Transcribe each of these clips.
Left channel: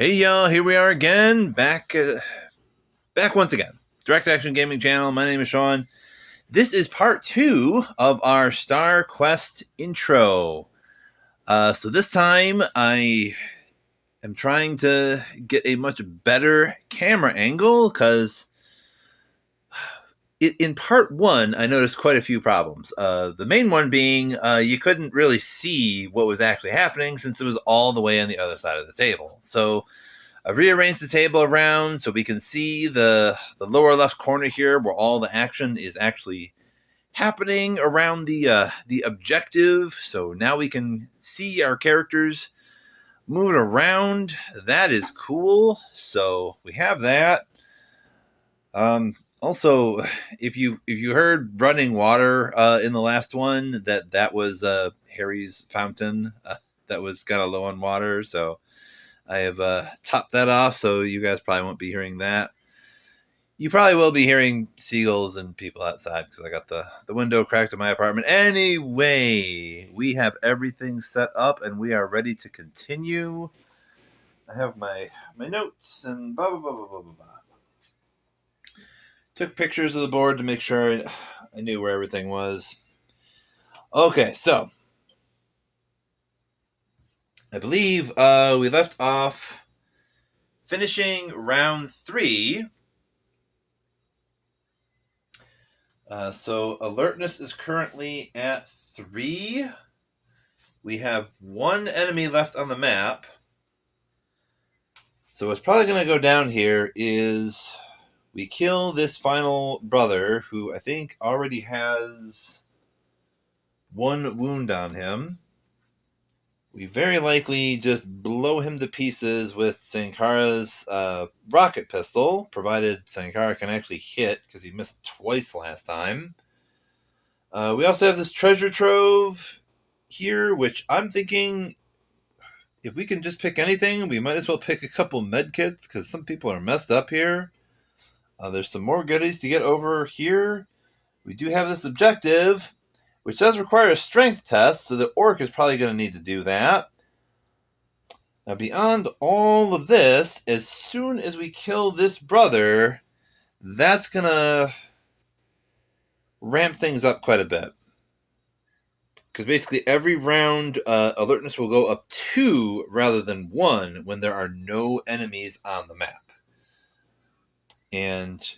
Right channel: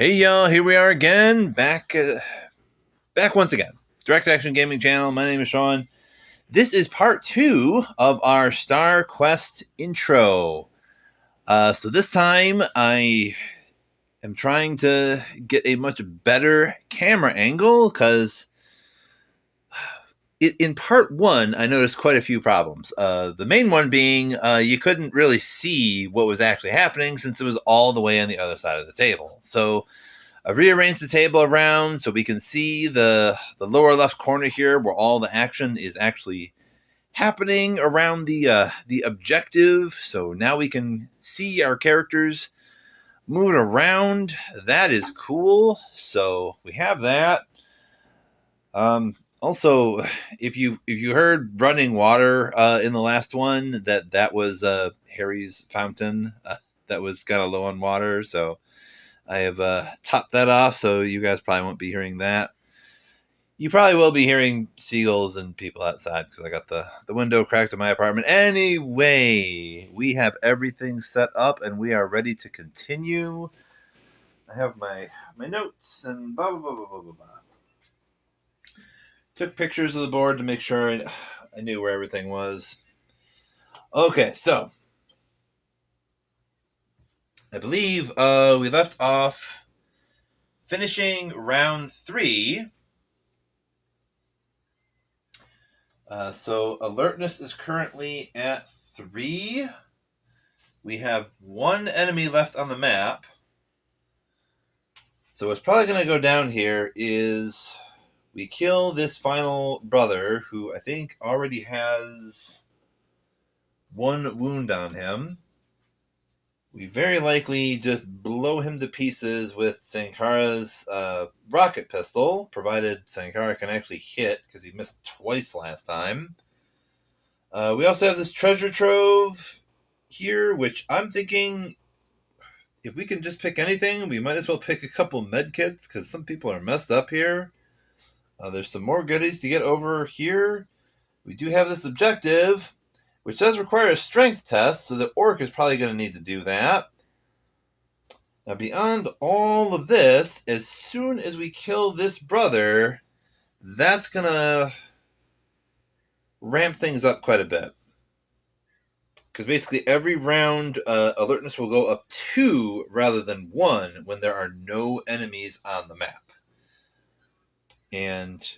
Hey y'all, here we are again, back once again. Direct Action Gaming Channel. My name is Sean. This is part 2 of our Star Quest intro. So this time I am trying to get a much better camera angle because in part 1 I noticed quite a few problems. The main one being you couldn't really see what was actually happening since it was all the way on the other side of the table. So I've rearranged the table around so we can see the lower left corner here where all the action is actually happening around the objective. So now we can see our characters moving around. That is cool. So we have that. Also, if you heard running water in the last one, that was Harry's fountain that was kind of low on water. So I have topped that off, so you guys probably won't be hearing that. You probably will be hearing seagulls and people outside because I got the window cracked in my apartment. Anyway, we have everything set up and we are ready to continue. I have my notes and blah, blah, blah, blah, blah, blah. Took pictures of the board to make sure I knew where everything was. Okay, so I believe we left off finishing round 3. So alertness is currently at 3. We have 1 enemy left on the map. So what's probably going to go down here is we kill this final brother who I think already has 1 wound on him. We very likely just blow him to pieces with Sankara's rocket pistol, provided Sankara can actually hit because he missed twice last time. We also have this treasure trove here, which I'm thinking if we can just pick anything, we might as well pick a couple med kits because some people are messed up here. There's some more goodies to get over here. We do have this objective, which does require a strength test, so the orc is probably going to need to do that. Now, beyond all of this, as soon as we kill this brother, that's going to ramp things up quite a bit. Because basically every round, alertness will go up 2 rather than 1 when there are no enemies on the map. And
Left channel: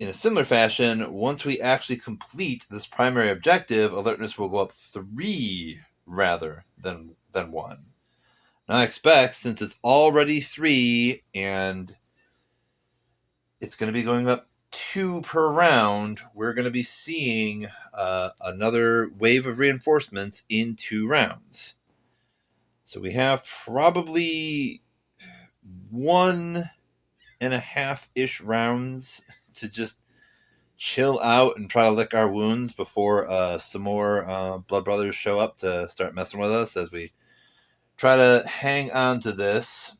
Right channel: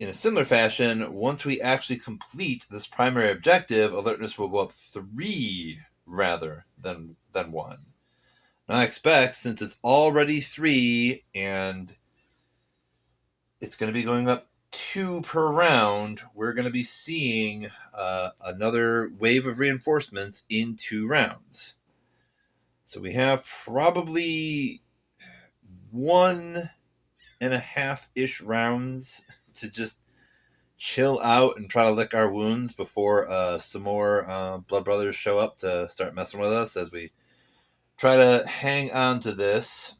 in a similar fashion, once we actually complete this primary objective, alertness will go up 3 rather than 1. Now I expect, since it's already 3 and it's going to be going up 2 per round, we're going to be seeing another wave of reinforcements in 2 rounds. So we have probably 1.5-ish rounds to just chill out and try to lick our wounds before some more blood brothers show up to start messing with us as we try to hang on to this.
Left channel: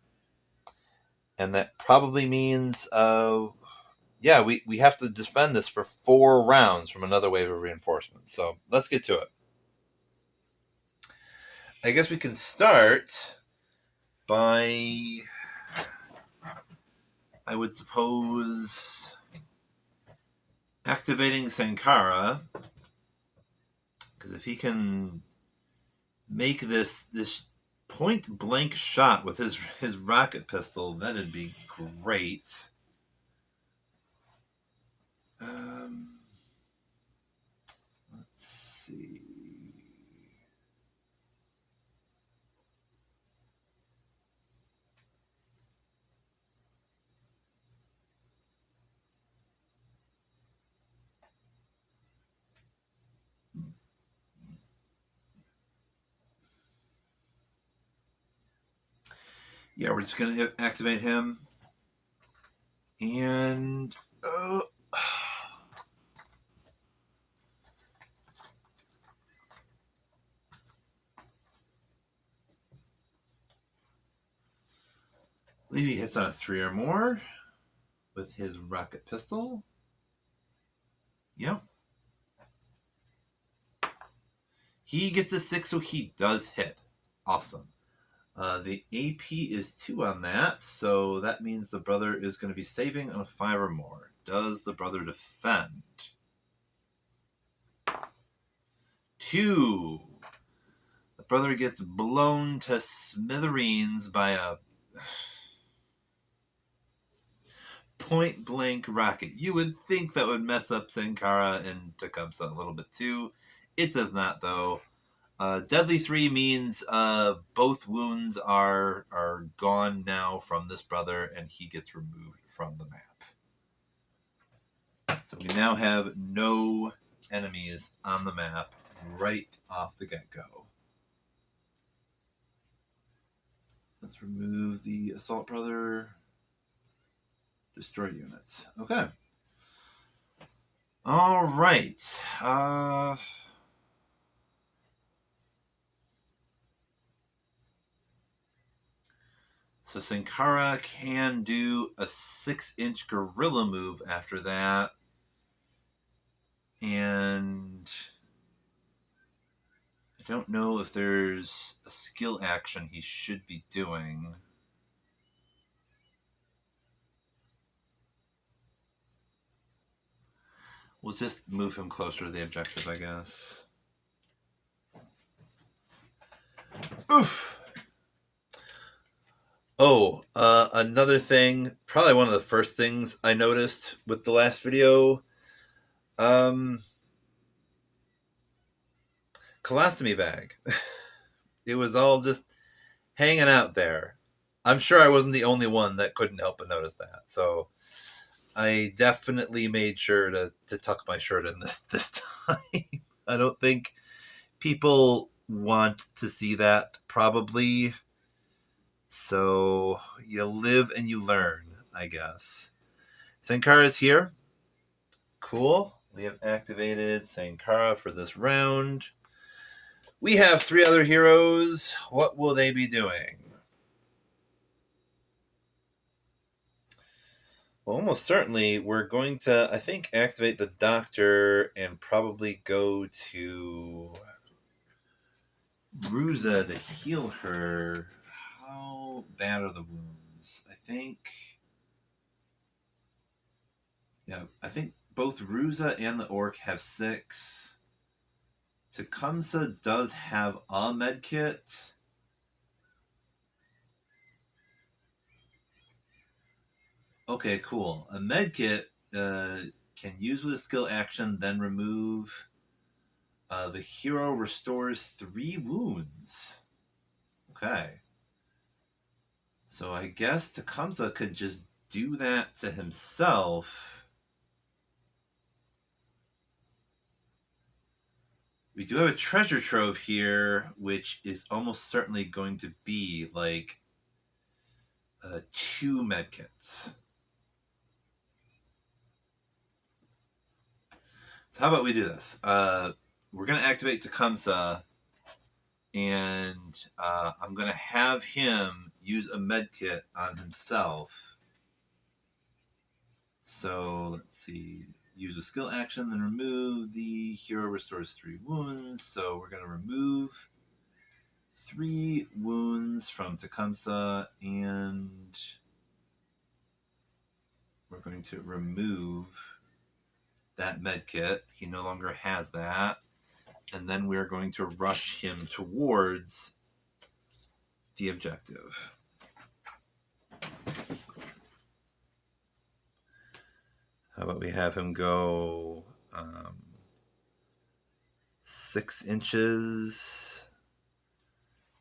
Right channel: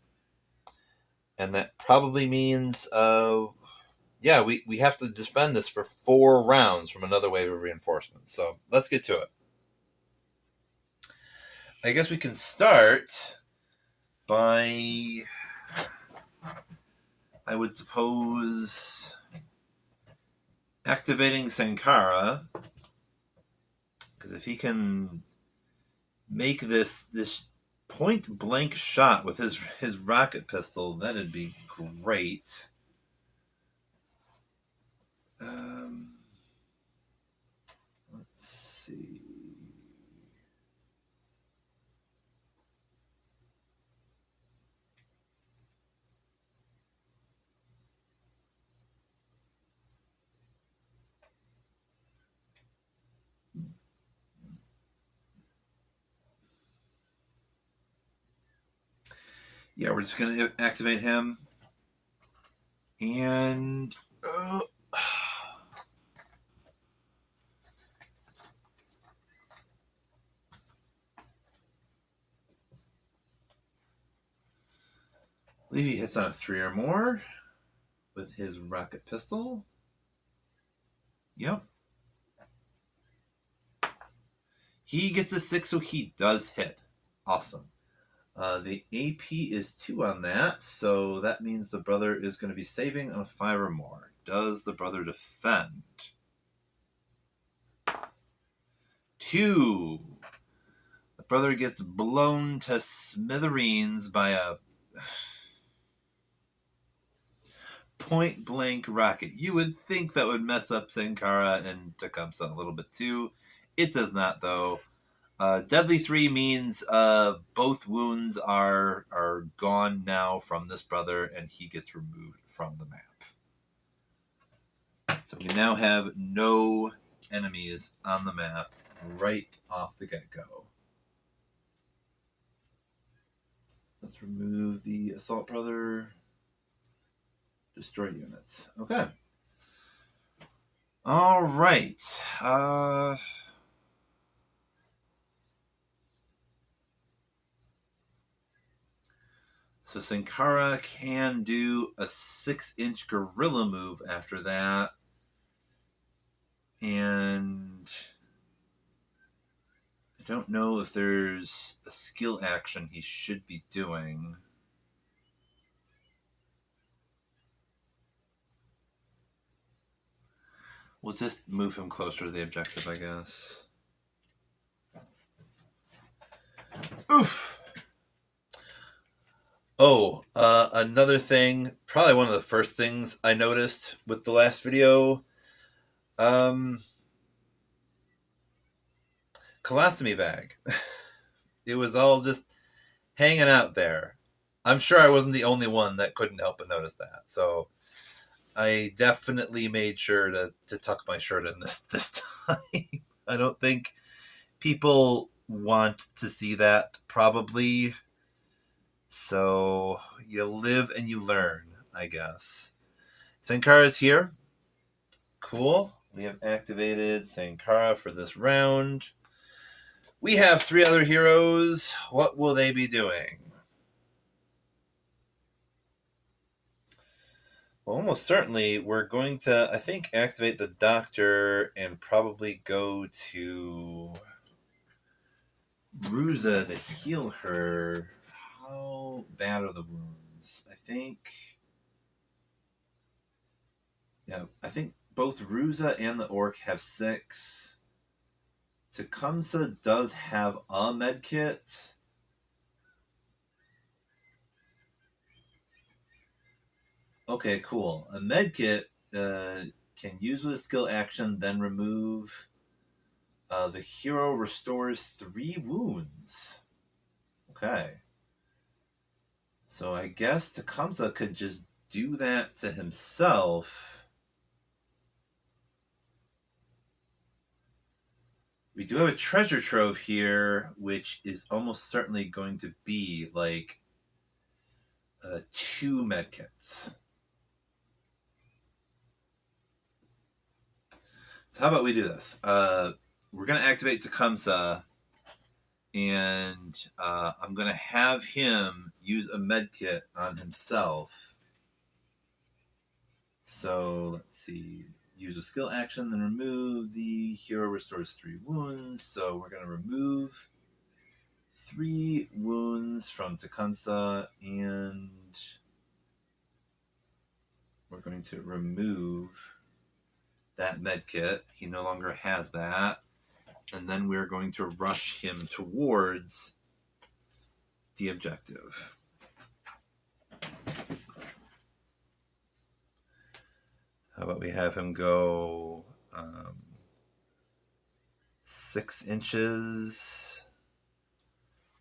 And that probably means we have to defend this for 4 rounds from another wave of reinforcements. So let's get to it. I guess we can start by, I would suppose, activating Sankara. Because if he can make this point blank shot with his rocket pistol, that'd be great. Let's see. Yeah, we're just going to activate him. And maybe he hits on a 3 or more with his rocket pistol. Yep. He gets a 6, so he does hit. Awesome. The AP is 2 on that, so that means the brother is going to be saving on a 5 or more. Does the brother defend? 2. The brother gets blown to smithereens by a point-blank rocket. You would think that would mess up Sankara and Tecumseh a little bit too. It does not, though. Deadly 3 means both wounds are gone now from this brother, and he gets removed from the map. So we now have no enemies on the map right off the get-go. Let's remove the assault brother. Destroy units. Okay. All right. So Sankara can do a 6-inch gorilla move after that. And I don't know if there's a skill action he should be doing. We'll just move him closer to the objective, I guess. Oof! Oh, another thing, probably one of the first things I noticed with the last video. Colostomy bag. It was all just hanging out there. I'm sure I wasn't the only one that couldn't help but notice that. So I definitely made sure to tuck my shirt in this time. I don't think people want to see that, probably. So you live and you learn, I guess. Sankara's here. Cool. We have activated Sankara for this round. We have 3 other heroes. What will they be doing? Well, almost certainly we're going to, I think, activate the doctor and probably go to Ruza to heal her. How bad are the wounds? I think both Ruza and the orc have 6. Tecumseh does have a med kit. Okay, cool. A med kit can use with a skill action, then remove. The hero restores 3 wounds. Okay. So I guess Tecumseh could just do that to himself. We do have a treasure trove here, which is almost certainly going to be like 2 medkits. So how about we do this? We're going to activate Tecumseh, and I'm going to have him use a medkit on himself. So let's see. Use a skill action, then remove. The hero restores 3 wounds. So we're going to remove 3 wounds from Tecumseh, and we're going to remove that medkit. He no longer has that. And then we're going to rush him towards the objective. How about we have him go 6 inches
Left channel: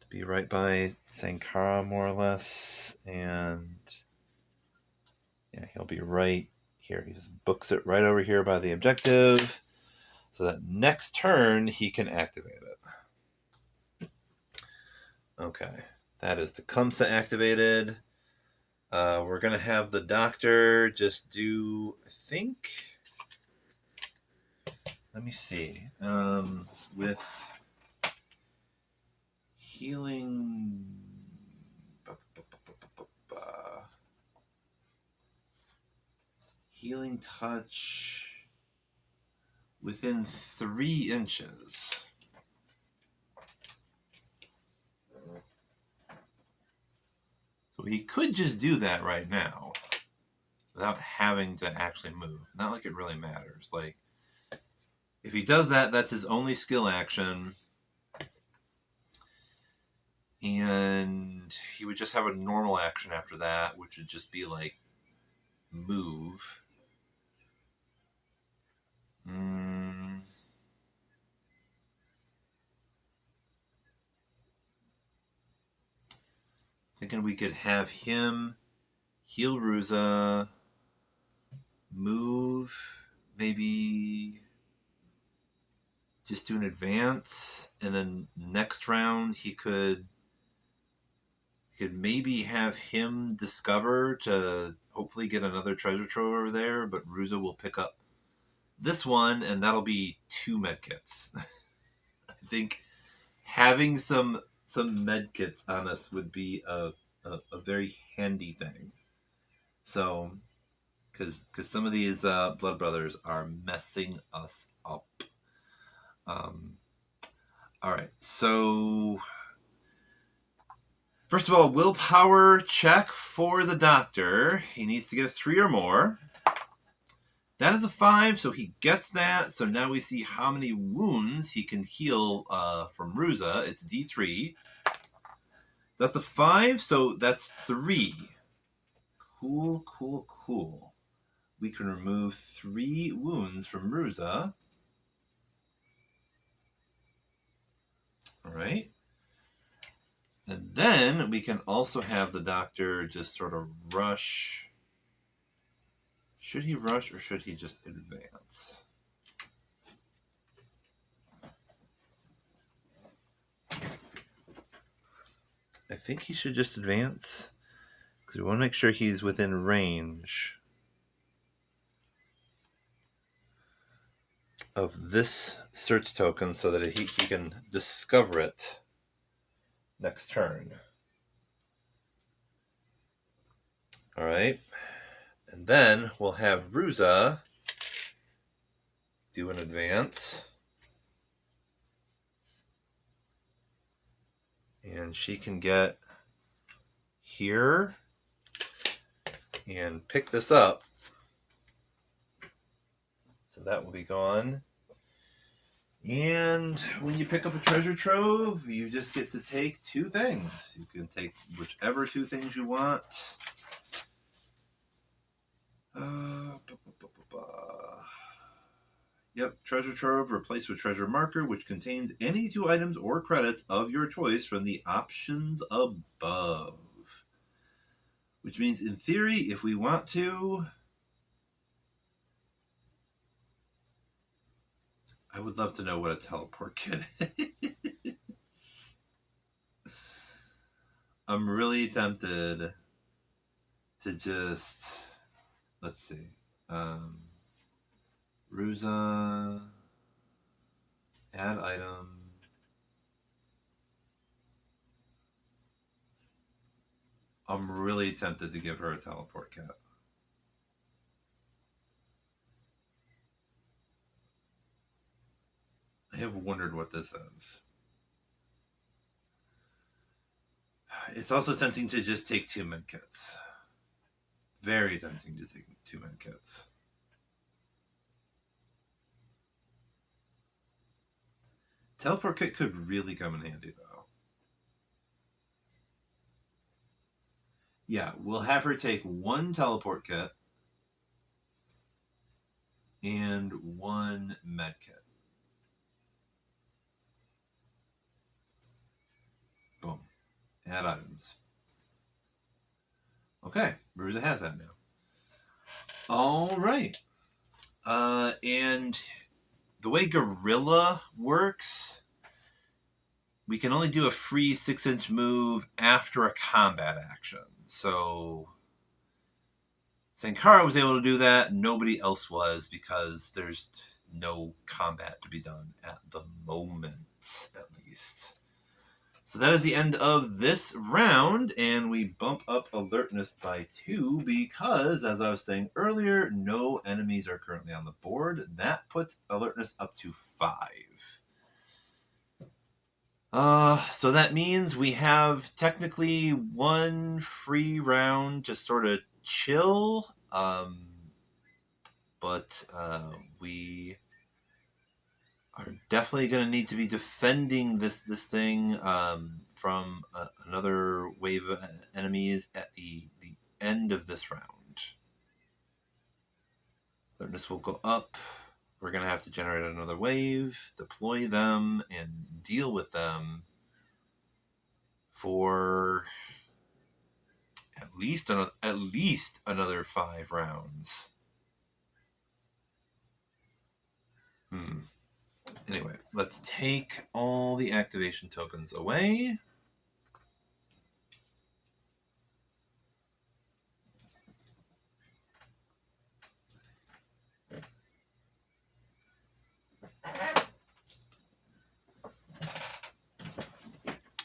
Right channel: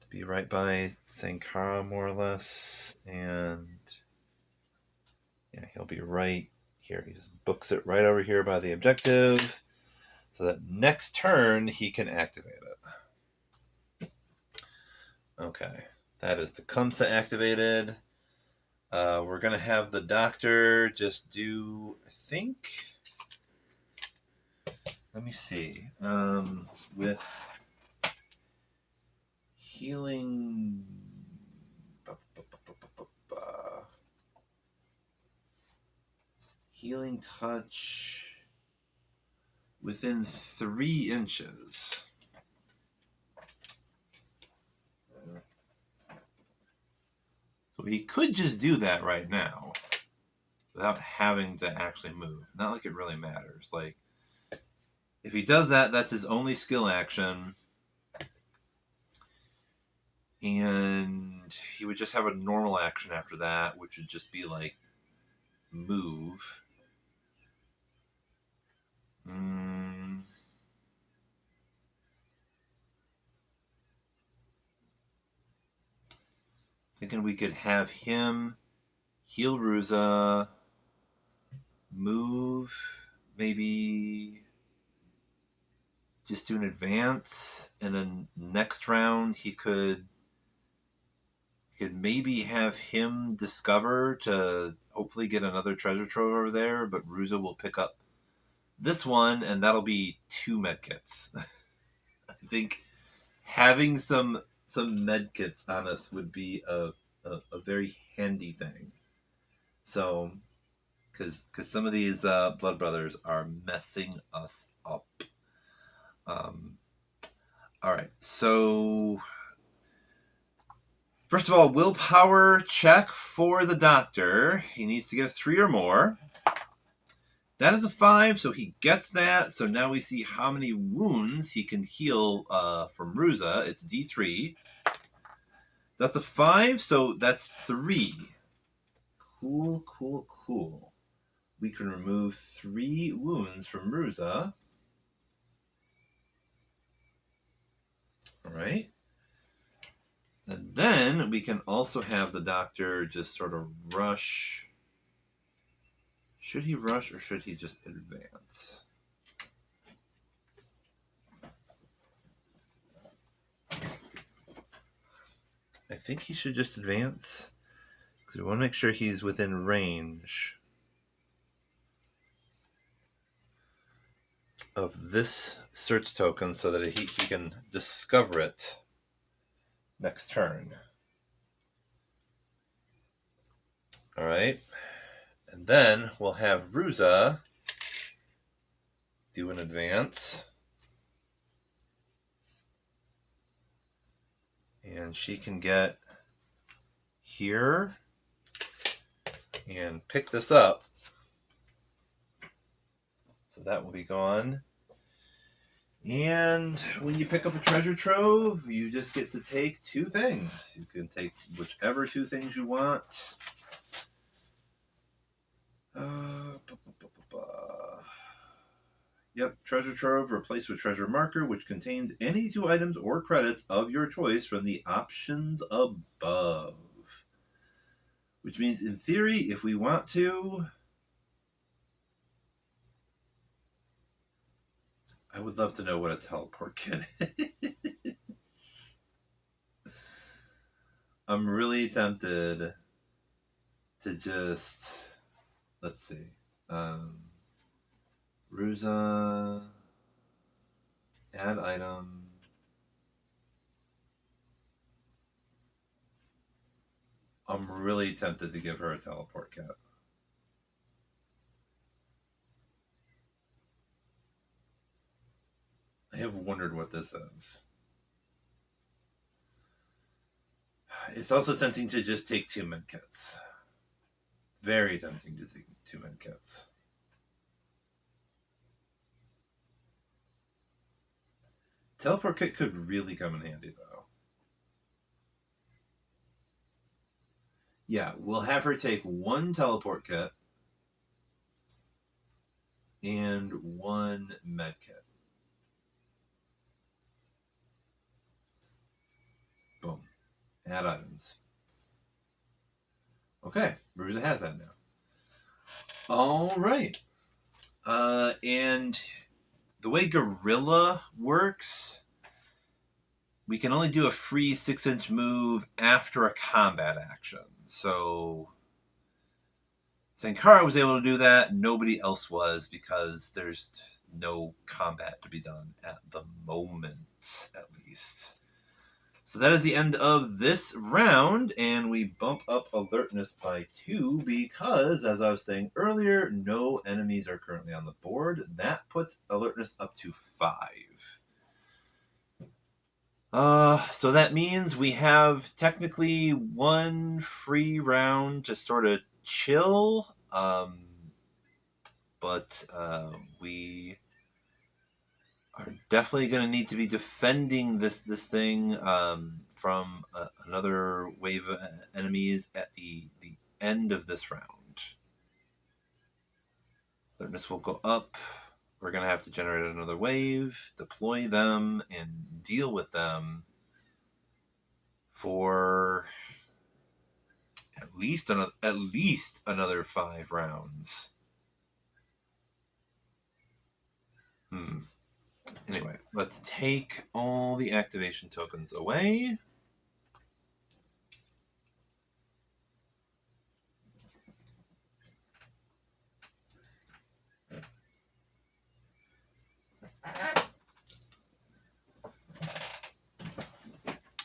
to be right by Sankara, more or less. And yeah, he'll be right here. He just books it right over here by the objective, so that next turn he can activate it. Okay, that is Tecumseh activated. We're going to have the doctor just do, I think, let me see, with healing, healing touch within 3 inches. He could just do that right now without having to actually move. Not like it really matters. Like, if he does that, that's his only skill action. And he would just have a normal action after that, which would just be like move. Thinking we could have him heal Ruza, move, maybe just do an advance, and then next round he could maybe have him discover to hopefully get another treasure trove over there, but Ruza will pick up this one, and that'll be 2 medkits. I think having some medkits on us would be a very handy thing. So, because some of these blood brothers are messing us up. All right, so first of all, willpower check for the doctor. He needs to get a 3 or more. That is a 5, so he gets that. So now we see how many wounds he can heal from Ruza. It's D3. That's a 5, so that's 3. Cool. We can remove 3 wounds from Ruza. All right. And then we can also have the doctor just sort of rush. Should he rush or should he just advance? I think he should just advance because we want to make sure he's within range of this search token so that he can discover it next turn. All right. And then we'll have Ruza do an advance. And she can get here and pick this up. So that will be gone. And when you pick up a treasure trove, you just get to take 2 things. You can take whichever 2 things you want. Yep, treasure trove replaced with treasure marker, which contains any 2 items or credits of your choice from the options above. Which means, in theory, if we want to, I would love to know what a teleport kit is. I'm really tempted to just, let's see, Ruza, add item. I'm really tempted to give her a teleport kit. I have wondered what this is. It's also tempting to just take 2 medkits. Very tempting to take 2 medkits. Teleport kit could really come in handy, though. Yeah, we'll have her take 1 teleport kit and 1 med kit. Boom. Add items. Okay, Ruza has that now. All right. And the way Gorilla works, we can only do a free 6-inch move after a combat action. So Sankara was able to do that. Nobody else was because there's no combat to be done at the moment, at least. So that is the end of this round, and we bump up alertness by 2 because, as I was saying earlier, no enemies are currently on the board. That puts alertness up to 5. So that means we have technically one free round to sort of chill. But we are definitely going to need to be defending this thing from another wave of enemies at the end of this round. Alertness will go up. We're going to have to generate another wave, deploy them, and deal with them for at least another 5 rounds. Anyway, let's take all the activation tokens away.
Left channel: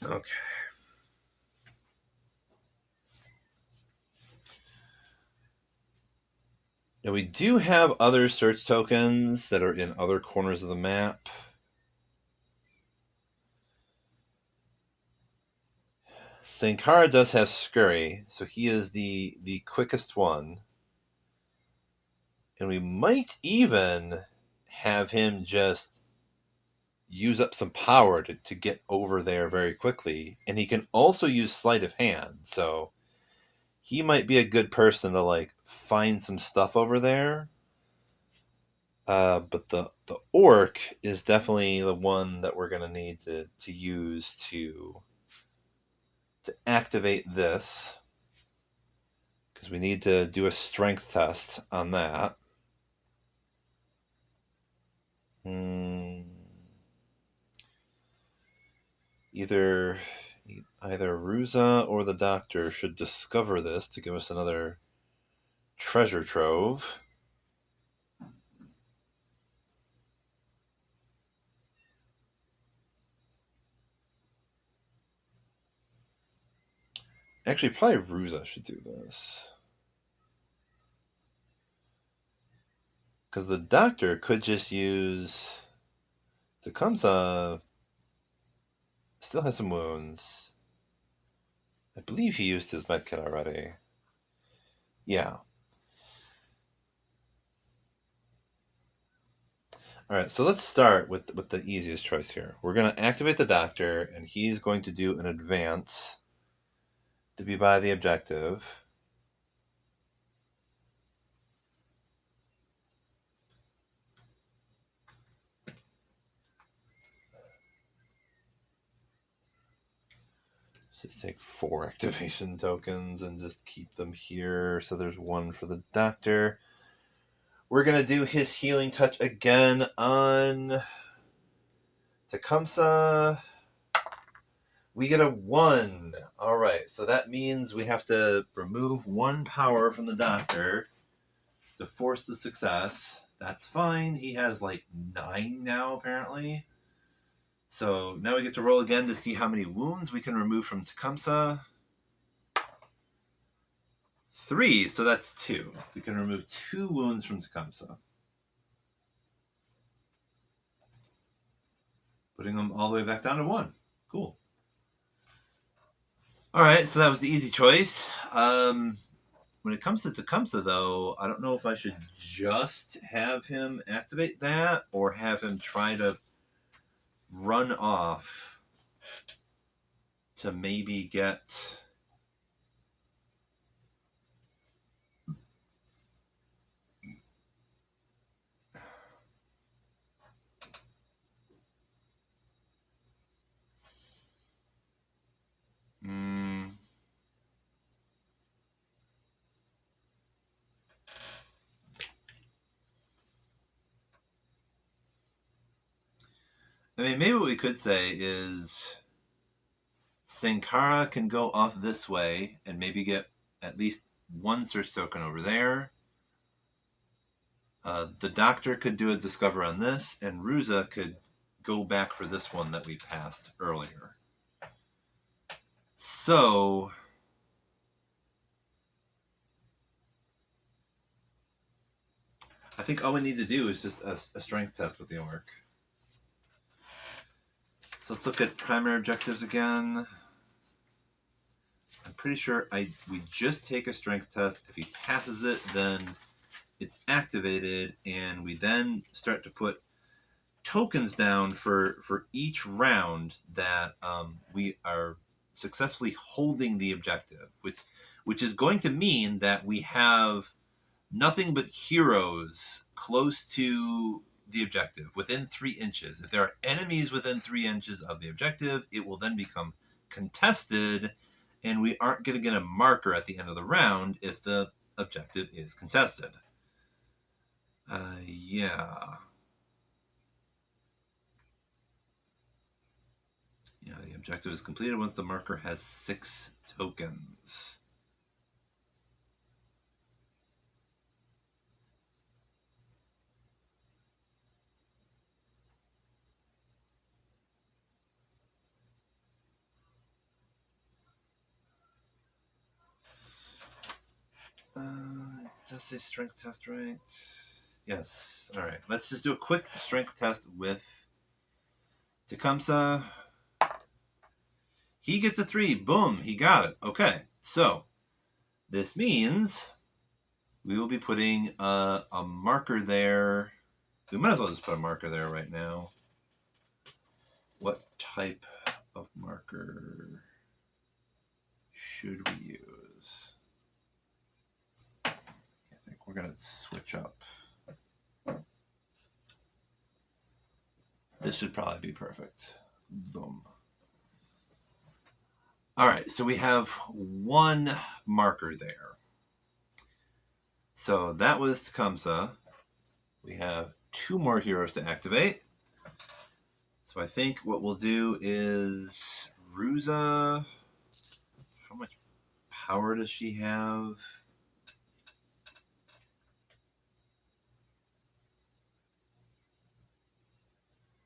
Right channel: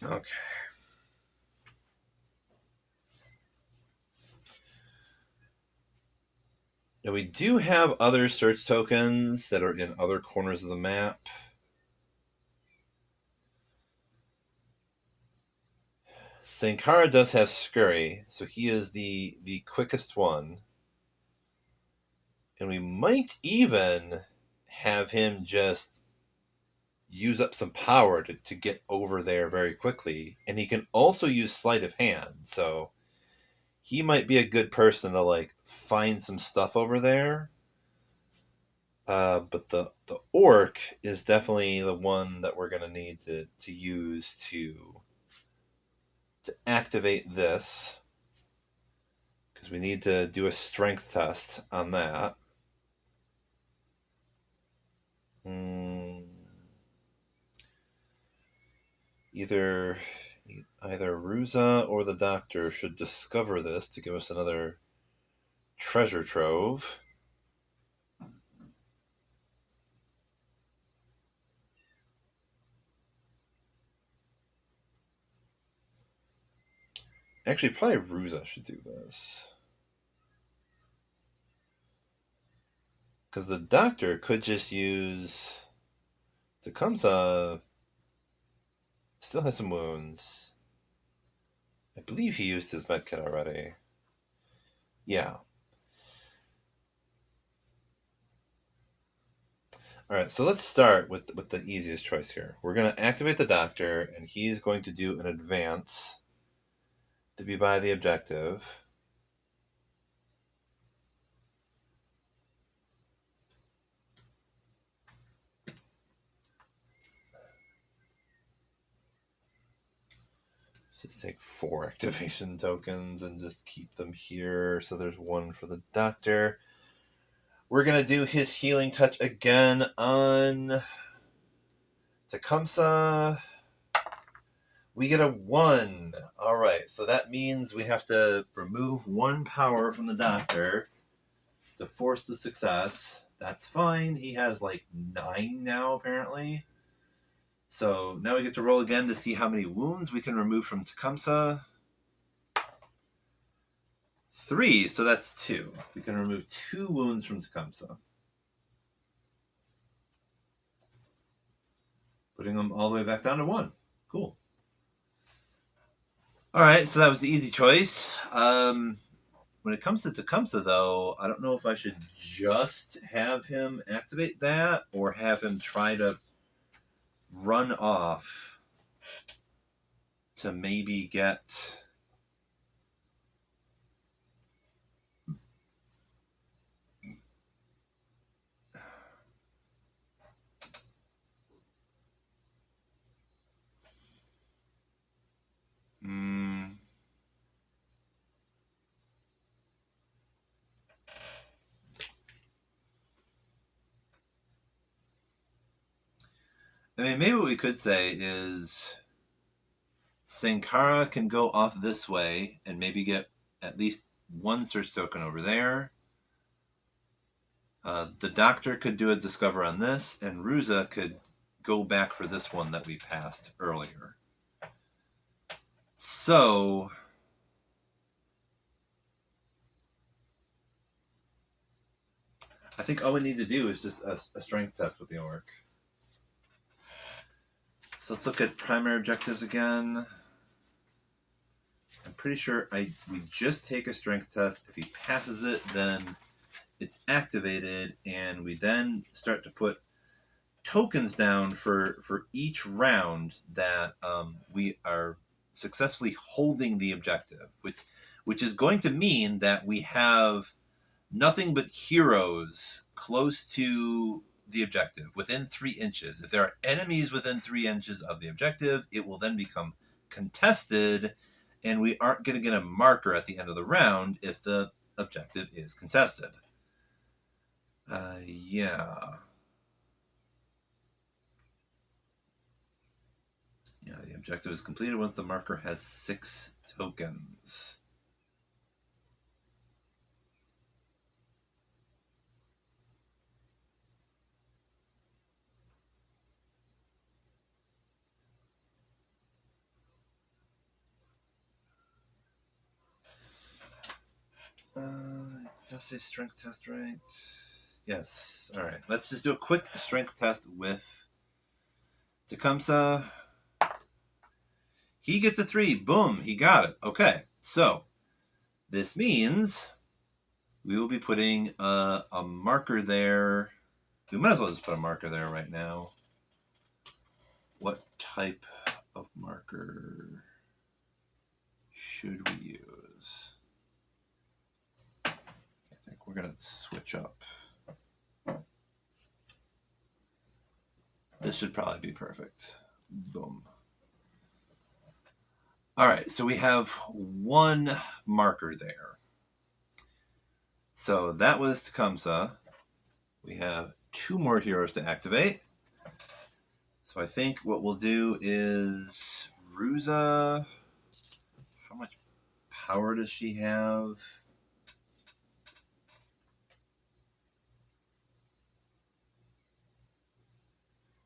Okay. Now we do have other search tokens that are in other corners of the map. Sankara does have Scurry, so he is the quickest one. And we might even have him just use up some power to get over there very quickly. And he can also use Sleight of Hand, so he might be a good person to like find some stuff over there. But the orc is definitely the one that we're gonna need to use to activate this, because we need to do a strength test on that. Either Ruza or the doctor should discover this to give us another treasure trove. Actually, probably Ruza should do this, because the doctor could just use Tecumseh. Still has some wounds. I believe he used his medkit already. Yeah. All right, so let's start with the easiest choice here. We're going to activate the doctor, and he's going to do an advance to be by the objective. Just take 4 activation tokens and just keep them here. So there's 1 for the doctor. We're going to do his healing touch again on Tecumseh. We get a 1. All right, so that means we have to remove 1 power from the doctor to force the success. That's fine. He has like 9 now, apparently. So now we get to roll again to see how many wounds we can remove from Tecumseh. 3, so that's 2. We can remove 2 wounds from Tecumseh, putting them all the way back down to 1. Cool. All right, so that was the easy choice. When it comes to Tecumseh, though, I don't know if I should just have him activate that or have him try to run off to maybe get... I mean, maybe what we could say is Sankara can go off this way and maybe get at least 1 search token over there. The doctor could do a discover on this, and Ruza could go back for this one that we passed earlier. So I think all we need to do is just a strength test with the orc. So let's look at primary objectives again. I'm pretty sure we just take a strength test. If he passes it, then it's activated, and we then start to put tokens down for each round that we are successfully holding the objective, which is going to mean that we have nothing but heroes close to the objective, within 3 inches. If there are enemies within 3 inches of the objective, it will then become contested, and we aren't going to get a marker at the end of the round if the objective is contested. Yeah. Yeah, the objective is completed once the marker has 6 tokens. Does his strength test right? Yes. All right. Let's just do a quick strength test with Tecumseh. He gets a 3. Boom. He got it. Okay. So this means we will be putting a marker there. We might as well just put a marker there right now. What type of marker should we use? I think we're going to switch up. This should probably be perfect. Boom. All right, so we have 1 marker there. So that was Tecumseh. We have 2 more heroes to activate. So I think what we'll do is Ruza. How much power does she have?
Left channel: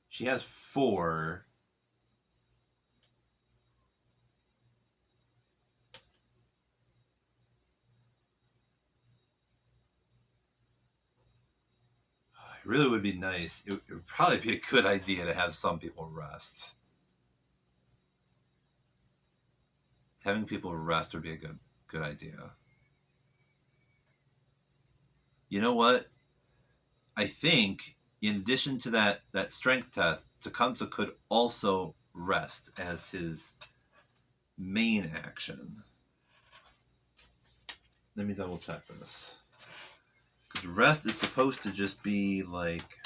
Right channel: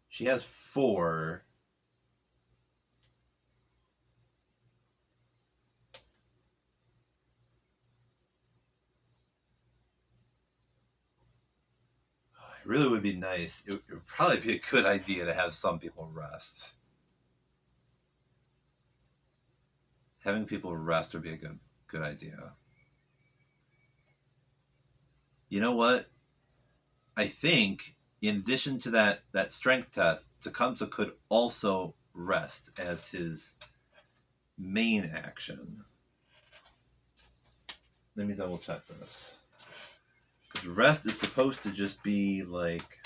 She has 4. It really would be nice. It would probably be a good idea to have some people rest. Having people rest would be a good idea. You know what? I think in addition to that strength test, Tecumseh could also rest as his main action. Let me double check this. Because rest is supposed to just be like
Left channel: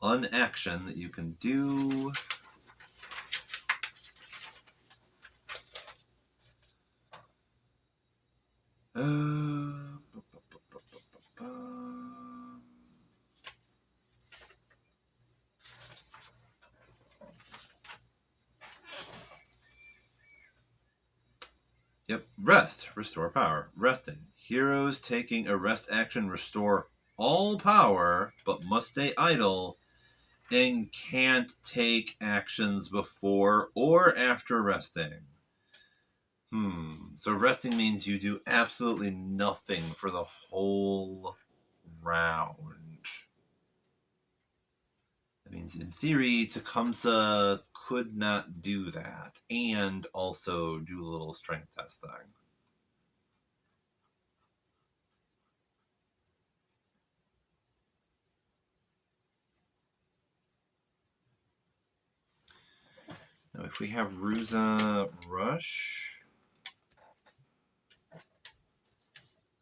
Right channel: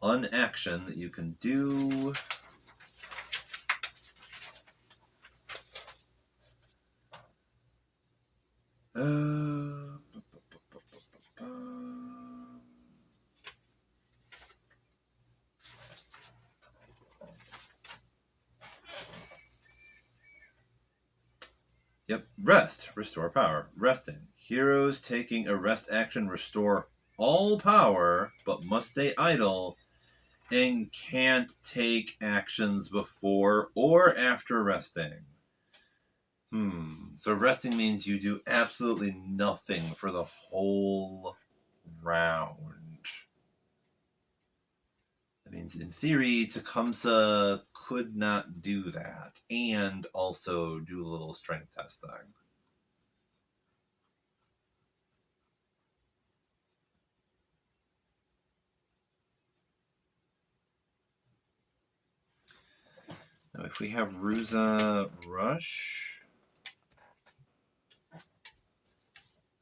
an action that you can do. Yep, rest, restore power, resting. Heroes taking a rest action restore all power, but must stay idle and can't take actions before or after resting. So resting means you do absolutely nothing for the whole round. That means, in theory, Tecumseh could not do that and also do a little strength testing. Now, if we have Ruza Rush,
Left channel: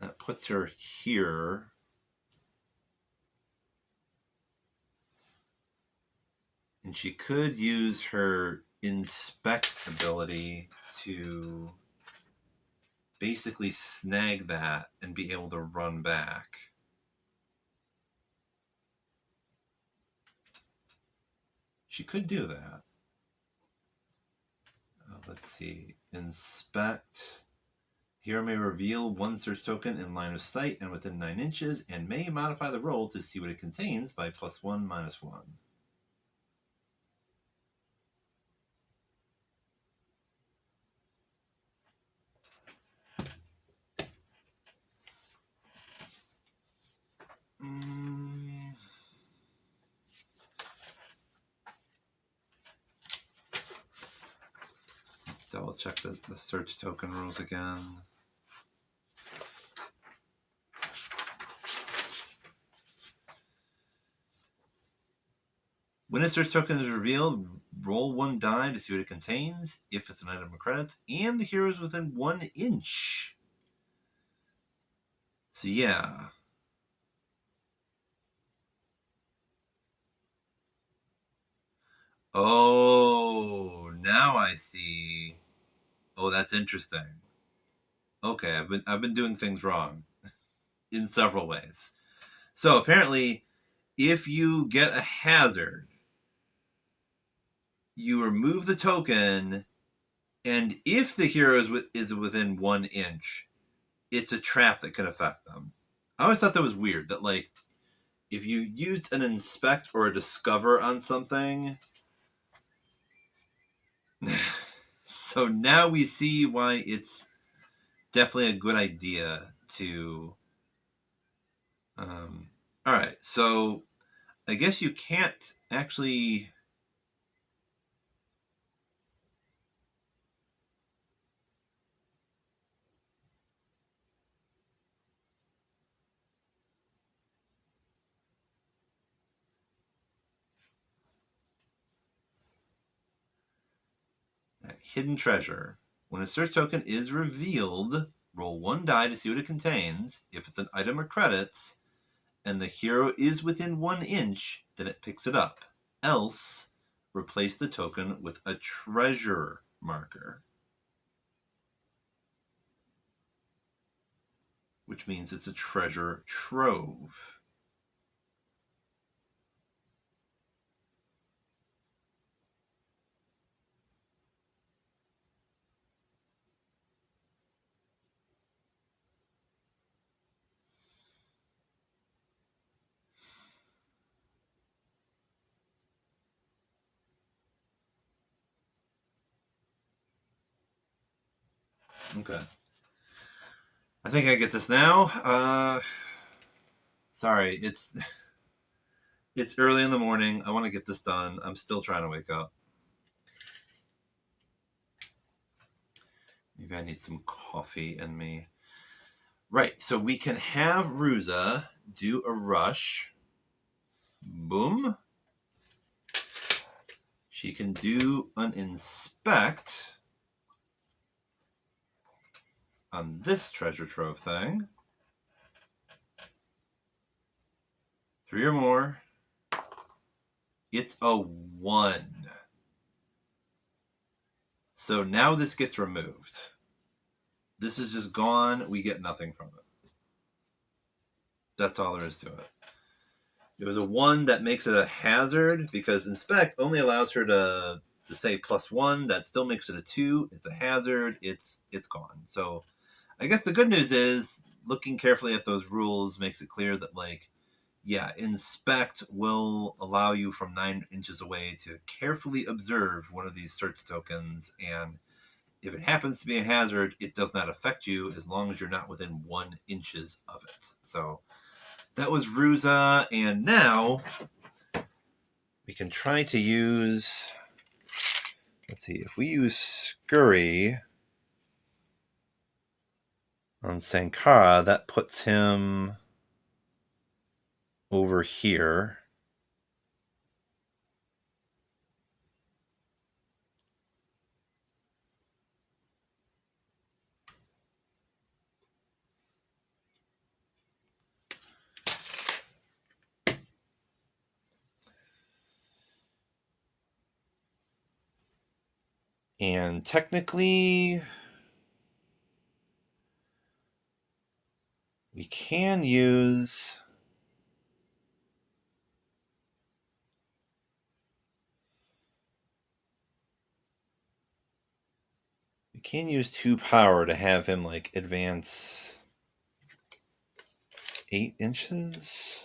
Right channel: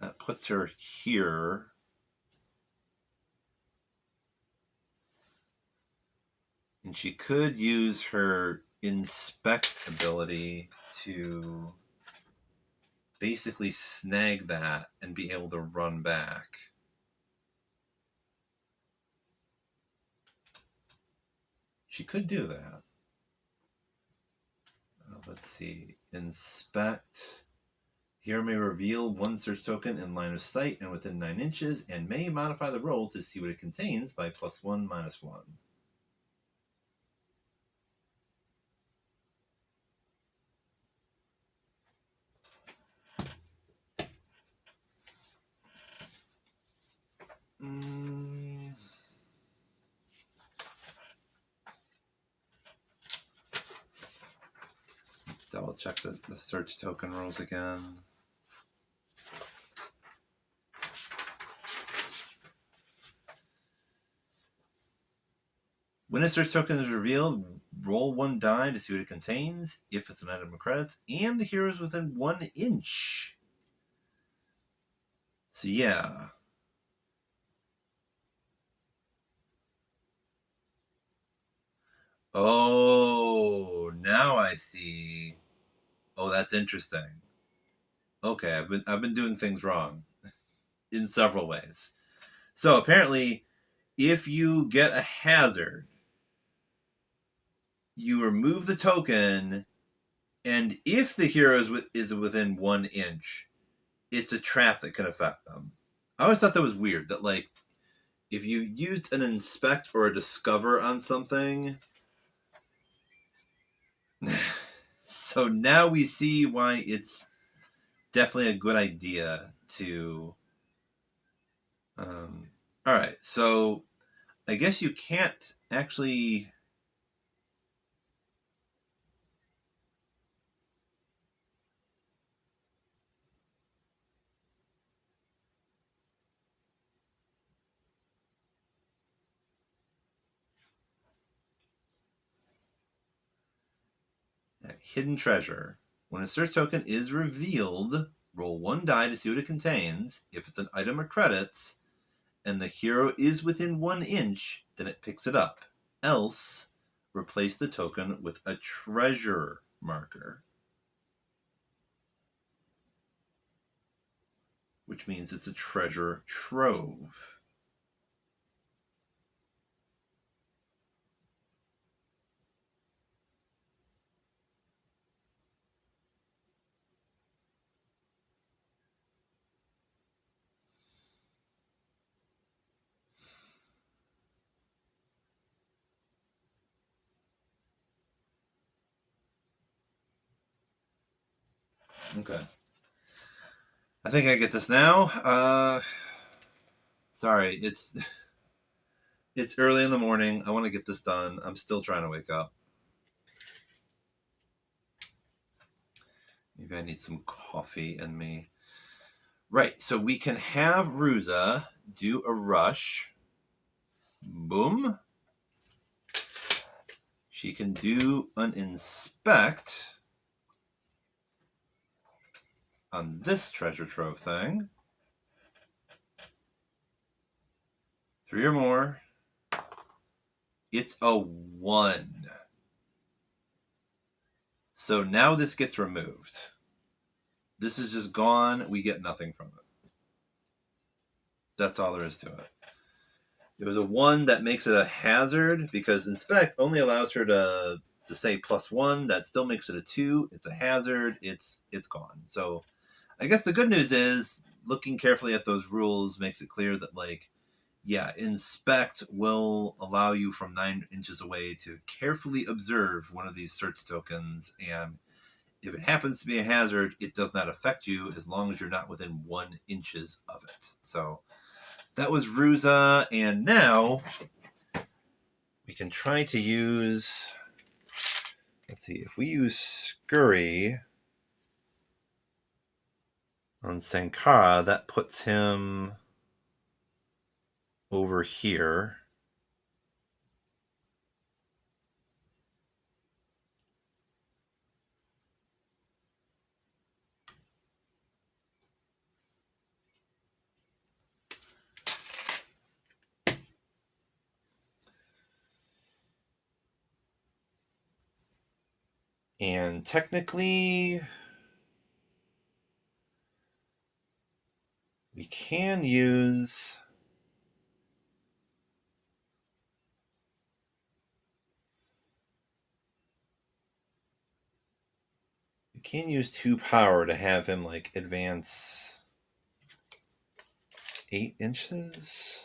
that puts her here. And she could use her inspect ability to basically snag that and be able to run back. She could do that. Let's see. Inspect. Hero may reveal 1 search token in line of sight and within 9 inches, and may modify the roll to see what it contains by +1, -1. double check the search token rules again. When a search token is revealed, roll 1 die to see what it contains, if it's an item of credits, and the hero is within 1 inch. So yeah. Oh, now I see. Oh, that's interesting. Okay, I've been doing things wrong in several ways. So apparently, if you get a hazard, you remove the token, and if the hero is within 1 inch, it's a trap that can affect them. I always thought that was weird. That like, if you used an inspect or a discover on something, so now we see why it's definitely a good idea to. All right, so I guess you can't actually. Hidden treasure. When a search token is revealed, roll 1 die to see what it contains. If it's an item or credits, and the hero is within 1 inch, then it picks it up. Else, replace the token with a treasure marker, which means it's a treasure trove. Okay. I think I get this now. Sorry, it's early in the morning. I want to get this done. I'm still trying to wake up. Maybe I need some coffee in me. Right, so we can have Ruza do a rush. Boom. She can do an inspect on this treasure trove thing. 3 or more. It's a 1. So now this gets removed. This is just gone. We get nothing from it. That's all there is to it. It was a 1 that makes it a hazard because inspect only allows her to say +1. That still makes it a 2. It's a hazard. It's gone. So I guess the good news is looking carefully at those rules makes it clear that like, yeah, inspect will allow you from 9 inches away to carefully observe one of these search tokens, and if it happens to be a hazard, it does not affect you as long as you're not within 1 inches of it. So that was Ruza, and now we can try to use. Let's see, if we use Scurry on Sankara, that puts him over here. And technically, we can use. We can use 2 power to have him like advance 8 inches.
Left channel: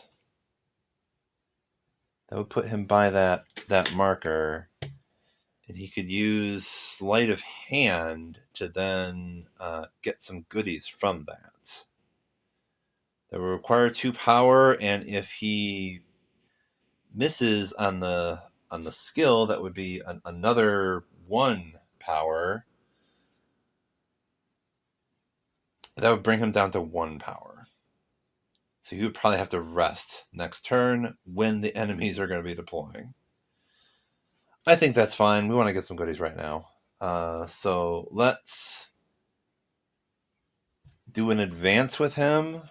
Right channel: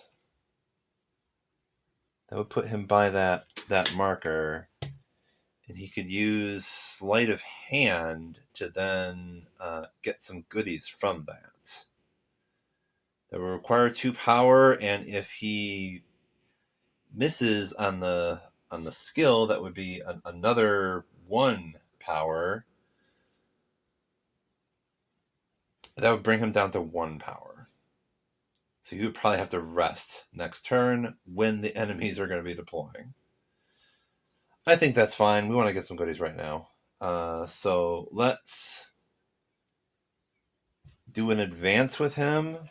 That would put him by that marker, and he could use sleight of hand to then get some goodies from that. That will require 2 power, and if he misses on the skill, that would be another 1 power. That would bring him down to 1 power. So you would probably have to rest next turn when the enemies are going to be deploying. I think that's fine. We want to get some goodies right now. So let's do an advance with him.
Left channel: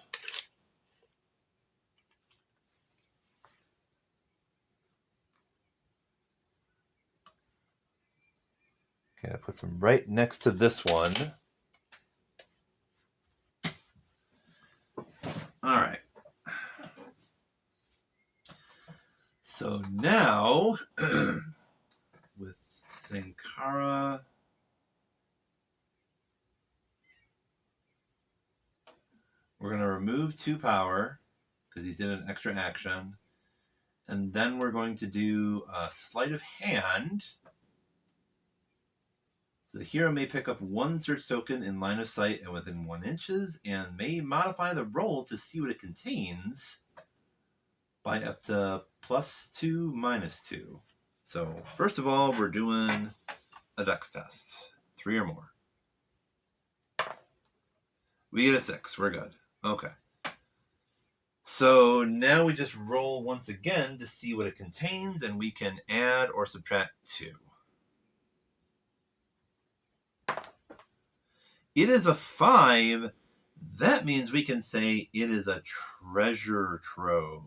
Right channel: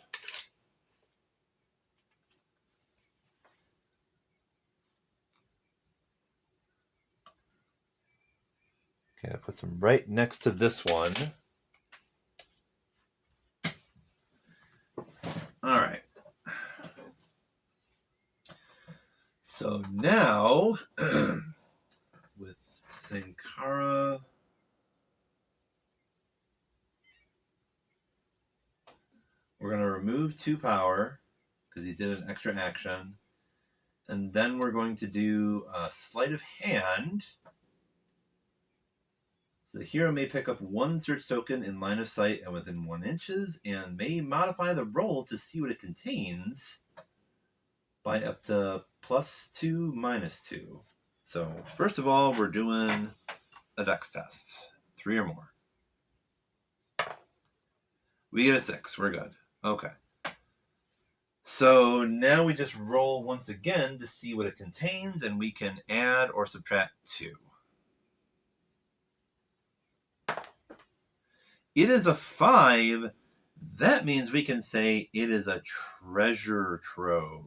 Okay, that puts him right next to this one. All right. So now, with Sankara, we're going to remove 2 power because he did an extra action. And then we're going to do a sleight of hand. So the hero may pick up 1 search token in line of sight and within 1 inches, and may modify the roll to see what it contains by up to +2, -2. So first of all, we're doing a dex test. 3 or more. We get a 6. We're good. Okay. So now we just roll once again to see what it contains, and we can add or subtract 2. It is a 5. That means we can say it is a treasure trove.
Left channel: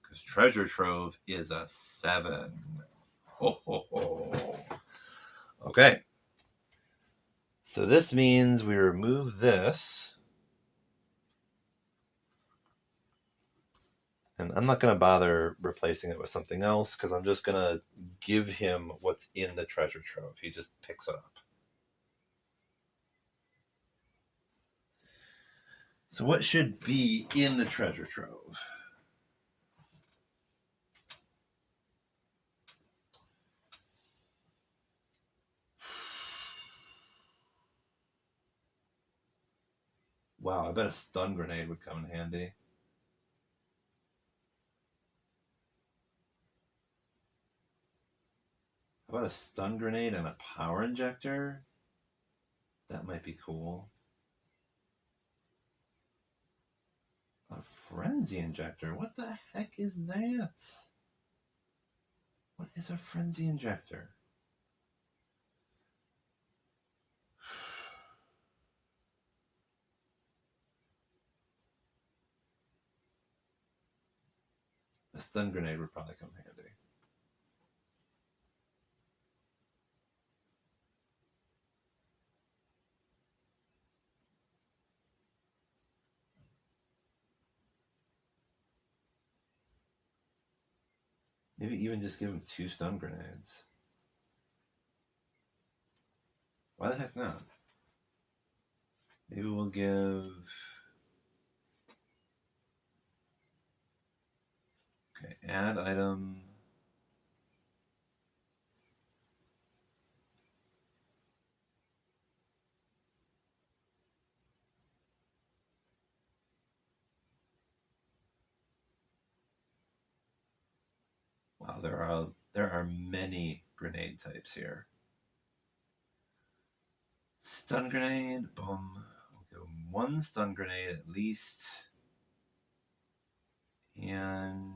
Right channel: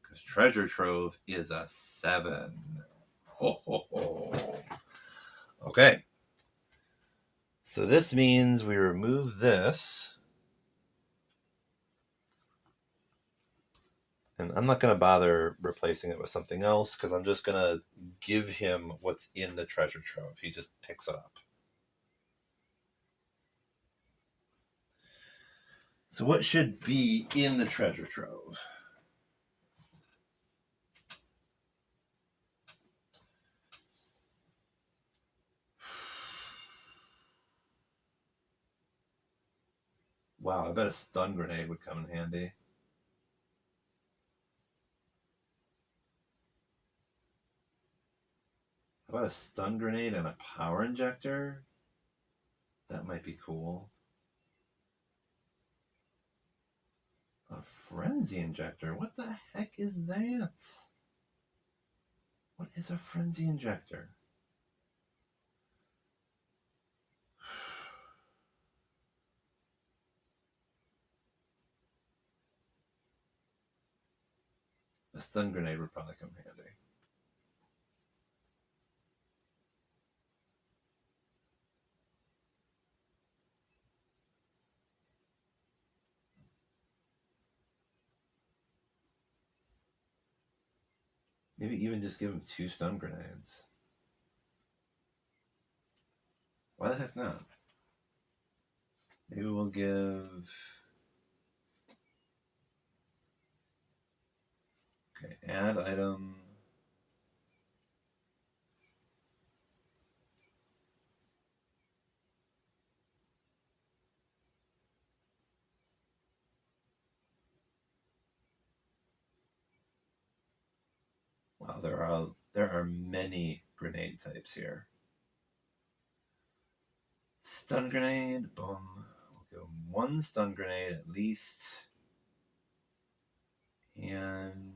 Because treasure trove is a 7. Ho, ho, ho. Okay. So this means we remove this. And I'm not going to bother replacing it with something else because I'm just going to give him what's in the treasure trove. He just picks it up. So what should be in the treasure trove? Wow, I bet a stun grenade would come in handy. How about a stun grenade and a power injector? That might be cool. A frenzy injector? What the heck is that? What is a frenzy injector? A stun grenade would probably come handy. Maybe even just give him 2 stun grenades. Why the heck not? Maybe we'll give... Okay, add item. Wow, there are many grenade types here. Stun grenade, boom. We'll go 1 stun grenade at least. And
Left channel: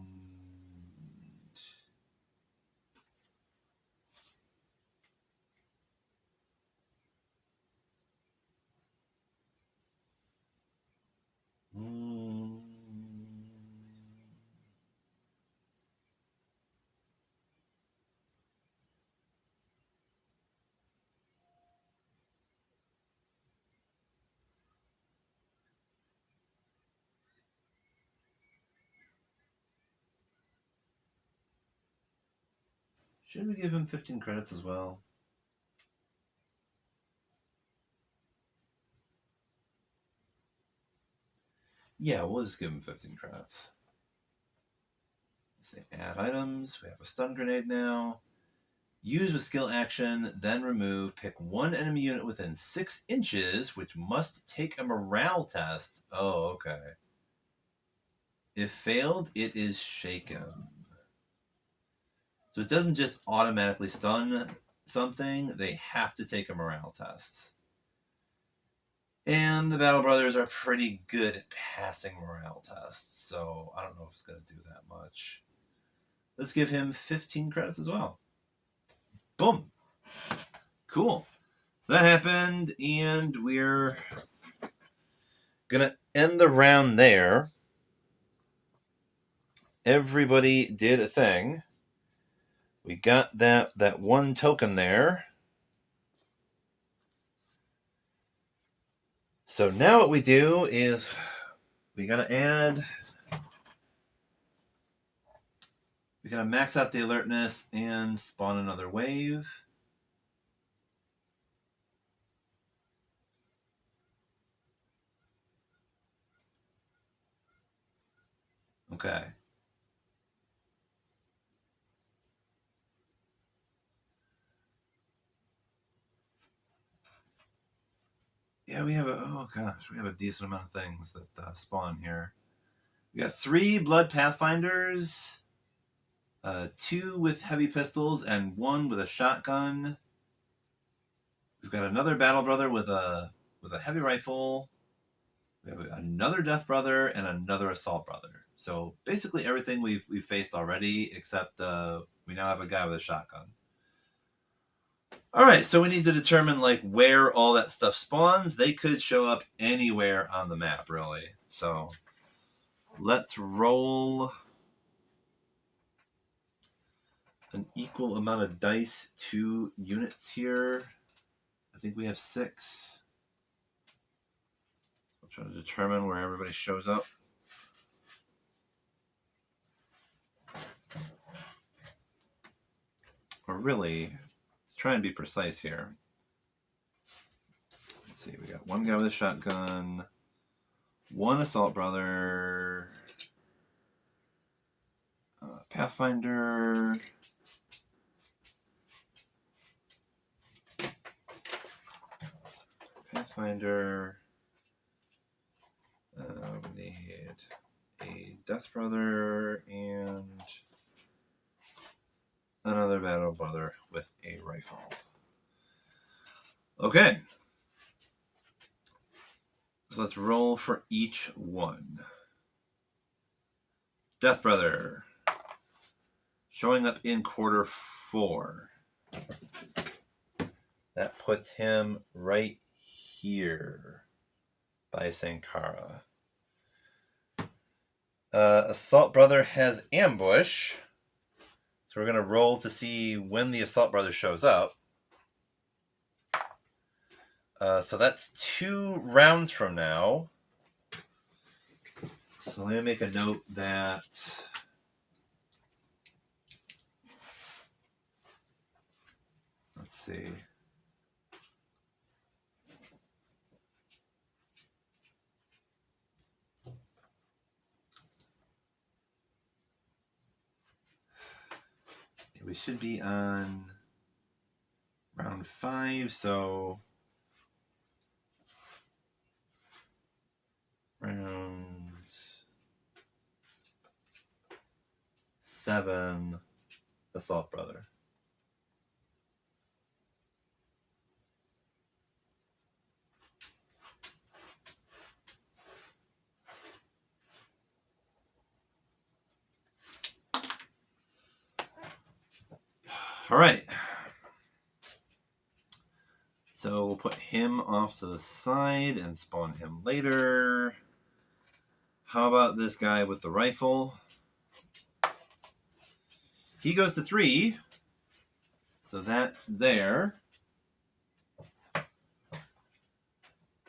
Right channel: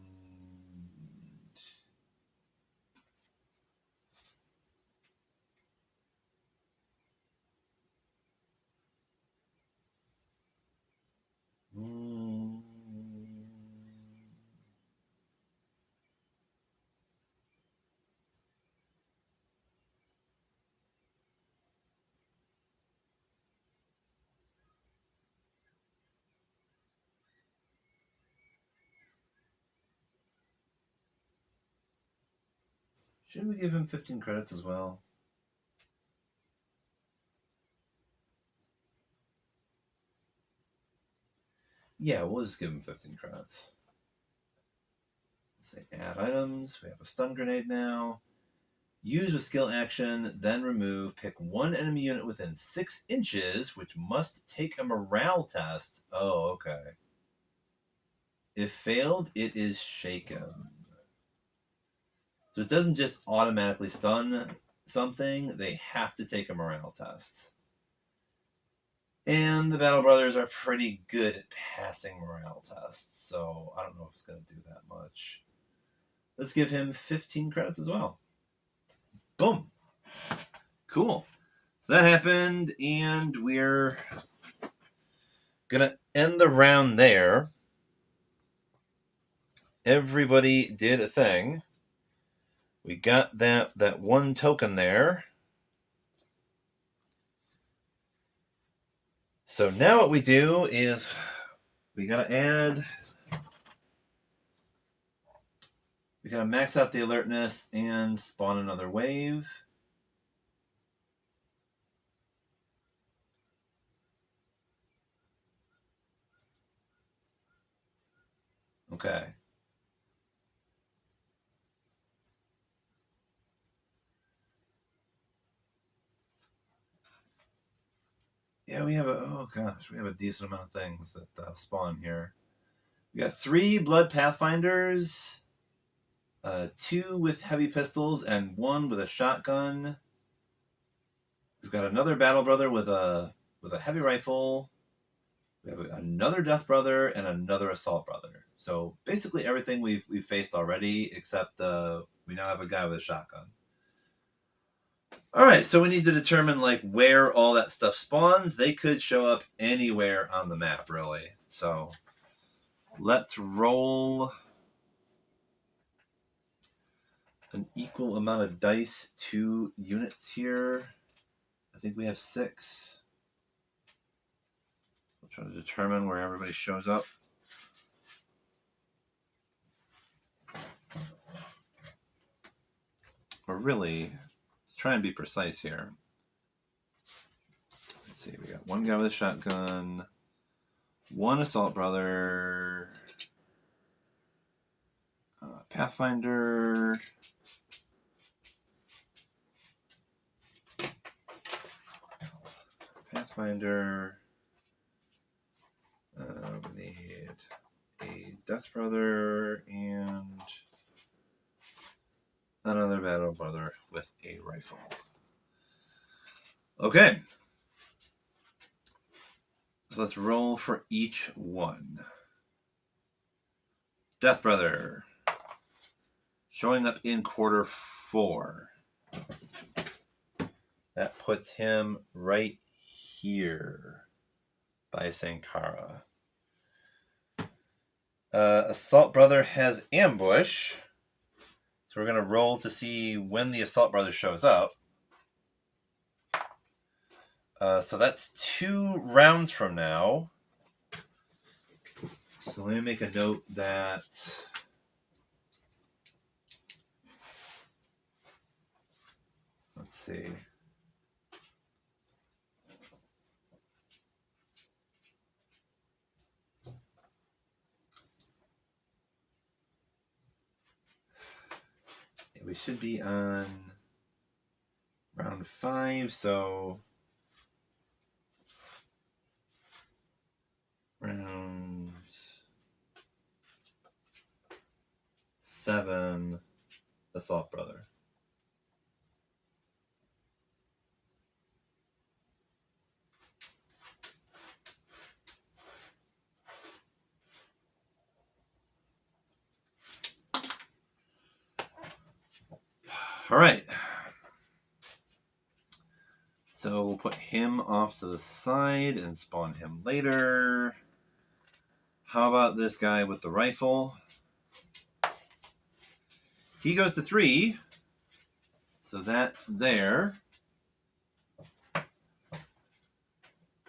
should we give him 15 credits as well? Yeah, we'll just give him 15 credits. Say add items. We have a stun grenade now. Use with skill action, then remove. Pick 1 enemy unit within 6 inches, which must take a morale test. Oh, okay. If failed, it is shaken. So it doesn't just automatically stun something, they have to take a morale test. And the Battle Brothers are pretty good at passing morale tests, so I don't know if it's going to do that much. Let's give him 15 credits as well. Boom. Cool. So that happened, and we're going to end the round there. Everybody did a thing. We got that one token there. So now what we do is we gotta max out the alertness and spawn another wave. Okay. Yeah, we have a decent amount of things that spawn here. We got 3 Blood Pathfinders, 2 with heavy pistols, and 1 with a shotgun. We've got another Battle Brother with a heavy rifle. We have another Death Brother and another Assault Brother. So basically everything we've faced already, except we now have a guy with a shotgun. All right, so we need to determine like where all that stuff spawns. They could show up anywhere on the map, really. So let's roll an equal amount of dice to units here. I think we have 6. We'll try to determine where everybody shows up. Or really, try and be precise here. Let's see, we got 1 guy with a shotgun, 1 Assault Brother, Pathfinder, we need a Death Brother and another Battle Brother with a rifle. Okay. So let's roll for each one. Death Brother. Showing up in quarter 4. That puts him right here by Sankara. Assault Brother has ambush. So we're going to roll to see when the Assault Brother shows up. So that's 2 rounds from now. So let me make a note that let's see. We should be on round 5, so round 7, Assault Brother. All right. So we'll put him off to the side and spawn him later. How about this guy with the rifle? He goes to 3. So that's there. Guy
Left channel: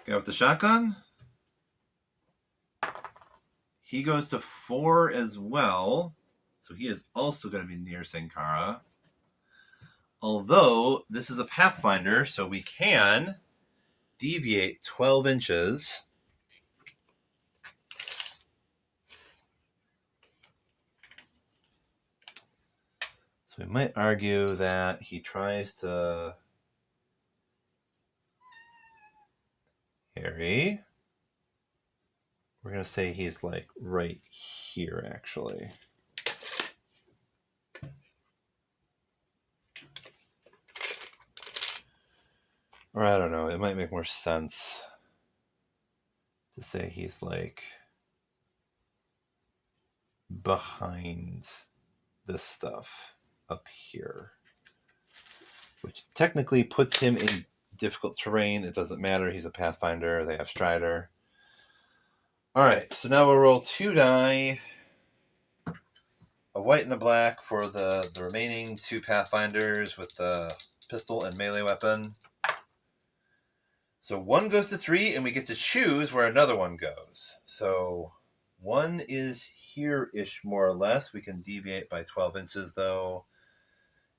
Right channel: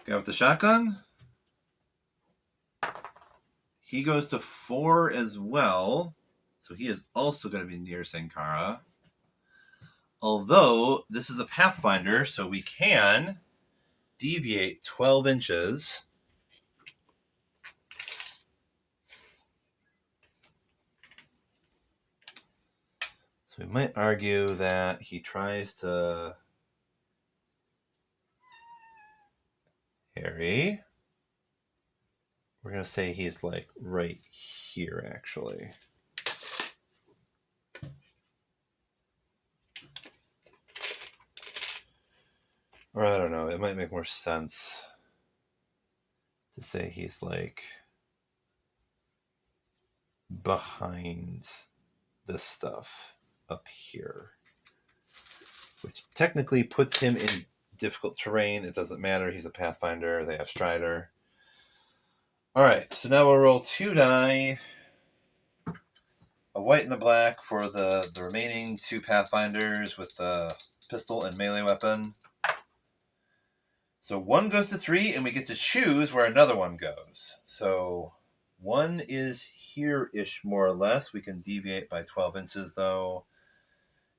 with the shotgun. He goes to 4 as well. So he is also going to be near Sankara. Although this is a Pathfinder, so we can deviate 12 inches. So we might argue that he tries to Harry. We're going to say he's like right here, actually. Or I don't know. It might make more sense. to say he's like behind this stuff up here, which technically puts him in difficult terrain. It doesn't matter. He's a Pathfinder. They have Strider. All right, so now we'll roll 2 die. A white and a black for the remaining 2 Pathfinders with the pistol and melee weapon. So 1 goes to 3, and we get to choose where another one goes. So 1 is here-ish, more or less. We can deviate by 12 inches, though.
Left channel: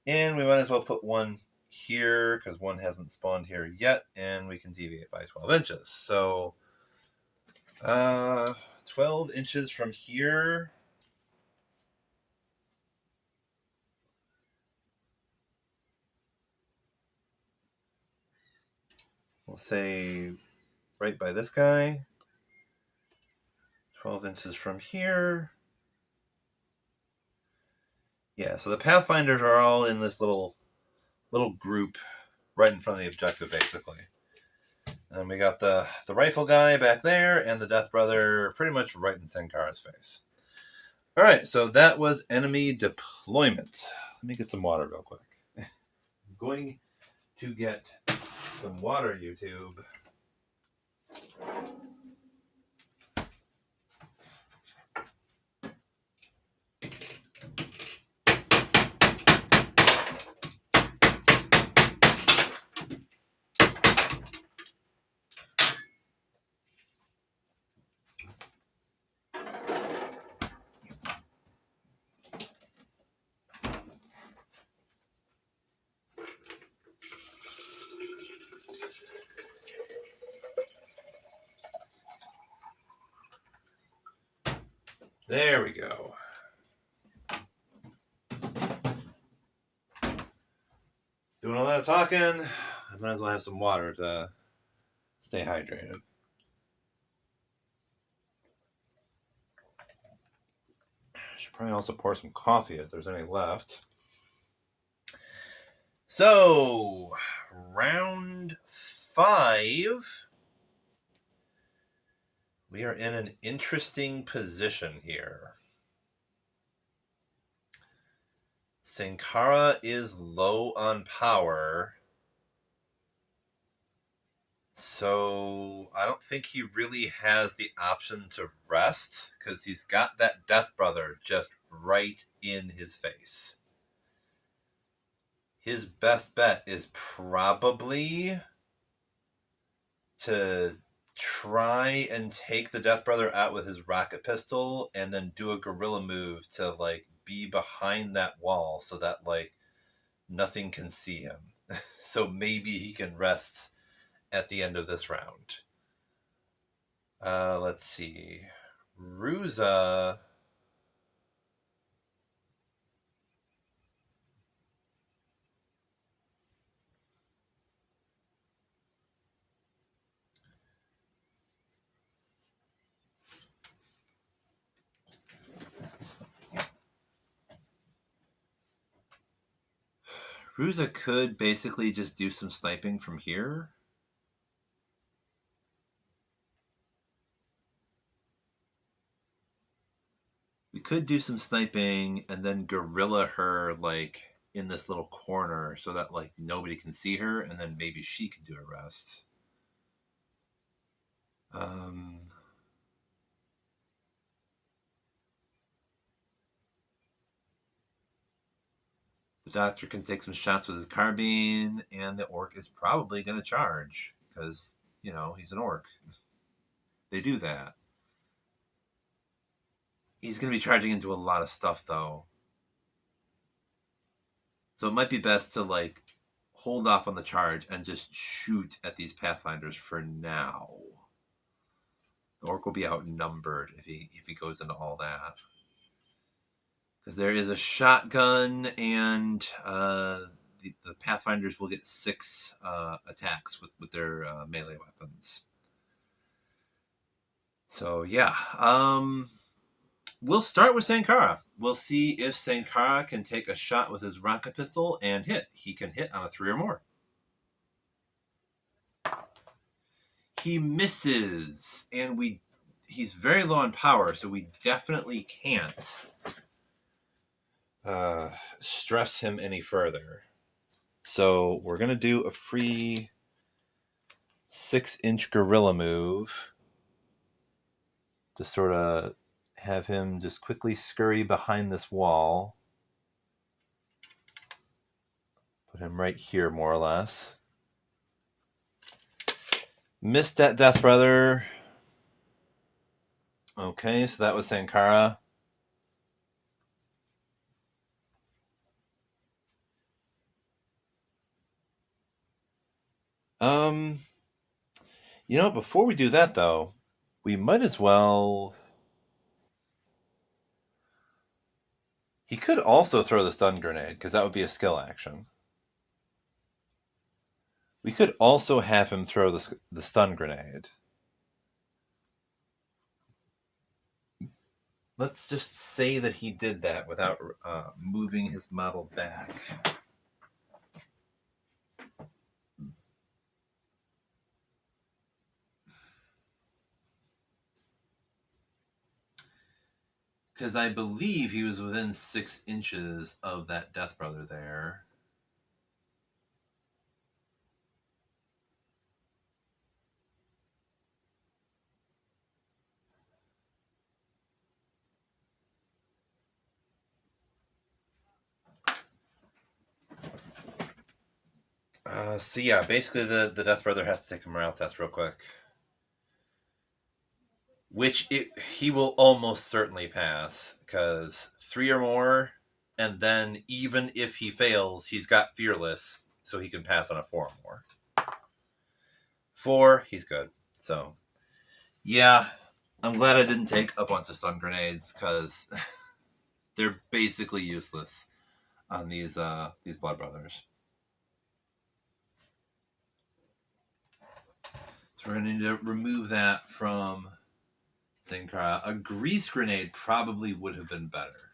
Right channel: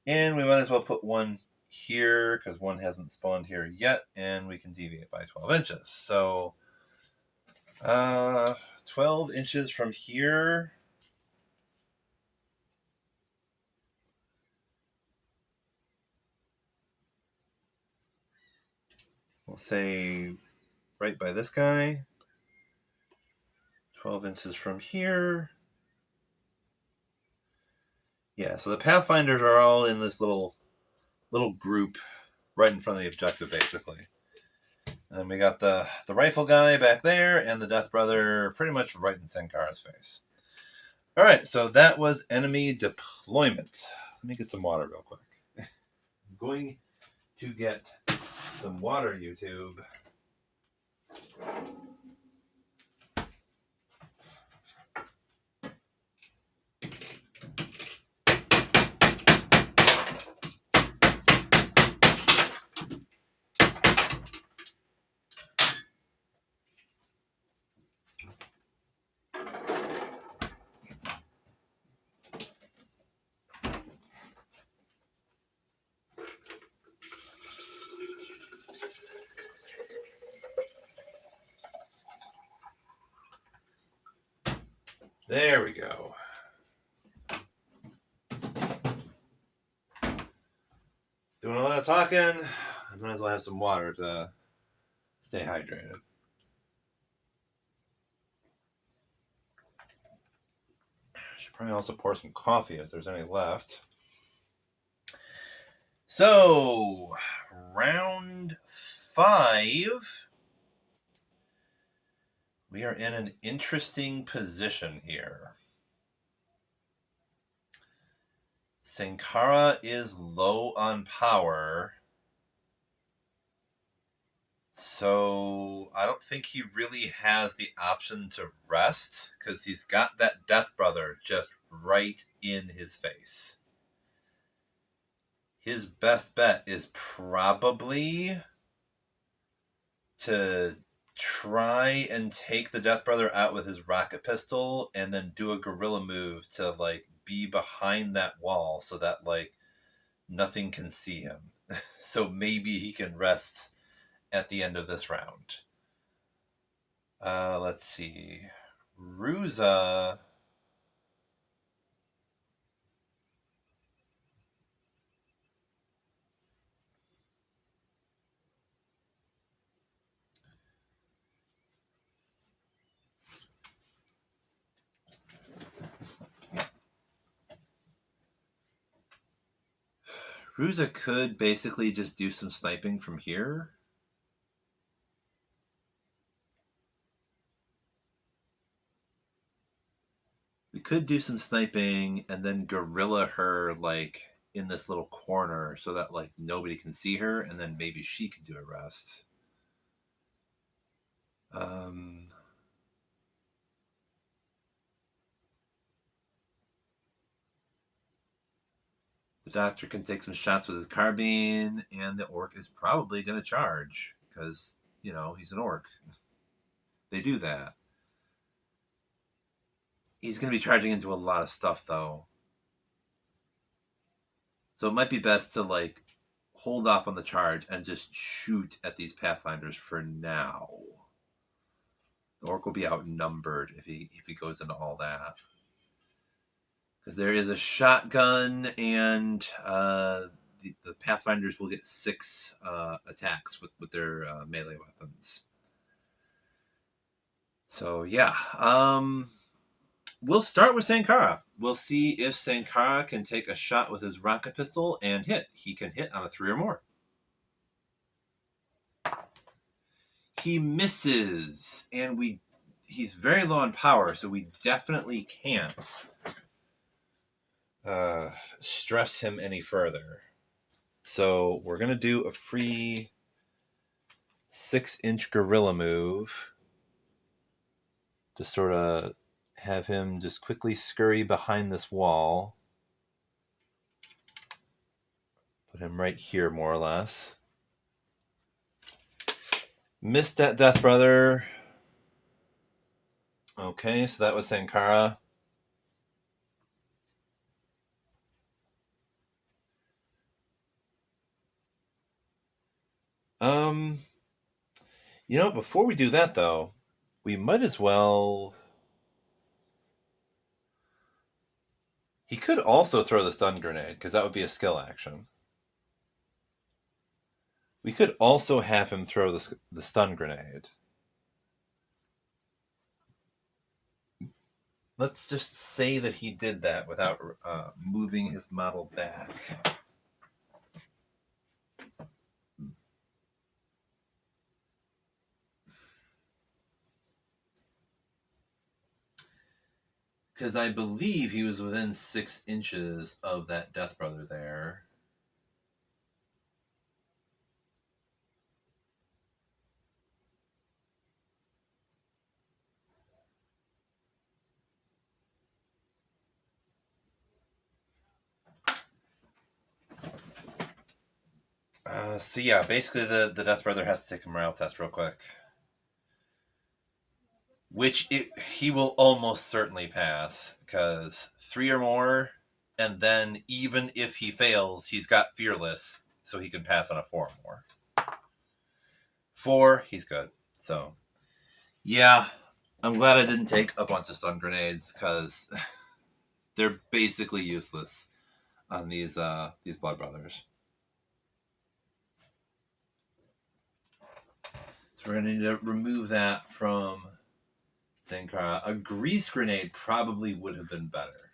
And we might as well put 1 here, because 1 hasn't spawned here yet, and we can deviate by 12 inches. So 12 inches from here. We'll say right by this guy. 12 inches from here. Yeah, so the Pathfinders are all in this little group right in front of the objective, basically. And we got the rifle guy back there and the Death Brother pretty much right in Sankara's face. All right, so that was enemy deployment. Let me get some water real quick. I'm going to get some water, YouTube. There we go. Doing all that talking, I might as well have some water to stay hydrated. Should probably also pour some coffee if there's any left. So, round 5. We are in an interesting position here. Sankara is low on power. So I don't think he really has the option to rest because he's got that Death Brother just right in his face. His best bet is probably to try and take the Death Brother out with his rocket pistol and then do a guerrilla move to like be behind that wall so that like nothing can see him. So maybe he can rest at the end of this round. Let's see. Ruza. Ruza could basically just do some sniping from here. We could do some sniping and then guerrilla her like in this little corner so that like nobody can see her, and then maybe she can do a rest. The doctor can take some shots with his carbine, and the orc is probably going to charge because, you know, he's an orc. They do that. He's going to be charging into a lot of stuff, though. So it might be best to, like, hold off on the charge and just shoot at these Pathfinders for now. The orc will be outnumbered if he goes into all that. Because there is a shotgun, and the Pathfinders will get 6 attacks with their melee weapons. So, yeah. We'll start with Sankara. We'll see if Sankara can take a shot with his rocket pistol and hit. He can hit on a 3 or more. He misses, and he's very low on power, so we definitely can't stress him any further. So we're going to do a free 6-inch gorilla move to sort of have him just quickly scurry behind this wall. Put him right here, more or less. Missed that Death Brother. Okay, so that was Sankara. Before we do that, though, we might as well... He could also throw the stun grenade, because that would be a skill action. We could also have him throw the stun grenade. Let's just say that he did that without moving his model back. Because I believe he was within 6 inches of that Death Brother there. So yeah, basically the Death Brother has to take a morale test real quick. Which he will almost certainly pass, because 3 or more, and then even if he fails, he's got Fearless, so he can pass on a 4 or more. 4, he's good. So, yeah, I'm glad I didn't take a bunch of stun grenades, because they're basically useless on these Blood Brothers. So we're going to need to remove that from Sankara. A grease grenade probably would have been better,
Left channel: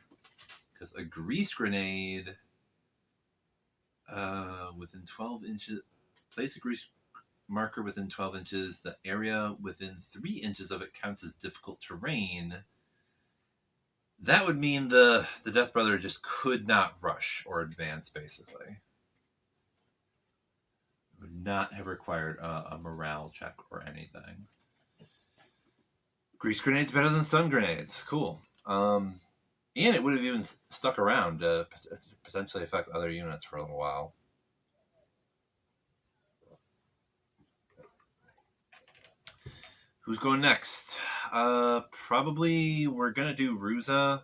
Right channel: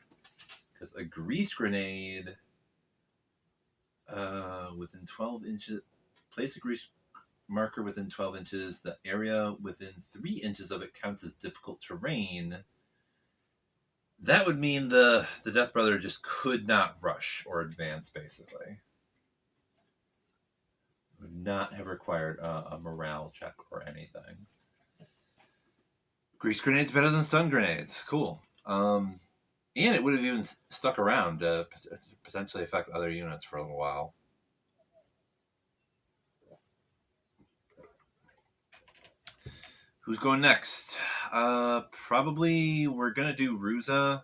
because a grease grenade within 12 inches, place a grease marker within 12 inches. The area within 3 inches of it counts as difficult terrain. That would mean the Death Brother just could not rush or advance, basically. Would not have required a morale check or anything. Grease grenades better than stun grenades. Cool. And it would have even stuck around to potentially affect other units for a little while. Who's going next? Probably we're going to do Ruza.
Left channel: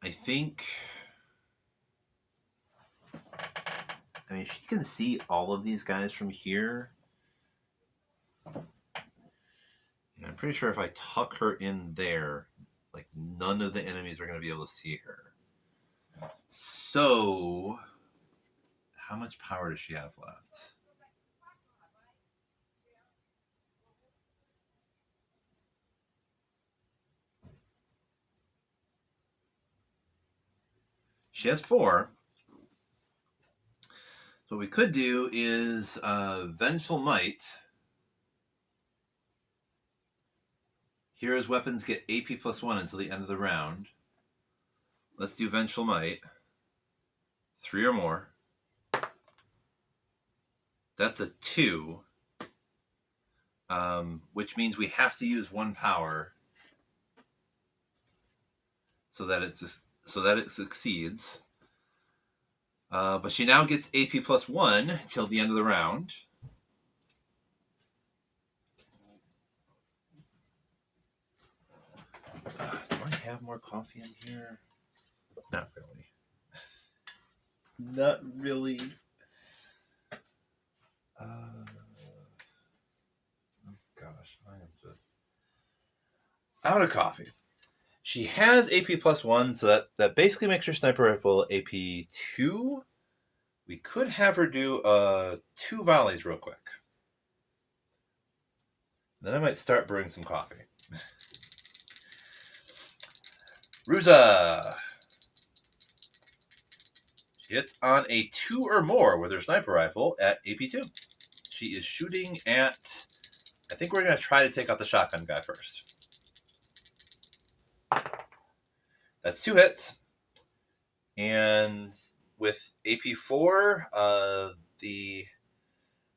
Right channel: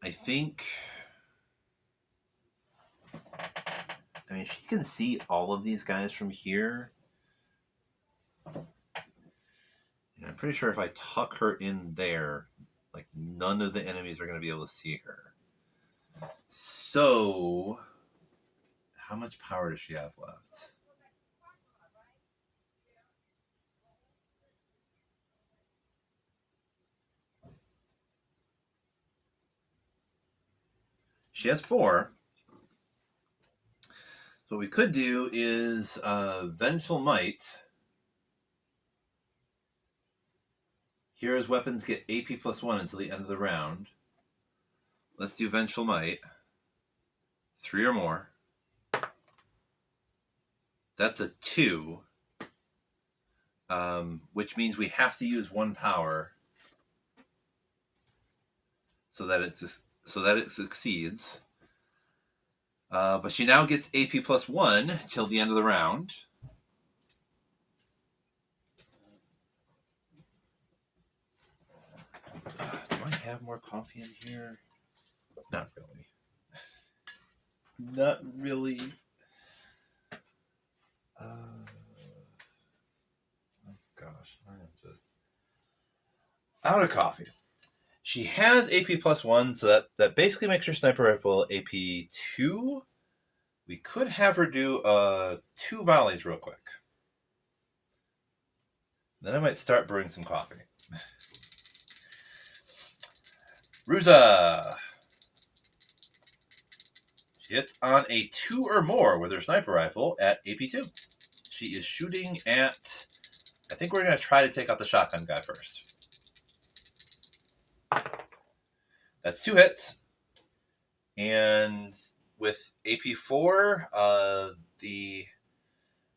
I think... I mean, she can see all of these guys from here. And I'm pretty sure if I tuck her in there, like, none of the enemies are going to be able to see her. So, how much power does she have left? She has 4. So what we could do is Vengeful Might. Hero's weapons get AP +1 until the end of the round. Let's do Vengeful Might. 3 or more. That's a 2. Which means we have to use 1 power so that it succeeds. But she now gets AP +1 till the end of the round. Do I have more coffee in here? Not really. Not really. Oh gosh, I am just out of coffee. She has AP +1, so that basically makes her sniper rifle AP 2. We could have her do 2 volleys real quick. Then I might start brewing some coffee. Ruza. She hits on a 2 or more with her sniper rifle at AP 2. she is shooting at... I think we're going to try to take out the shotgun guy first. That's 2 hits. And with AP4, the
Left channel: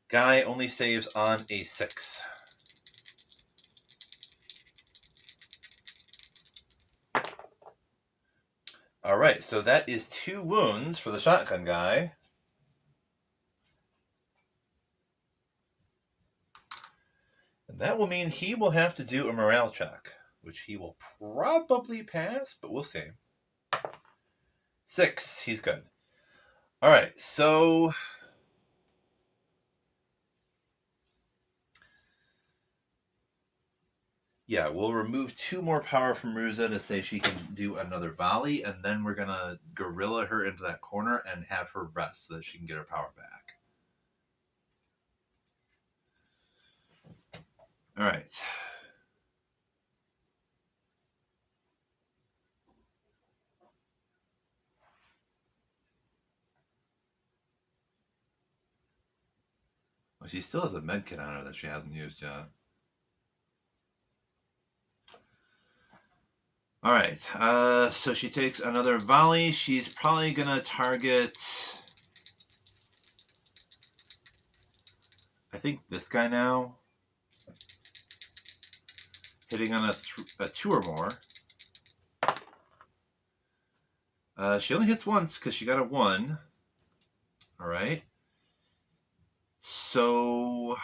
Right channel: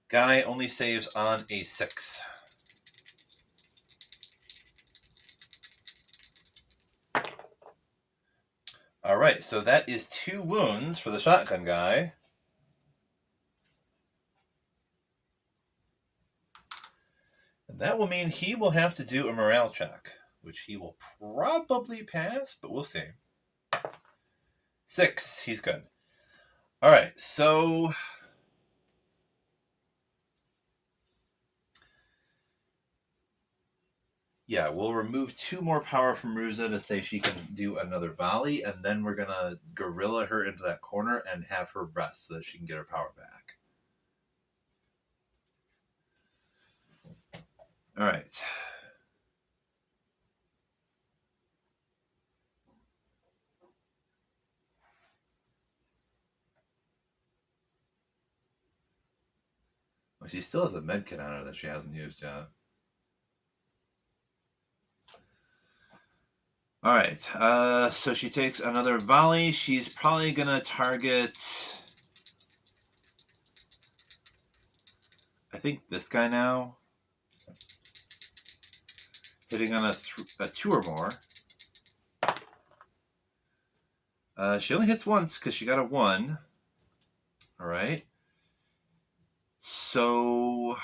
guy only saves on a 6. All right, so that is 2 wounds for the shotgun guy. And that will mean he will have to do a morale check, which he will probably pass, but we'll see. 6, he's good. All right, so... yeah, we'll remove 2 more power from Ruza to say she can do another volley, and then we're going to gorilla her into that corner and have her rest so that she can get her power back. All right. Well, she still has a med kit on her that she hasn't used yet. All right, so she takes another volley. She's probably going to target, I think, this guy now. Hitting on a 2 or more. She only hits once because she got a 1. All right. So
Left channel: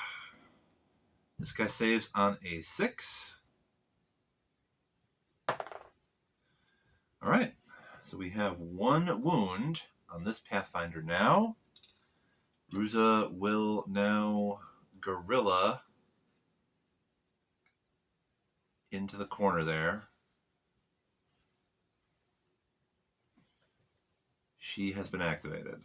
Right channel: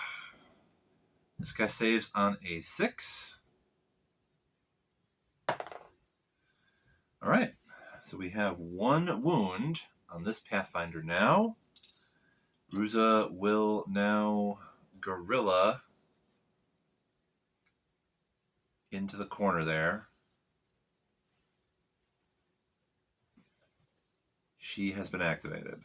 this guy saves on a 6. All right. So we have 1 wound on this Pathfinder now. Ruza will now gorilla into the corner there. She has been activated.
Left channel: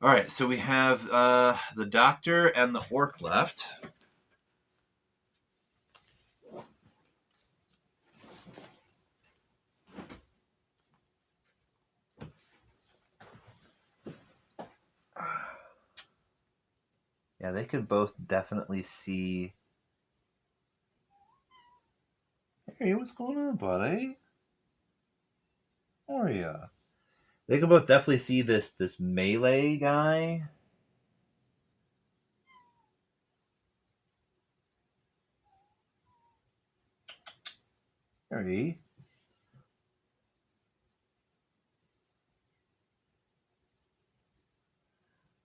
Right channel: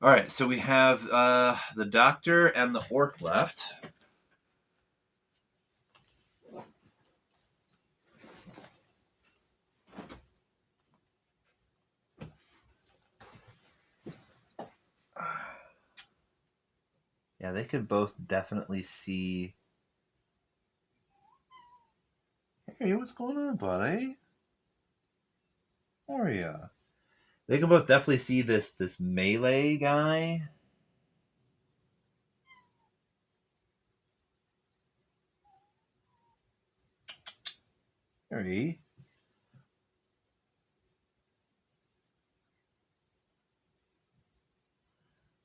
All right, so we have the doctor and the orc left. Yeah, they could both definitely see. Hey, what's going on, buddy? How are ya? They can both definitely see this melee guy. Harry.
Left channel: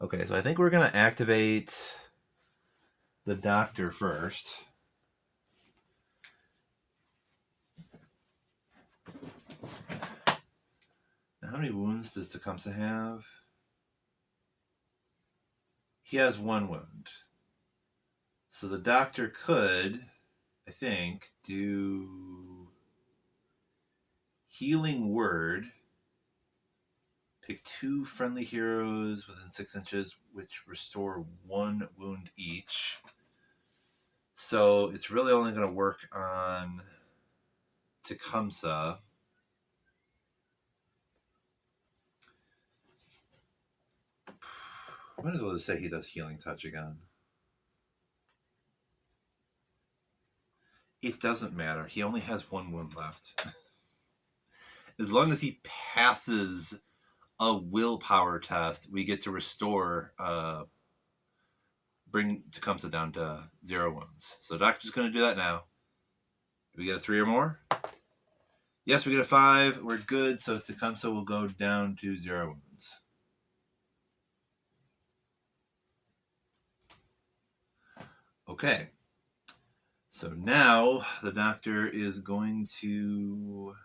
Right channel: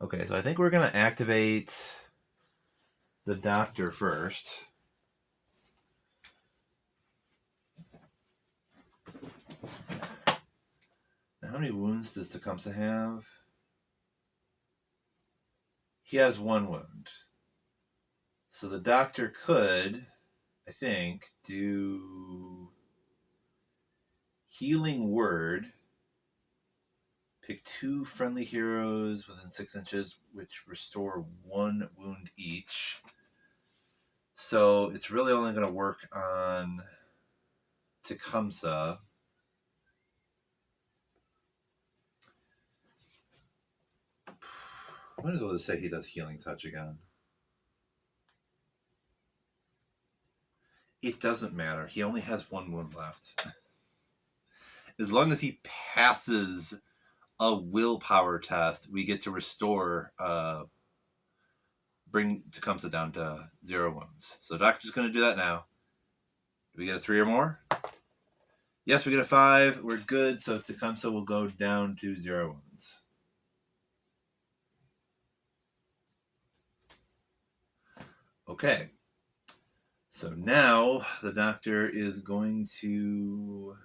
Okay, so I think we're going to activate the doctor first. Now, how many wounds does Tecumseh have? He has 1 wound. So the doctor could, I think, do Healing Word. Pick 2 friendly heroes within 6 inches, which restore 1 wound each. So it's really only going to work on Tecumseh. Might as well just say he does Healing Touch again. It doesn't matter. He only has 1 wound left. As long as he passes a willpower test, we get to restore, bring Tecumseh down to 0 wounds. So Doctor's going to do that now. Do we get a 3 or more? Yes, we get a 5. We're good. So Tecumseh will go down to 0 wounds. Okay. So now the doctor is going to...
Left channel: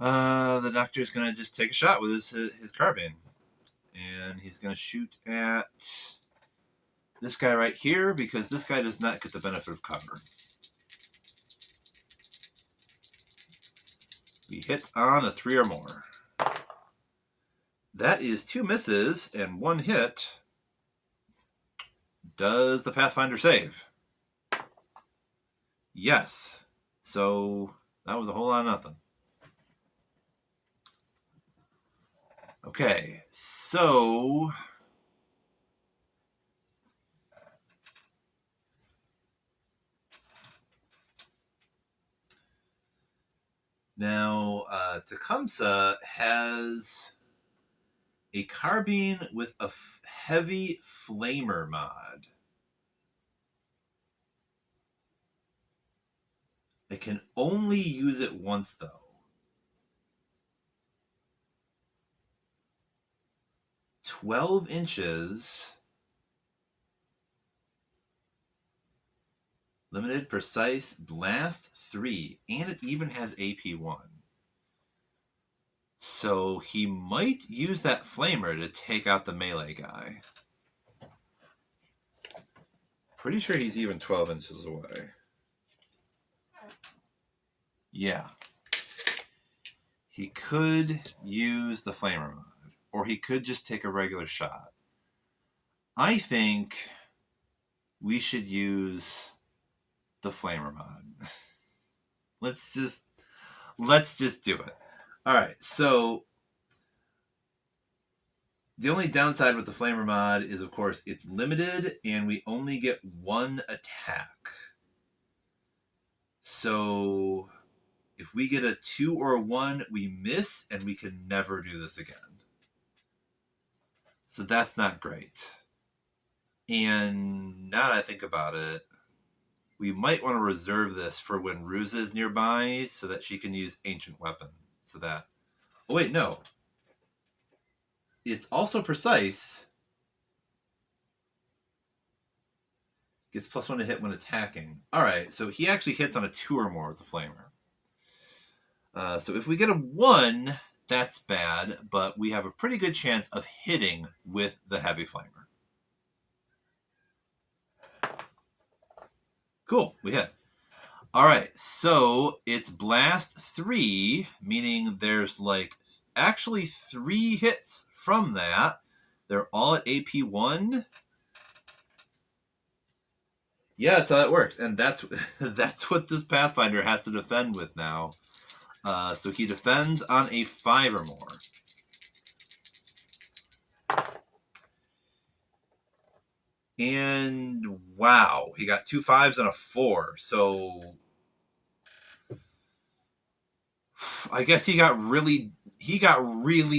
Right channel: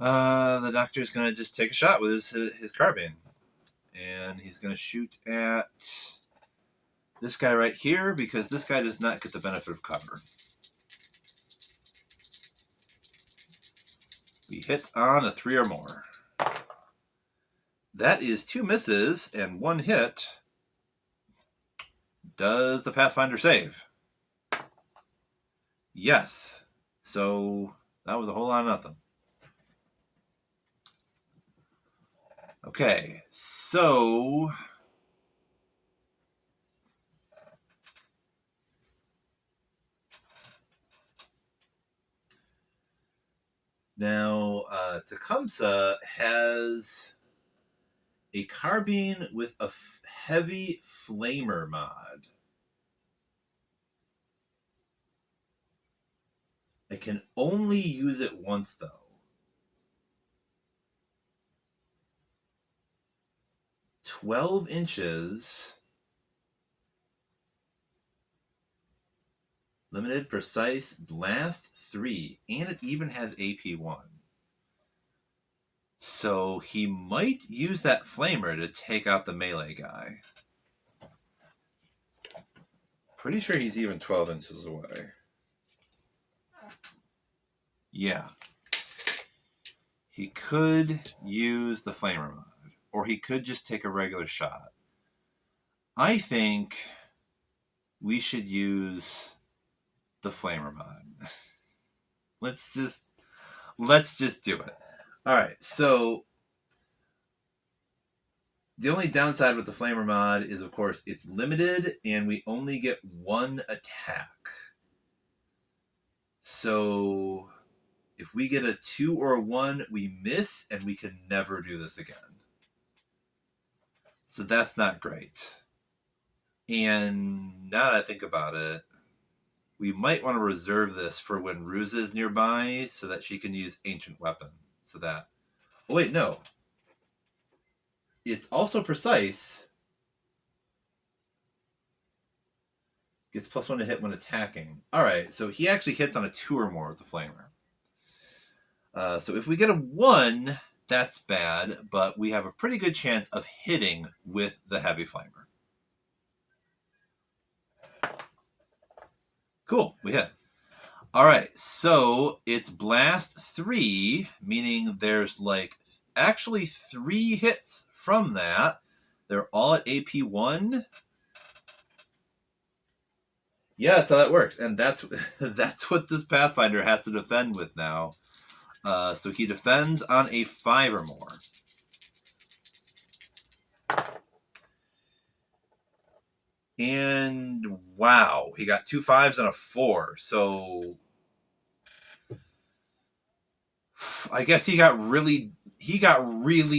the doctor is going to just take a shot with his carbine. And he's going to shoot at this guy right here because this guy does not get the benefit of cover. We hit on a 3 or more. That is 2 misses and 1 hit. Does the Pathfinder save? Yes. So that was a whole lot of nothing. Okay, so now Tecumseh has a carbine with a heavy flamer mod. I can only use it once though. 12 inches. Limited precise blast 3. And it even has AP1. So he might use that flamer to take out the melee guy. Pretty sure he's even 12 inches away. Yeah. He could use the flamer mod. Or he could just take a regular shot. I think we should use the flamer mod. let's just do it. All right. So the only downside with the flamer mod is, of course, it's limited and we only get one attack. So if we get a 2 or a 1, we miss and we can never do this again. So that's not great. And now that I think about it, we might want to reserve this for when Ruse is nearby so that she can use Ancient Weapon. So that... Oh, wait, no. It's also precise. Gets +1 to hit when attacking. Alright, so he actually hits on a 2 or more with the Flamer. So if we get a 1, that's bad, but we have a pretty good chance of hitting with the Heavy Flamer. Cool, we hit. Alright, so it's Blast 3, meaning there's like actually 3 hits from that. They're all at AP1. Yeah, that's how that works. And that's that's what this Pathfinder has to defend with now. So he defends on a 5 or more. And wow, he got 2 5s and a 4. So I guess he got really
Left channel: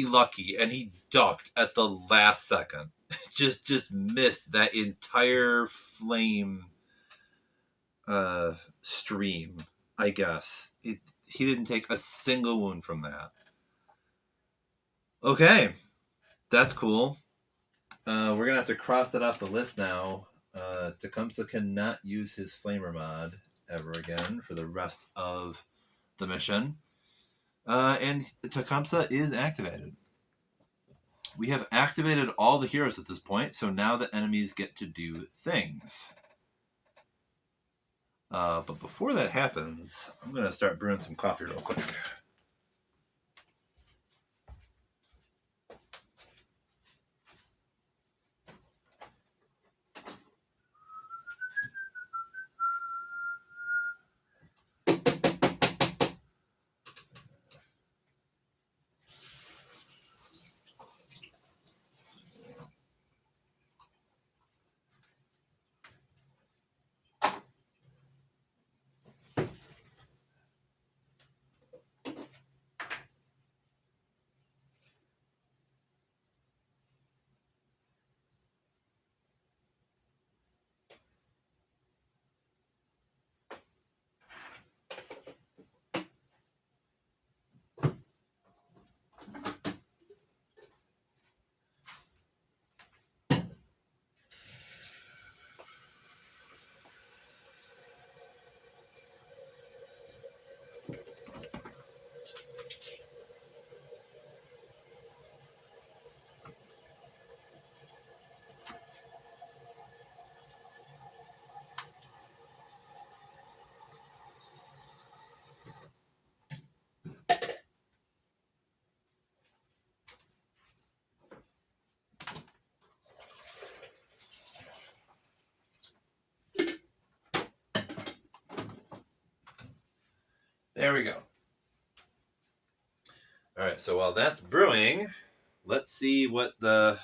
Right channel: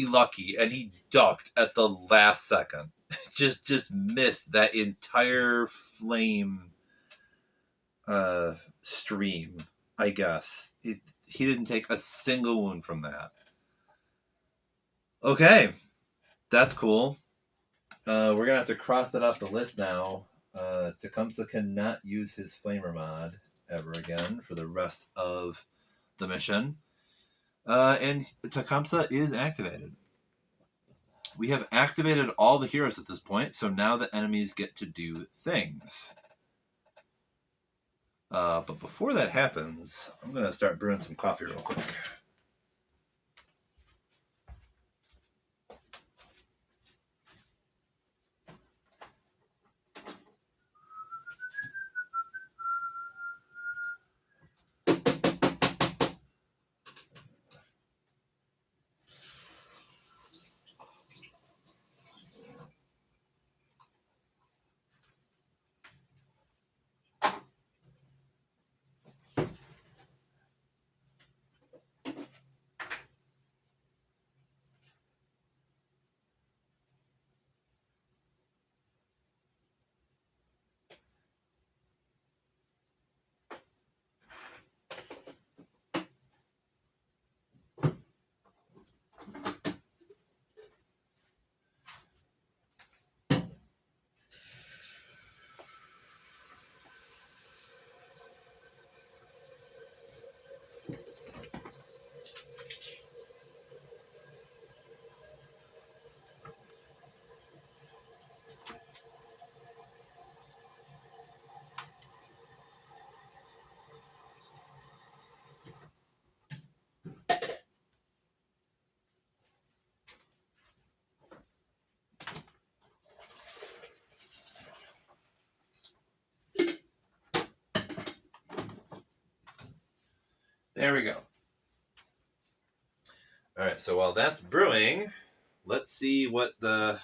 lucky and he ducked at the last second. just missed that entire flame stream, I guess. He didn't take a single wound from that. Okay. That's cool. We're going to have to cross that off the list now. Tecumseh cannot use his flamer mod ever again for the rest of the mission. And Tecumseh is activated. We have activated all the heroes at this point, so now the enemies get to do things. But before that happens, I'm going to start brewing some coffee real quick. There we go. All right, so while that's brewing, let's see what the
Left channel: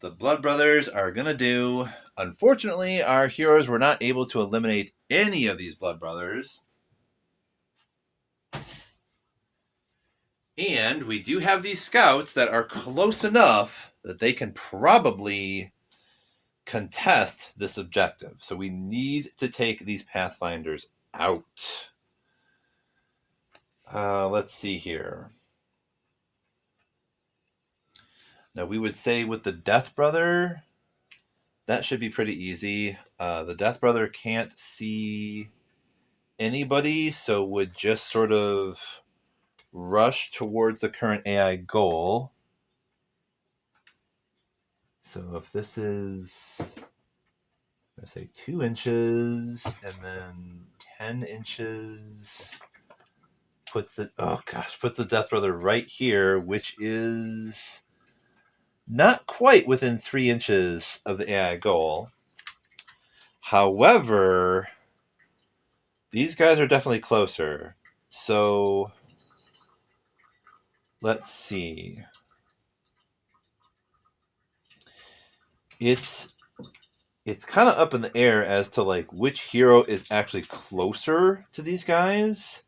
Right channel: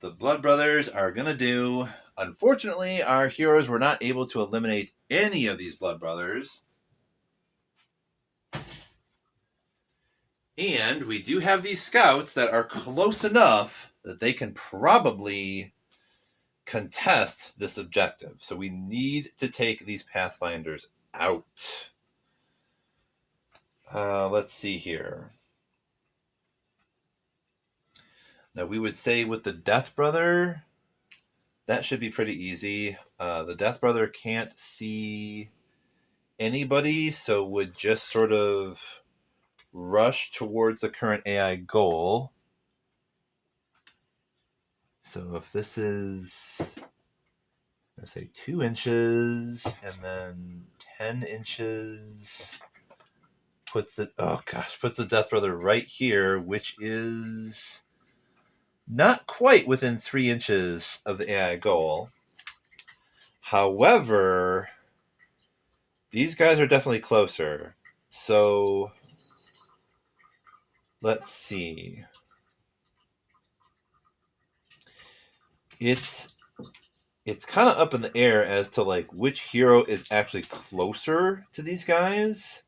Blood Brothers are going to do. Unfortunately, our heroes were not able to eliminate any of these Blood Brothers. And we do have these scouts that are close enough that they can probably contest this objective. So we need to take these Pathfinders out. Let's see here. Now we would say with the Death Brother, that should be pretty easy. The Death Brother can't see anybody, so would just sort of rush towards the current AI goal. So if this is, I'm going to say 2 inches and then 10 inches, puts the Death Brother right here, which is not quite within 3 inches of the AI goal. However, these guys are definitely closer. So let's see. It's kind of up in the air as to like which hero is actually closer to these guys.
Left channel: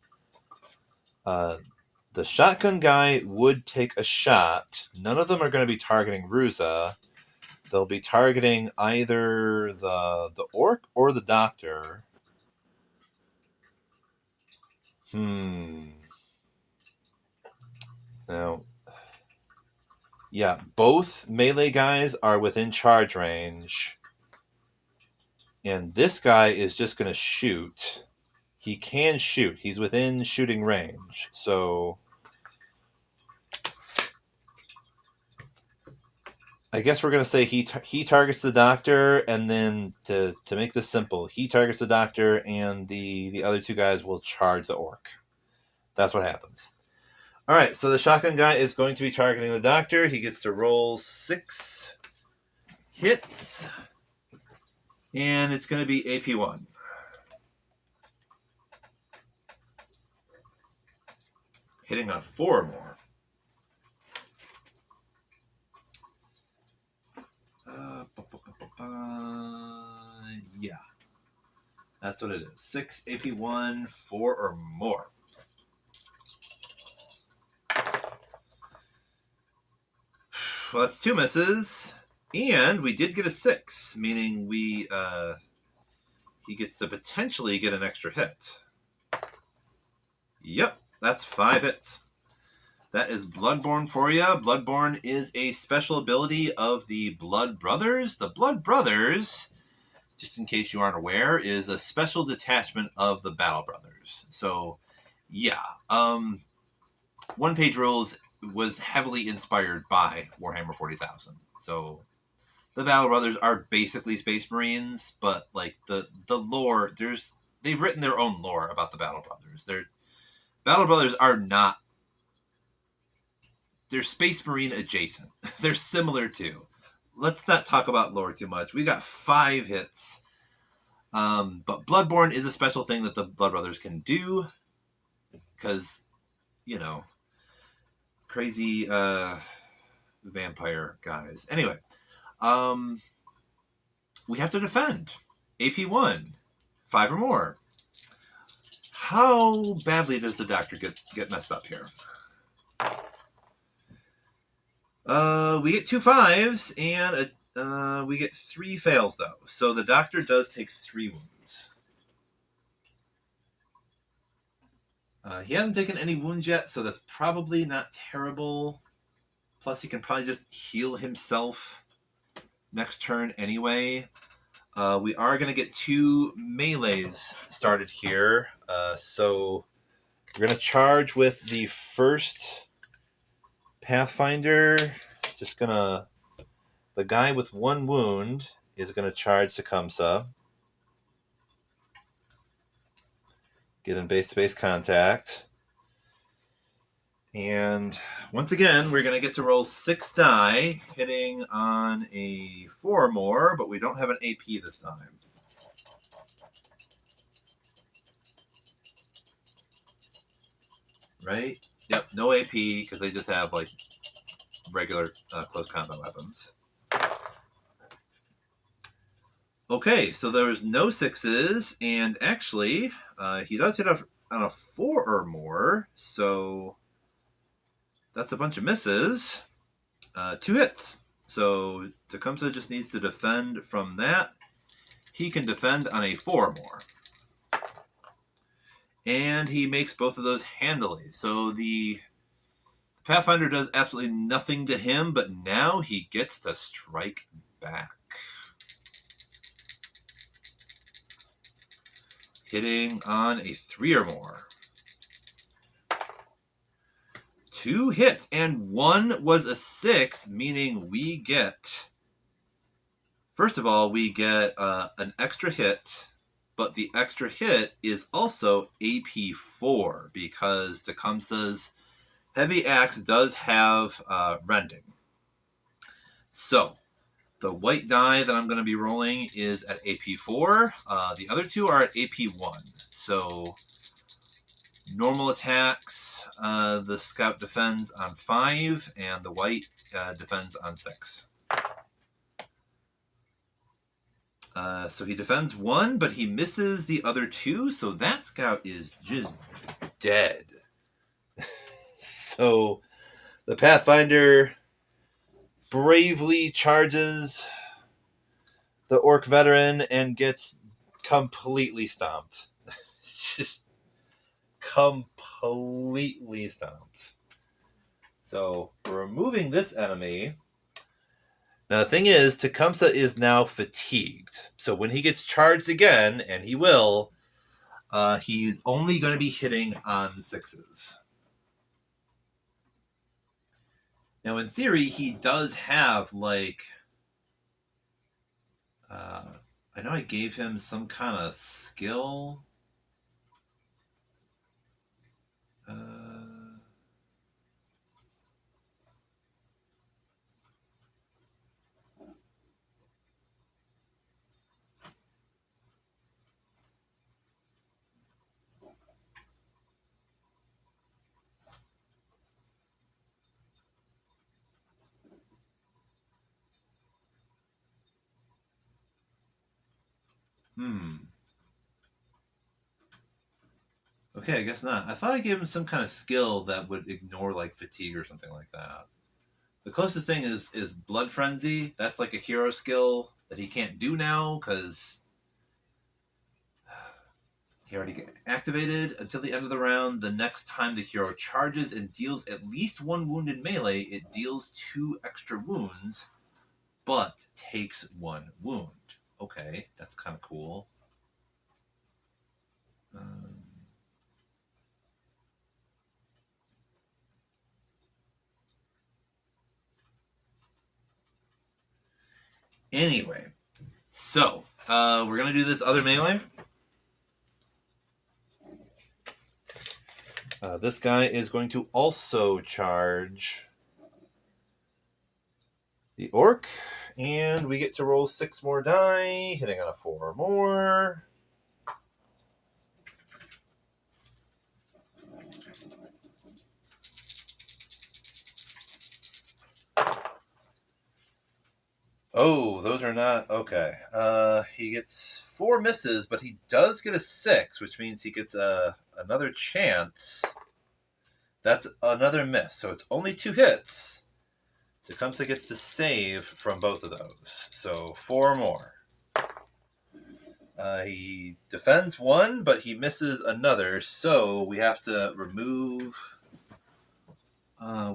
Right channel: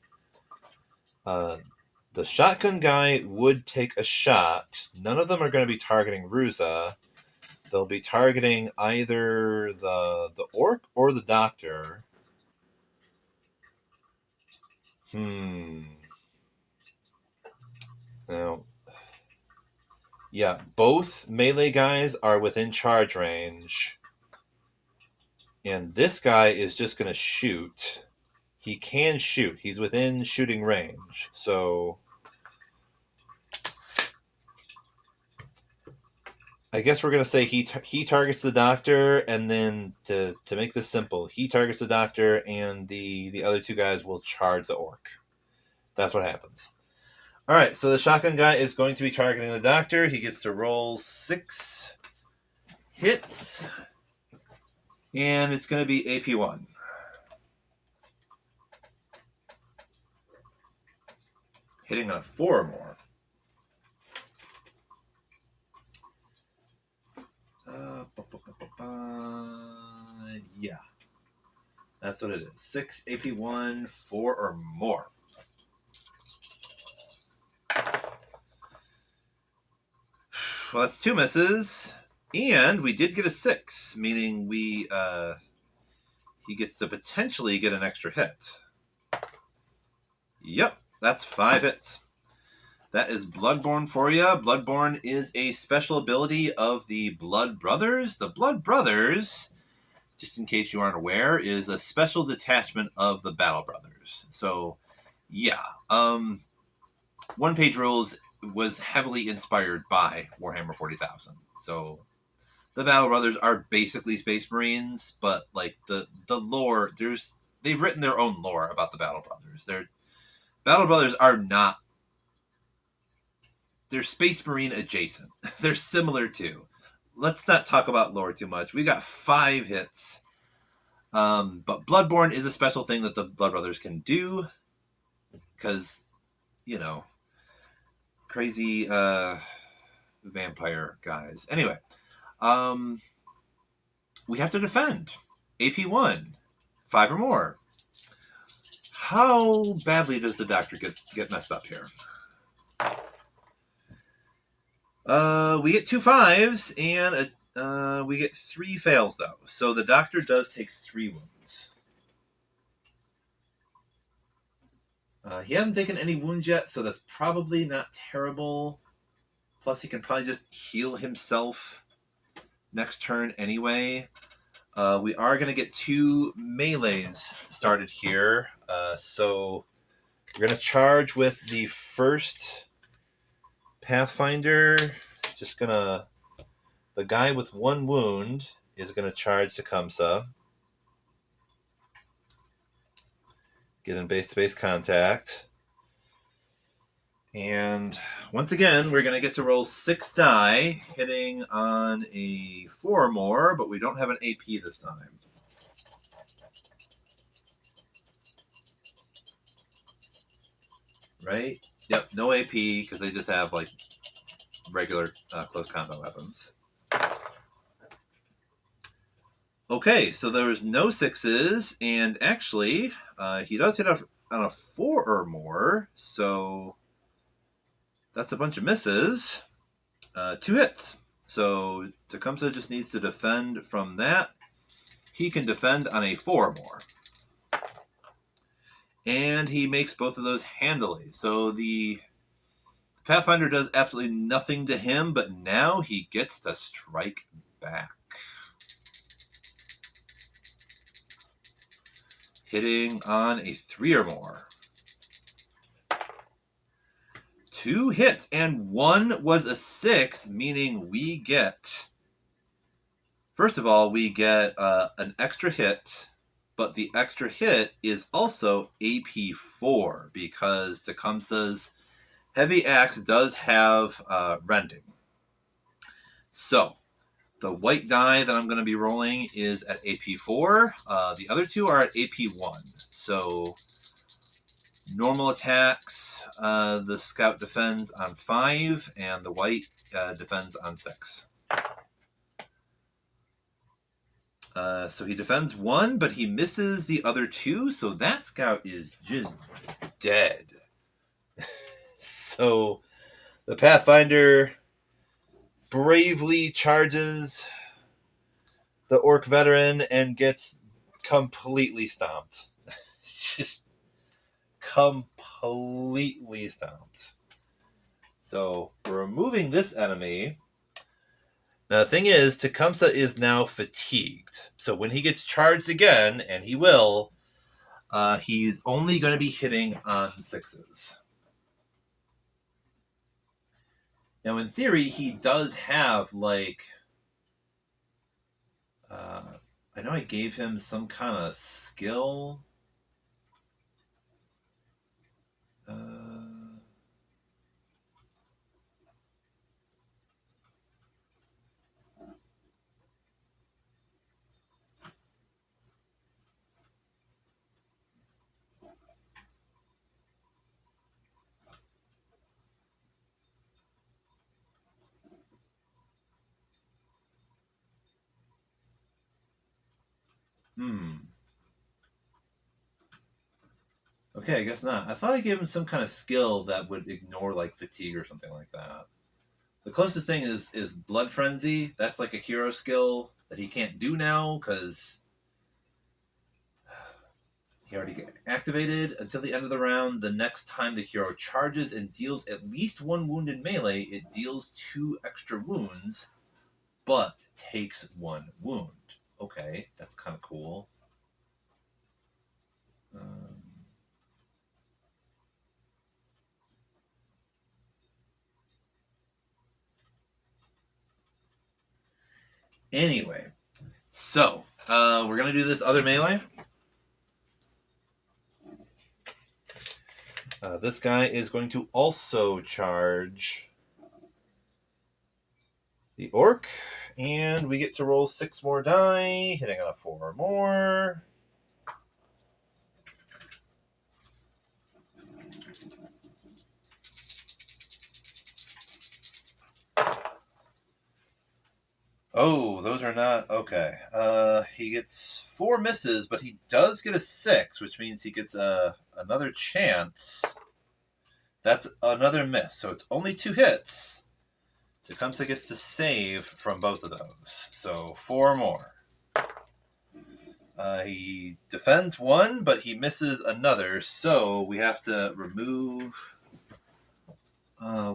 The shotgun guy would take a shot. None of them are going to be targeting Ruza. They'll be targeting either the orc or the doctor. Now, yeah, both melee guys are within charge range. And this guy is just going to shoot. He can shoot. He's within shooting range. So I guess we're going to say he targets the doctor, and then to make this simple, he targets the doctor, and the other 2 guys will charge the orc. That's what happens. All right, so the shotgun guy is going to be targeting the doctor. He gets to roll 6 hits, and it's going to be AP1. Hitting on 4 or more. Yeah. That's what it is. 6 AP1, 4 or more. Well, that's 2 misses. And we did get a 6, meaning he gets to potentially get an extra hit. Yep, that's 5 hits. That is Bloodborne for you. Bloodborne is a special ability of the Blood Brothers. The Blood Brothers, just in case you aren't aware, is a special detachment of the Battle Brothers. So, yeah. One Page Rules was heavily inspired by Warhammer 40,000. So, the Battle Brothers are basically Space Marines, but like the lore, they've written their own lore about the Battle Brothers. Battle Brothers are not. They're Space Marine adjacent. They're similar to. Let's not talk about lore too much. We got 5 hits. But Bloodborne is a special thing that the Blood Brothers can do. Because, crazy vampire guys. Anyway. We have to defend. AP1. 5 or more. How badly does the doctor get messed up here? We get 2 5s, and we get 3 fails, though. So the doctor does take 3 wounds. He hasn't taken any wounds yet, so that's probably not terrible. Plus, he can probably just heal himself next turn anyway. We are going to get 2 melees started here. So we're going to charge with the first Pathfinder. The guy with 1 wound is going to charge Tecumseh. Get in base-to-base contact. And once again, we're going to get to roll 6 die, hitting on a 4 or more, but we don't have an AP this time. right? Yep, no AP because they just have like regular close combat weapons. Okay, so there's no 6s, and actually, he does hit on a 4 or more, so that's a bunch of misses. 2 hits. So Tecumseh just needs to defend from that. He can defend on a 4 or more. And he makes both of those handily. So the Pathfinder does absolutely nothing to him, but now he gets to strike back. Hitting on a 3 or more. 2 hits, and 1 was a 6, meaning we get... First of all, we get an extra hit, but the extra hit is also AP 4 because Tecumseh's heavy axe does have rending. So, the white die that I'm going to be rolling is at AP 4. The other 2 are at AP 1. So, normal attacks, the scout defends on 5, and the white defends on 6. So he defends 1, but he misses the other 2, so that scout is just dead. So the Pathfinder bravely charges the orc veteran and gets completely stomped. Just completely stomped. So we're removing this enemy. Now, the thing is, Tecumseh is now fatigued. So when he gets charged again, and he will, he's only going to be hitting on 6s. Now, in theory, he does have, like... I know I gave him some kind of skill. Okay, I guess not. I thought I gave him some kind of skill that would ignore, like, fatigue or something like that. The closest thing is Blood Frenzy. That's like a hero skill that he can't do now because he already got activated until the end of the round. The next time the hero charges and deals at least 1 wound in melee, it deals 2 extra wounds, but takes 1 wound. Okay, that's kind of cool. Anyway, so we're going to do this other melee. This guy is going to also charge the orc, and we get to roll 6 more die, hitting on a 4 or more. Oh, those are not... Okay. He gets 4 misses, but he does get a 6, which means he gets another chance. That's another miss, so it's only 2 hits. Tecumseh gets to save from both of those. So 4 more. He defends 1, but he misses another, so we have to remove...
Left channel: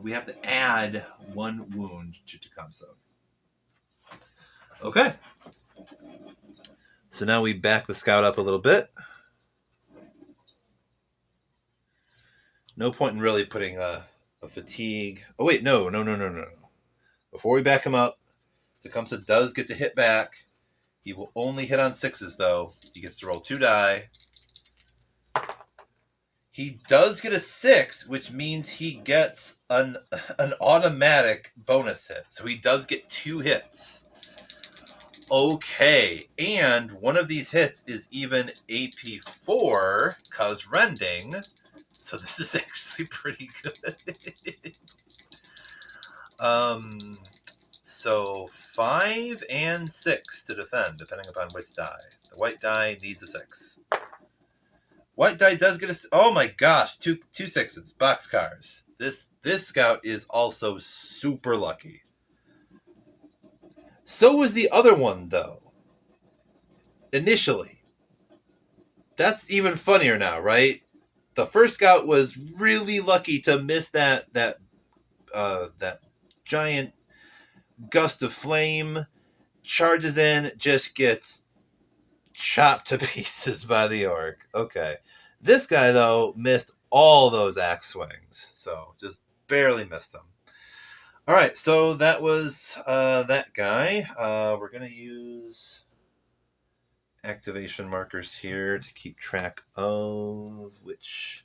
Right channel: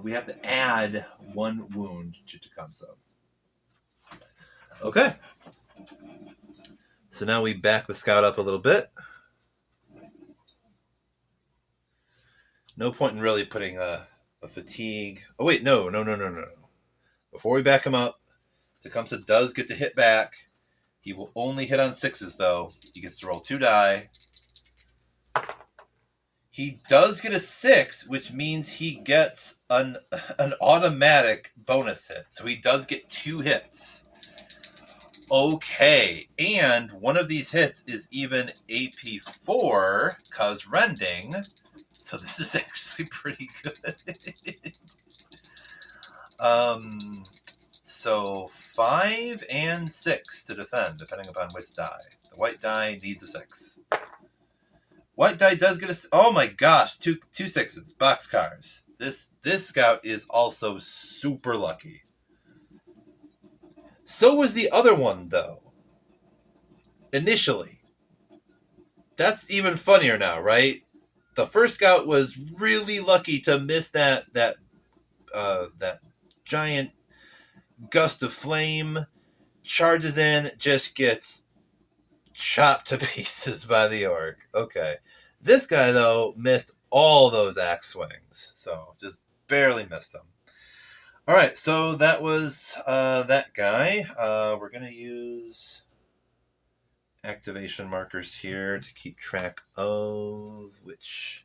we have to add 1 wound to Tecumseh. Okay. So now we back the scout up a little bit. No point in really putting a fatigue... Oh, wait, no. Before we back him up, Tecumseh does get to hit back. He will only hit on 6s, though. He gets to roll 2 die. He does get a 6, which means he gets an automatic bonus hit. So he does get 2 hits. Okay, and one of these hits is even AP 4, because rending. so this is actually pretty good. So 5 and 6 to defend, depending upon which die. The white die needs a 6. White die does get a... Oh my gosh, two sixes. Boxcars. This scout is also super lucky. So was the other one, though. Initially. That's even funnier now, right? The first scout was really lucky to miss that giant gust of flame, charges in, just gets chopped to pieces by the orc. Okay. This guy, though, missed all those axe swings. So just barely missed them. All right, so that was that guy. We're going to use activation markers here to keep track of which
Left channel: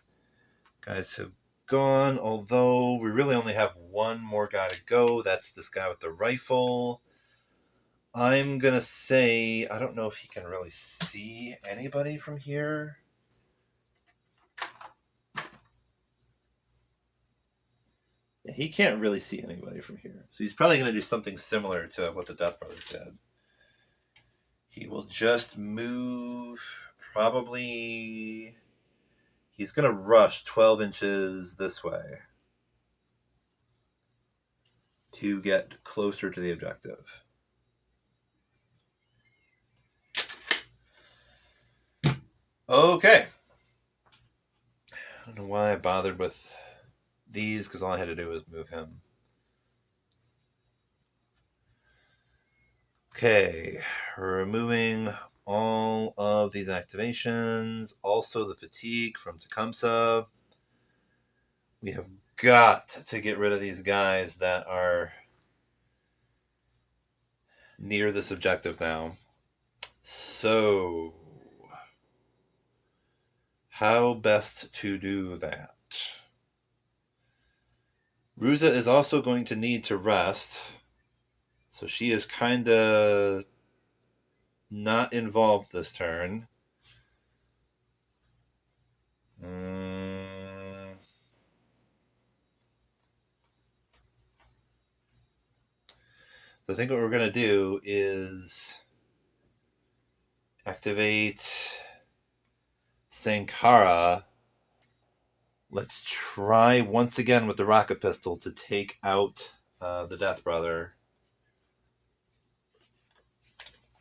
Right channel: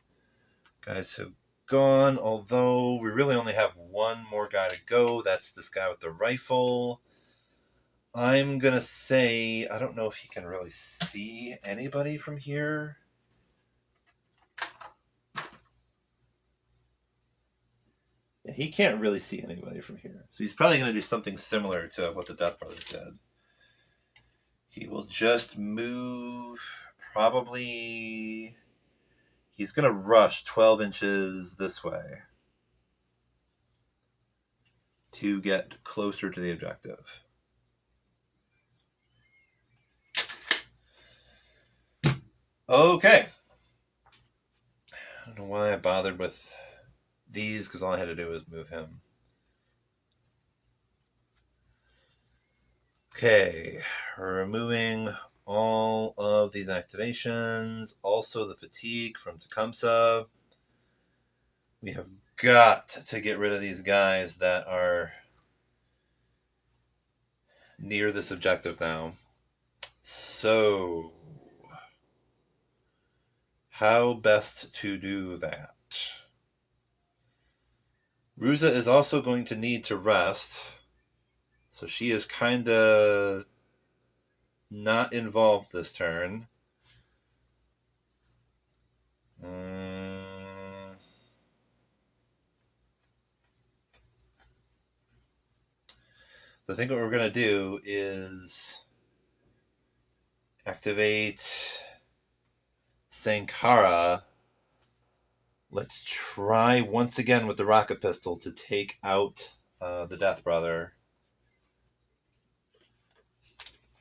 guys have gone, although we really only have one more guy to go. That's this guy with the rifle. I'm going to say, I don't know if he can really see anybody from here. Yeah, he can't really see anybody from here. So he's probably going to do something similar to what the Death Brothers did. He will just move, probably... He's going to rush 12 inches this way to get closer to the objective. Okay. I don't know why I bothered with these, because all I had to do was move him. Okay, we're removing all of these activations, also the fatigue from Tecumseh. We have got to get rid of these guys that are near this objective now. So, how best to do that? Ruza is also going to need to rest. So she is kind of not involved this turn. So I think what we're going to do is activate Sankara. Let's try once again with the rocket pistol to take out the Death Brother.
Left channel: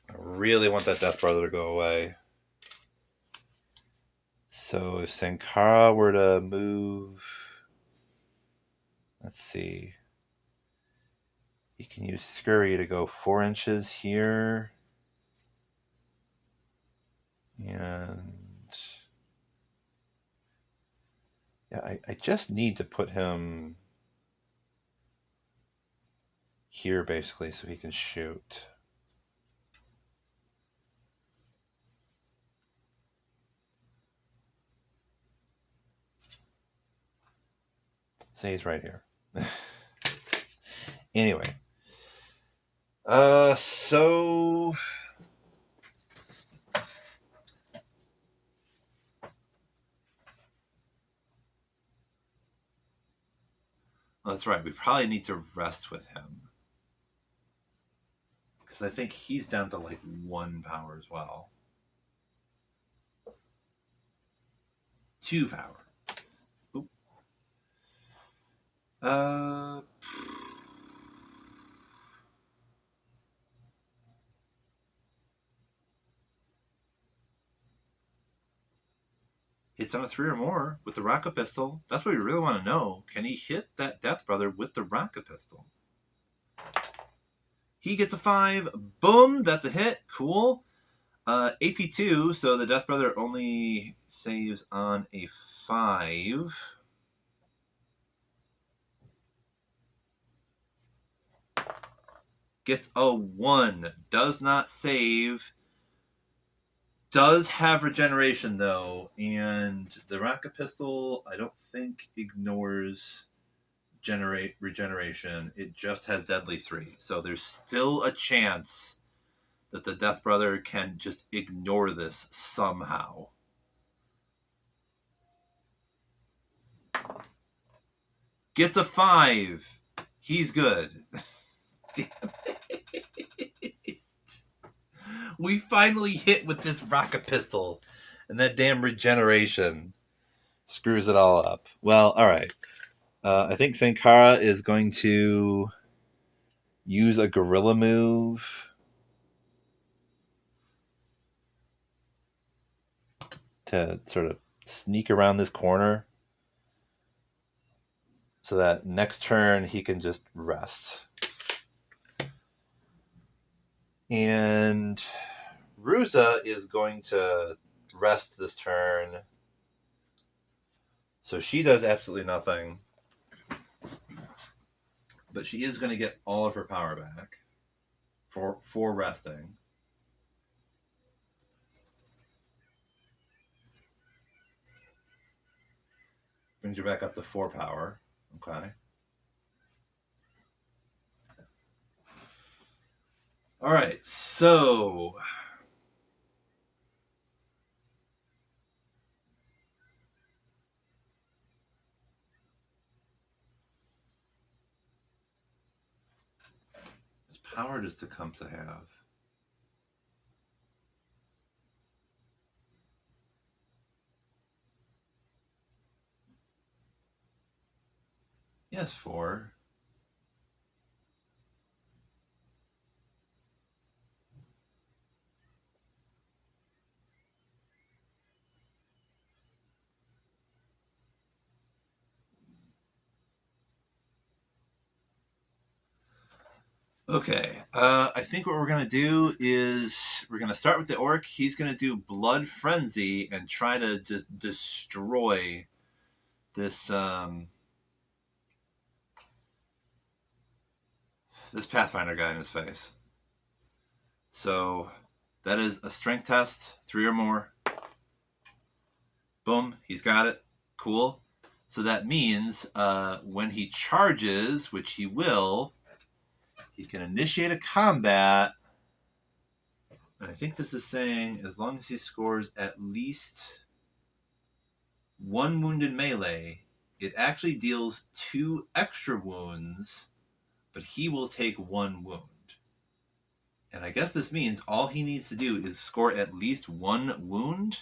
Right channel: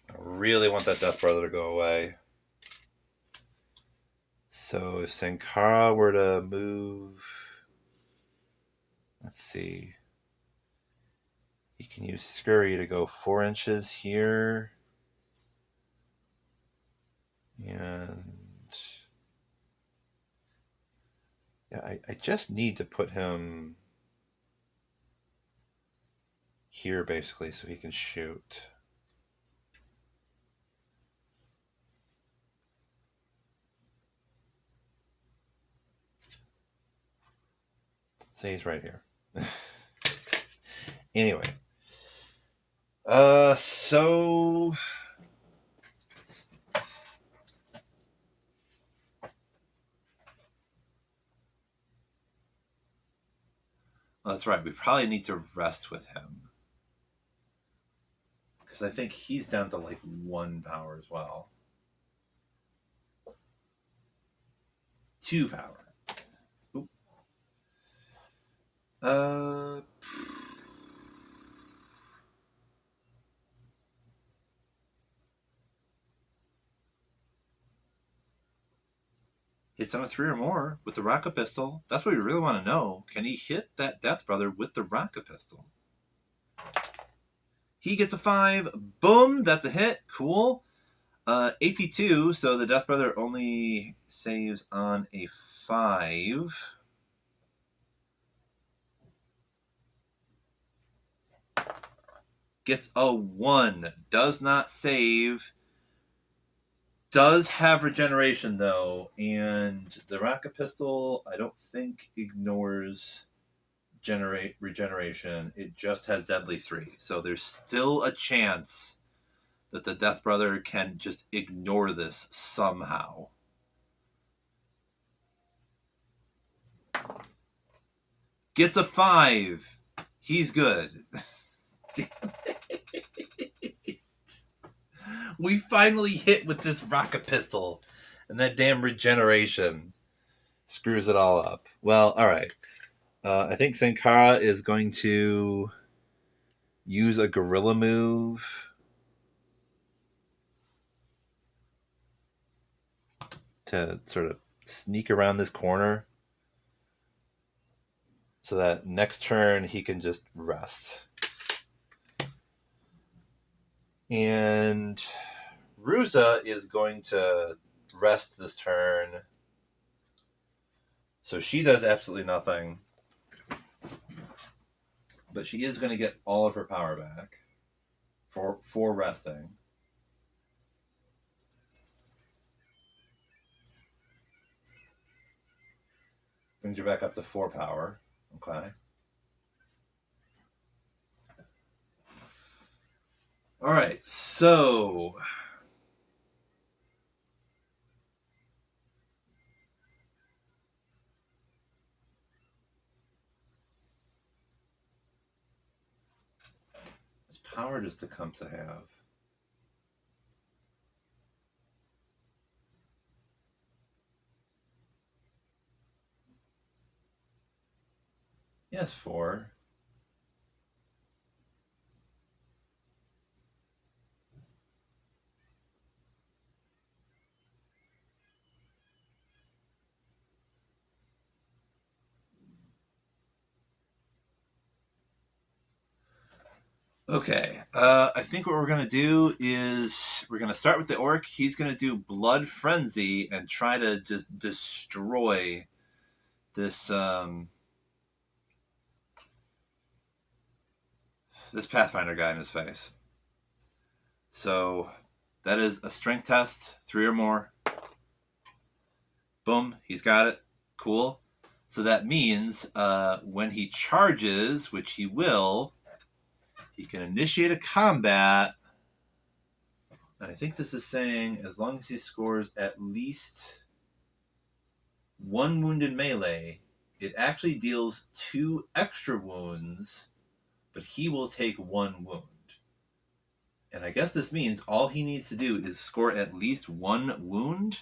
I really want that Death Brother to go away. So if Sankara were to move... Let's see. He can use Scurry to go 4 inches here. And... Yeah, I just need to put him here, basically, so he can shoot. So he's right here. Anyway. So... Well, that's right. We probably need to rest with him. Because I think he's down to like 1 power as well. 2 power. Oop. Hits on a 3 or more with the rocket pistol. That's what we really want to know. Can he hit that Death Brother with the rocket pistol? He gets a 5. Boom! That's a hit. Cool. AP2, so the Death Brother only saves on a 5. Gets a 1. Does not save. Does have regeneration, though, and the rocket pistol, I don't think, ignores regeneration. It just has deadly 3. So there's still a chance that the Death Brother can just ignore this somehow. Gets a 5. He's good. Damn it. We finally hit with this rocket pistol. And that damn regeneration screws it all up. Well, all right. I think Sankara is going to use a gorilla move to sort of sneak around this corner so that next turn he can just rest. And Ruza is going to rest this turn. So she does absolutely nothing. But she is going to get all of her power back for resting. Brings her back up to 4 power. Okay. All right, so power does Tecumseh have? Yes, 4. Okay, I think what we're going to do is we're going to start with the orc. He's going to do Blood Frenzy and try to just destroy this this Pathfinder guy in his face. So that is a strength test, 3 or more. Boom, he's got it. Cool. So that means when he charges, which he will, he can initiate a combat. And I think this is saying as long as he scores at least 1 wounded melee, it actually deals 2 extra wounds, but he will take 1 wound. And I guess this means all he needs to do is score at least 1 wound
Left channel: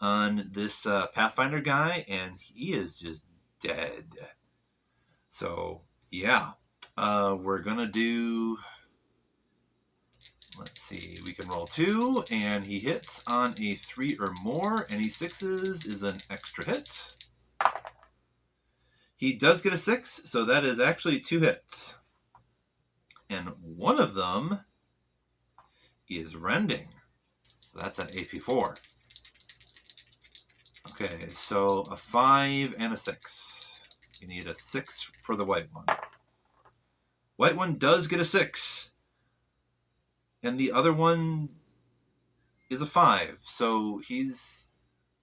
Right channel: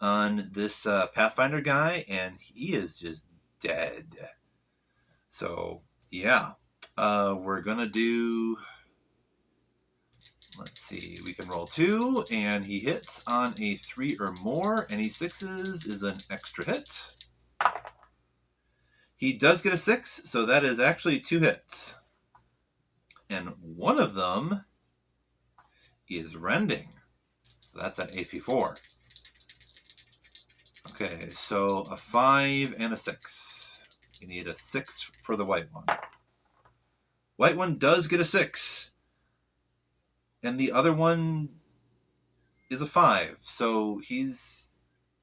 on this Pathfinder guy, and he is just dead. So, yeah. We're going to do... Let's see. We can roll 2, and he hits on a 3 or more. Any 6s is an extra hit. He does get a 6, so that is actually 2 hits. And one of them is rending. So that's an AP 4. Okay, so a 5 and a 6. You need a 6 for the white one. White one does get a 6. And the other one is a 5. So he's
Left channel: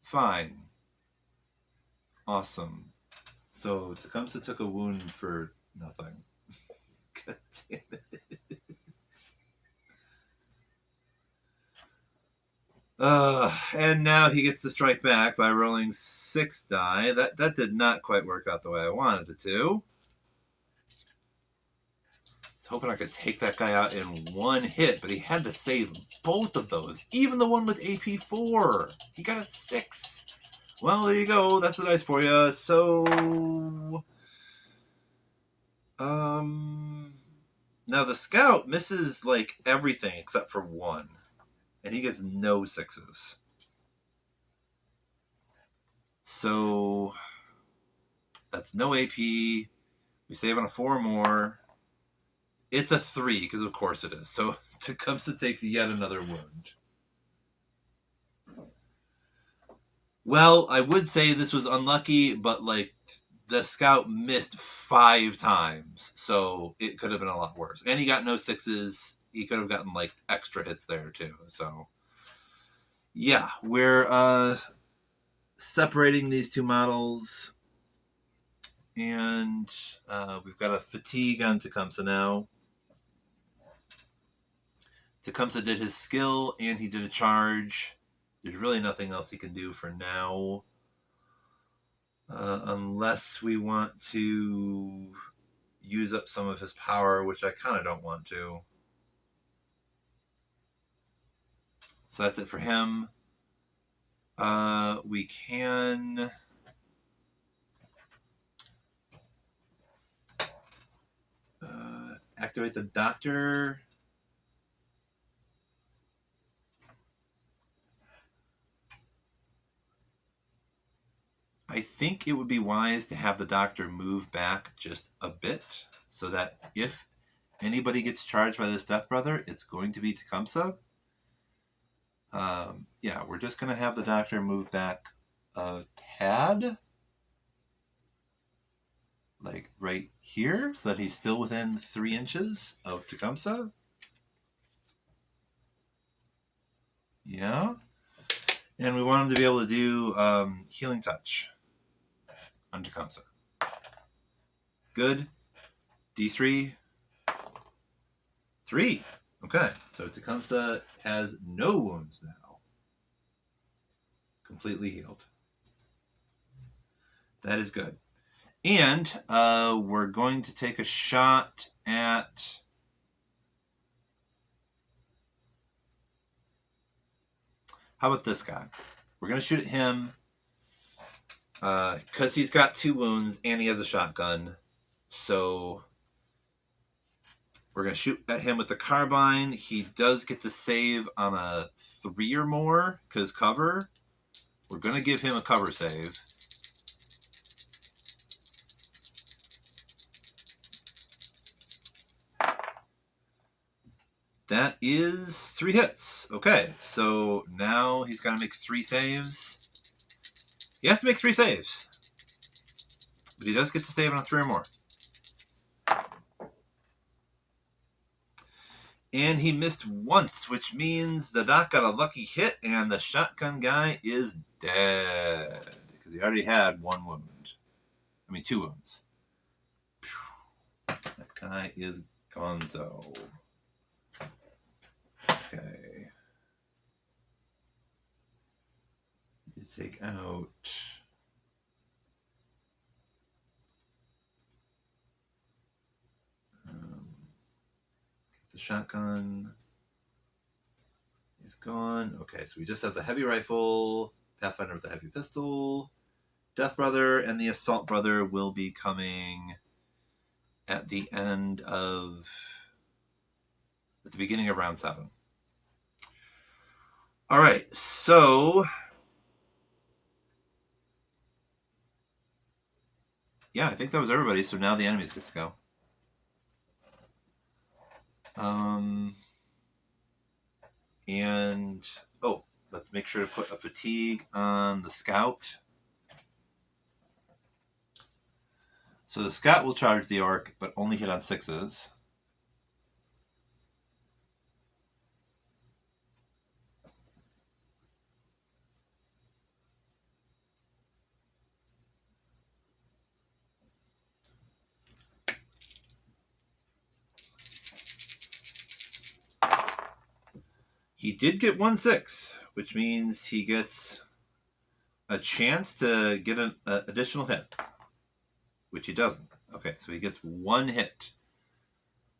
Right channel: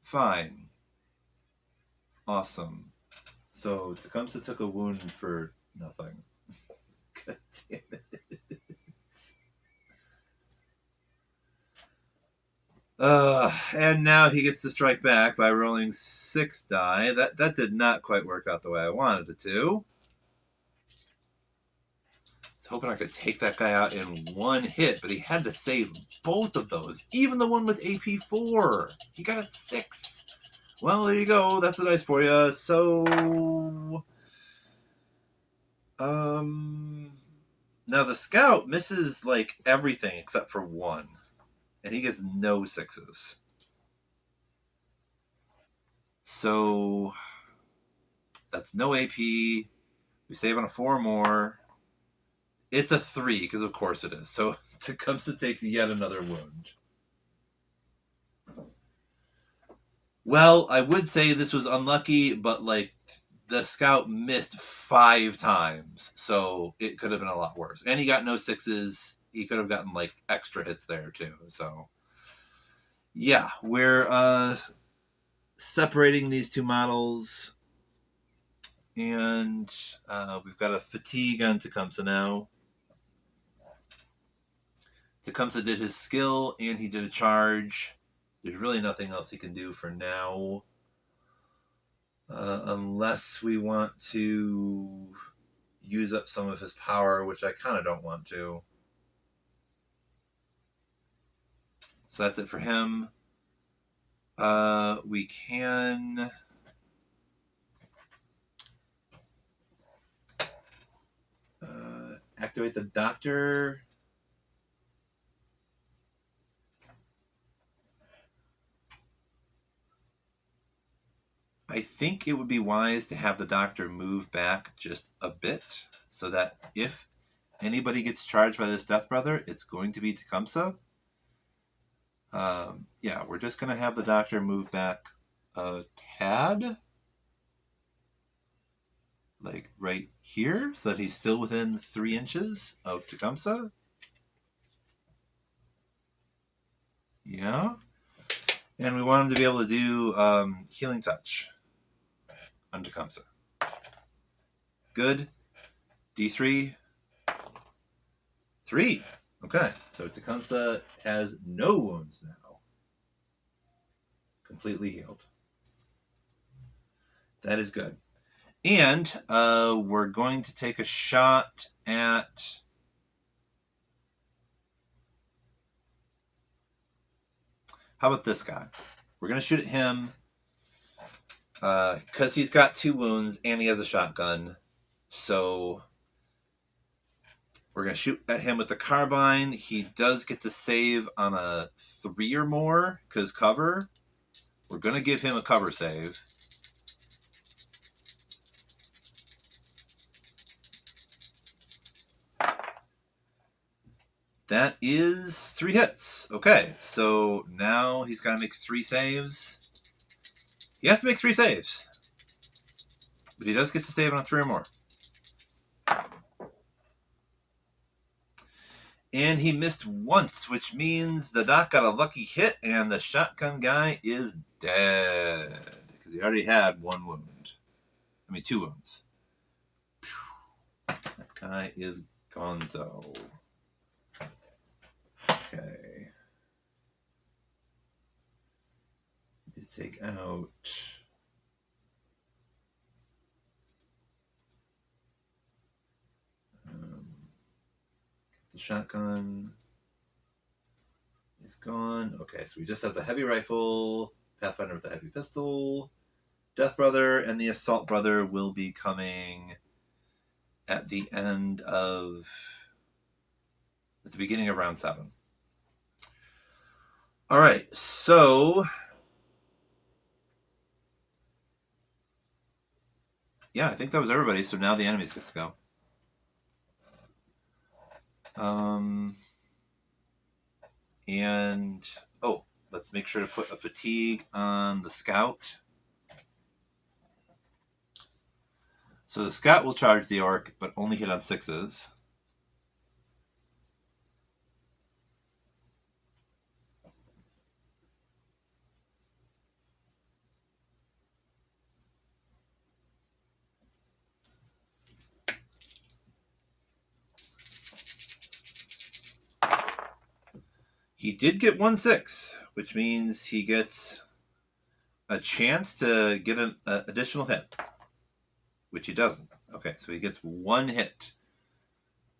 fine. Awesome. So Tecumseh took a wound for nothing. God damn it. And now he gets to strike back by rolling 6 die. That did not quite work out the way I wanted it to. I was hoping I could take that guy out in 1 hit, but he had to save both of those. Even the one with AP 4. He got a 6. Well, there you go. That's the dice for you. So... Now the scout misses, like, everything except for 1. And he gets no 6s. So that's no AP. We save on a 4 or more. It's a 3, because of course it is. So Tecumseh takes yet another wound. Well, I would say this was unlucky, but like the scout missed 5 times. So it could have been a lot worse. And he got no 6s. He could have gotten like extra hits there too. So yeah, we're separating these 2 models. And we've got a fatigue on Tecumseh now. Tecumseh did his skill and he did a charge. There's really nothing else he can do for now. Unless we want to use up some of his power, which I kind of don't want to. So that's it for him. We can activate the doctor. I think it would be wise to have the doctor move back just a bit so that if anybody gets charged by this Death Brother, it's going to be Tecumseh. Yeah, we're just going to have the doctor move back a tad. Like right here, so that he's still within 3 inches of Tecumseh. Yeah. And we want him to be able to do Healing Touch on Tecumseh. Good. D3. 3. Okay. So Tecumseh has no wounds now. Completely healed. That is good. And we're going to take a shot at... How about this guy? We're going to shoot at him because he's got 2 wounds and he has a shotgun. So we're going to shoot at him with the carbine. He does get to save on a 3 or more because cover. We're going to give him a cover save. That is 3 hits. Okay, so now he's got to make 3 saves. He has to make 3 saves. But he does get to save on 3 or more. And he missed once, which means the doc got a lucky hit, and the shotgun guy is dead. Because he already had 1 wound. I mean, 2 wounds. That guy is gonzo. Okay. You take out... the shotgun is gone. Okay, so we just have the heavy rifle, Pathfinder with the heavy pistol, Death Brother, and the Assault Brother will be coming at the beginning of round 7. All right, so yeah, I think that was everybody. So now the enemies get to go. And let's make sure to put a fatigue on the scout. So the scout will charge the orc, but only hit on 6s. He did get 1 6, which means he gets a chance to get an additional hit, which he doesn't. Okay, so he gets 1 hit.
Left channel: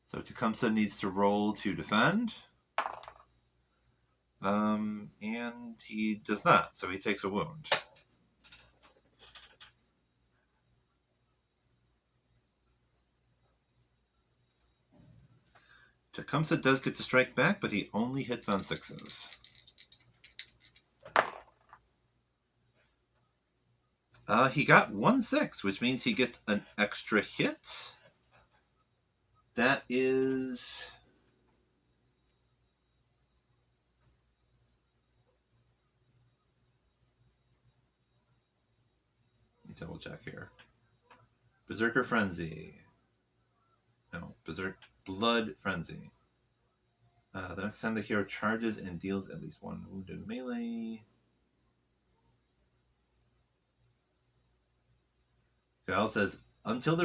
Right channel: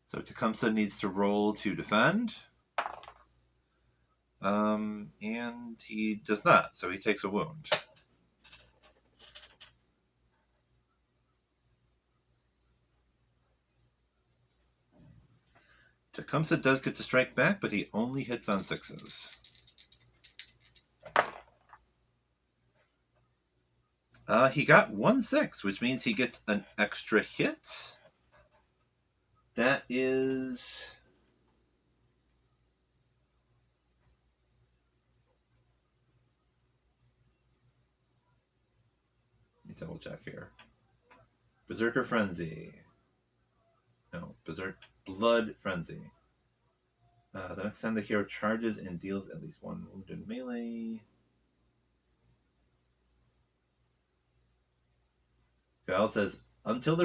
So Tecumseh needs to roll to defend. And he does not, so he takes a wound. Tecumseh does get to strike back, but he only hits on 6s. He got 1 6, which means he gets an extra hit. That is... Let me double check here. Berserker Frenzy. No, Blood Frenzy. The next time the hero charges and deals at least 1 wound in melee. Gal says, until the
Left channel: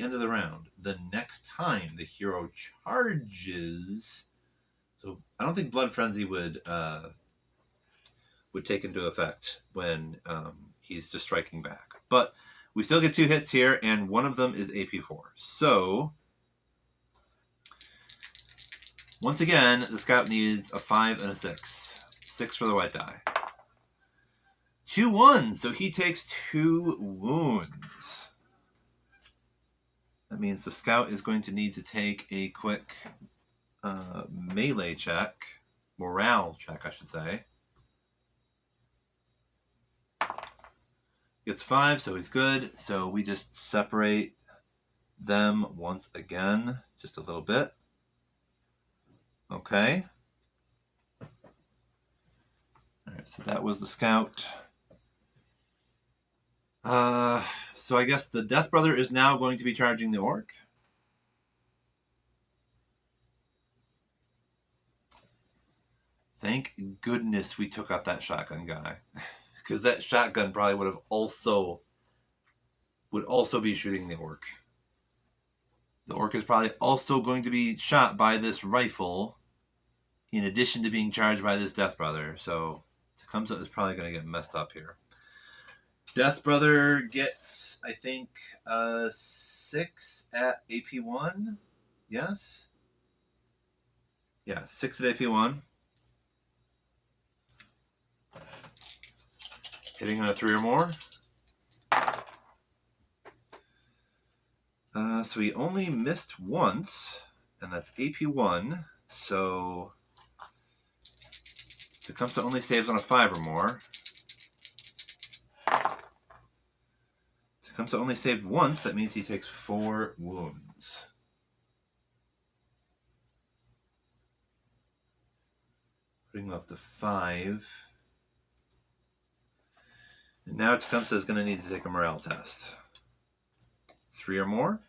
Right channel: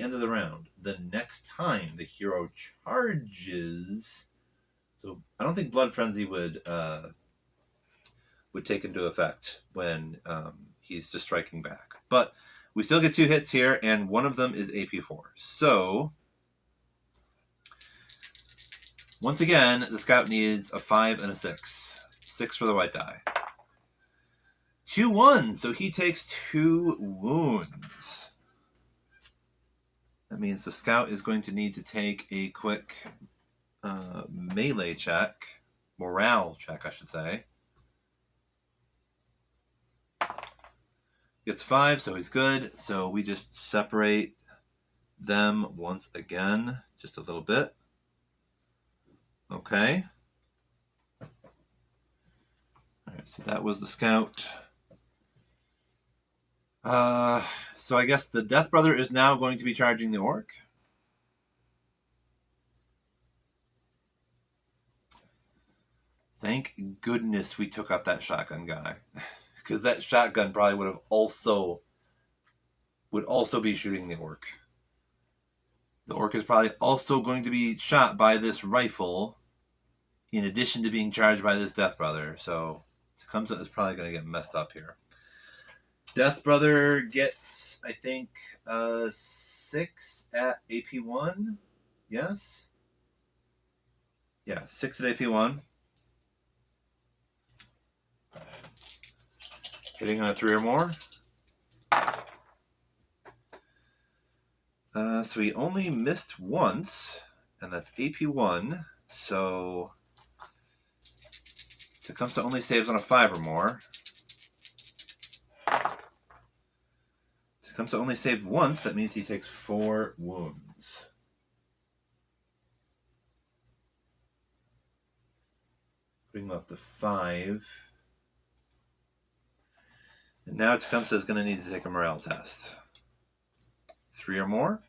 end of the round, the next time the hero charges. So I don't think Blood Frenzy would would take into effect when he's just striking back. But we still get 2 hits here, and one of them is AP4. So once again, the scout needs a 5 and a 6. 6 for the white die. 2 1s, so he takes 2 wounds. That means the scout is going to need to take a quick melee check. Morale check, I should say. Gets 5, so he's good. So we just separate them once again, just a little bit. Okay. All right, so that was the scout. So I guess the Death Brother is now going to be charging the orc. Thank goodness we took out that shotgun guy. Because that shotgun probably would also be shooting the orc. The orc is probably also going to be shot by this rifle in addition to being charged by this Death Brother. So Tecumseh is probably going to get messed up here. Death Brother gets, I think, 6 at AP1. Yes? Yeah, 6 at AP1. Hitting on a 3 or more. So he only missed once, and that's AP1. So Tecumseh only saves on a 5 or more. Tecumseh only saved once. That means he takes 4 wounds. Putting him up to 5. And now Tecumseh is going to need to take a morale test. 3 or more.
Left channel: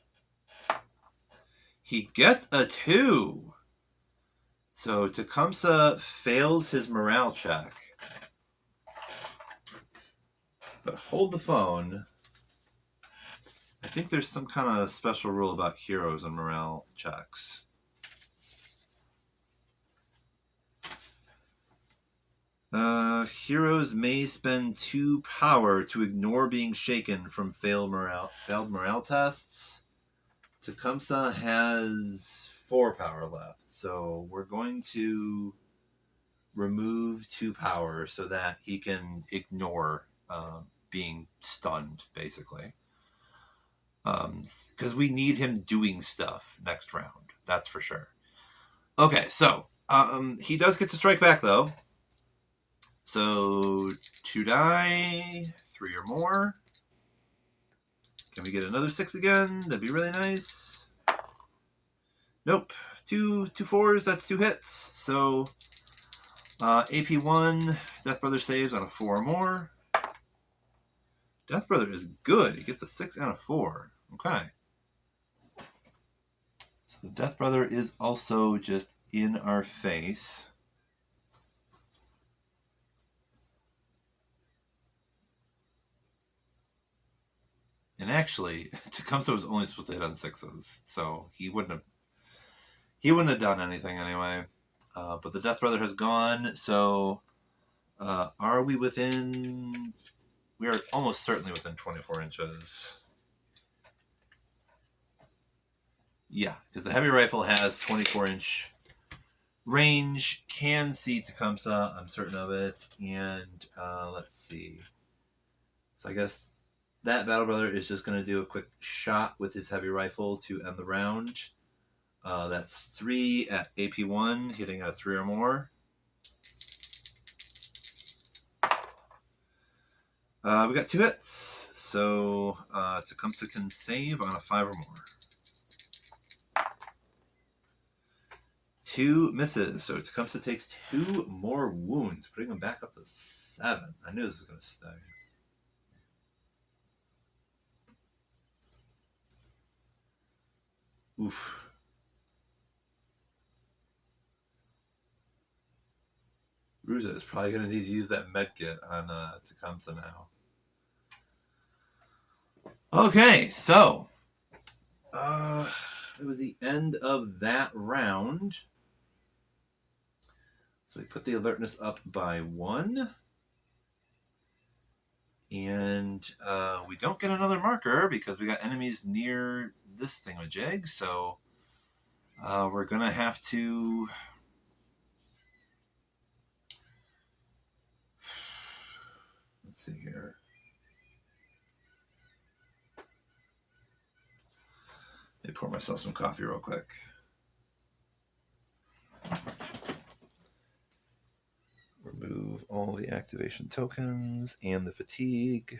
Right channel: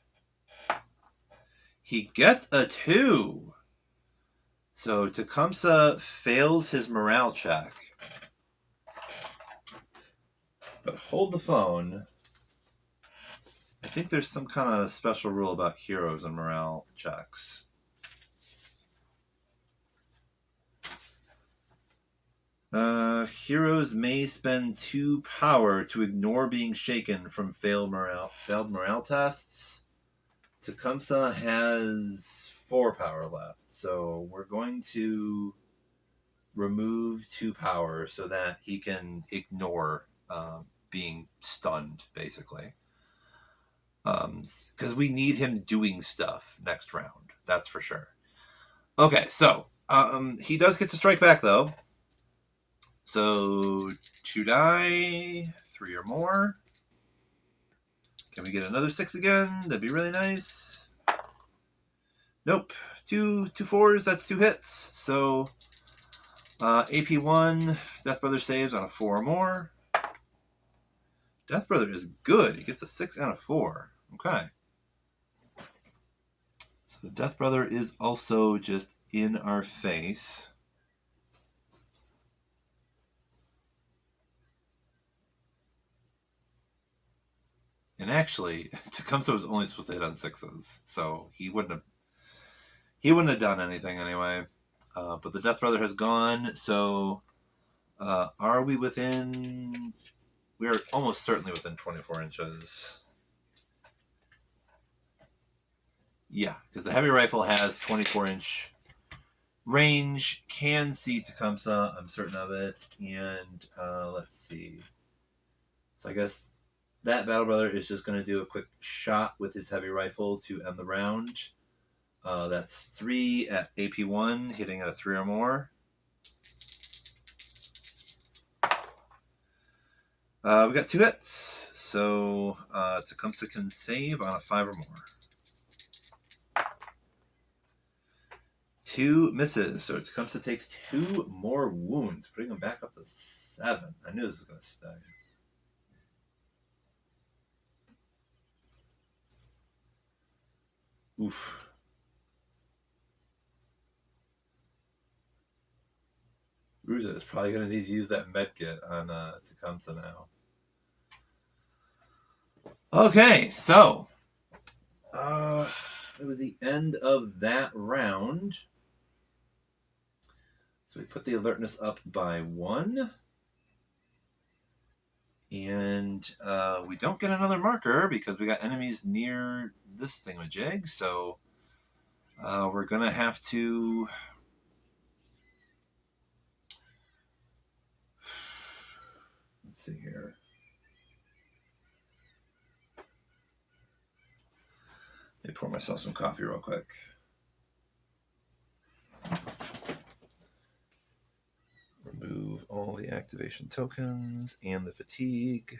He gets a 2. So Tecumseh fails his morale check. But hold the phone. I think there's some kind of special rule about heroes and morale checks. Heroes may spend 2 power to ignore being shaken from failed morale tests. Tecumseh has 4 power left, so we're going to remove 2 power so that he can ignore being stunned, basically. Because we need him doing stuff next round, that's for sure. Okay, so he does get to strike back, though. So 2 die, 3 or more. Can we get another 6 again? That'd be really nice. Nope. 2 4s, that's 2 hits. So AP1, Death Brother saves on a 4 or more. Death Brother is good. He gets a 6 and a 4. Okay. So the Death Brother is also just in our face. And actually, Tecumseh was only supposed to hit on 6s, so he wouldn't have done anything anyway. But the Death Brother has gone, so are we within... We are almost certainly within 24 inches. Yeah, because the heavy rifle has 24-inch range, can see Tecumseh, I'm certain of it. And let's see. So I guess that Battle Brother is just going to do a quick shot with his heavy rifle to end the round. That's 3 at AP1, hitting at a 3 or more. We got 2 hits, so Tecumseh can save on a 5 or more. 2 misses, so Tecumseh takes 2 more wounds, putting him back up to 7. I knew this was going to stay. Oof. Ruza is probably going to need to use that medkit on Tecumseh now. Okay, so it was the end of that round. So we put the alertness up by 1. And we don't get another marker because we got enemies near this thingamajig. So we're going to have to... Let's see here. Let me pour myself some coffee real quick. Remove all the activation tokens and the fatigue.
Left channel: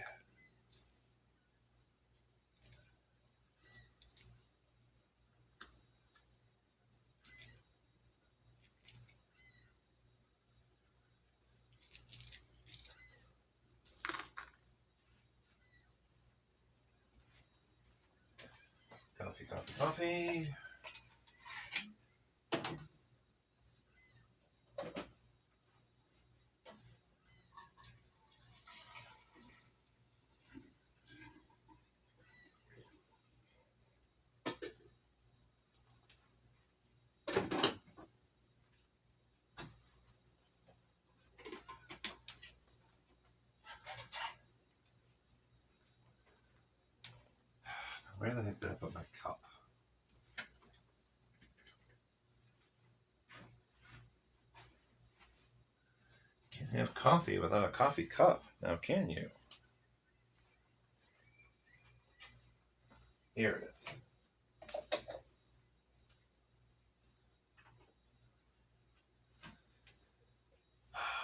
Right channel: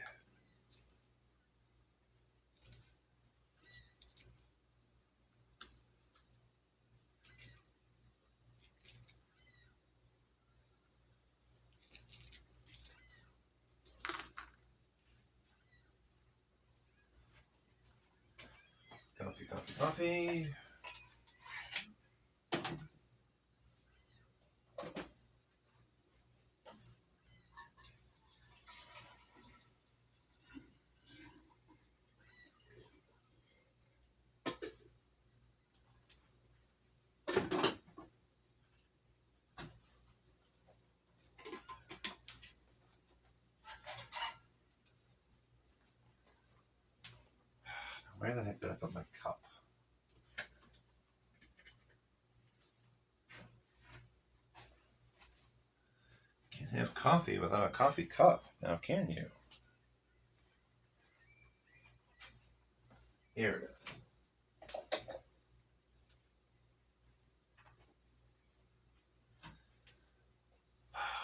Coffee, coffee, coffee. Where the heck did I put my cup? Can't have coffee without a coffee cup, now can you? Here it is.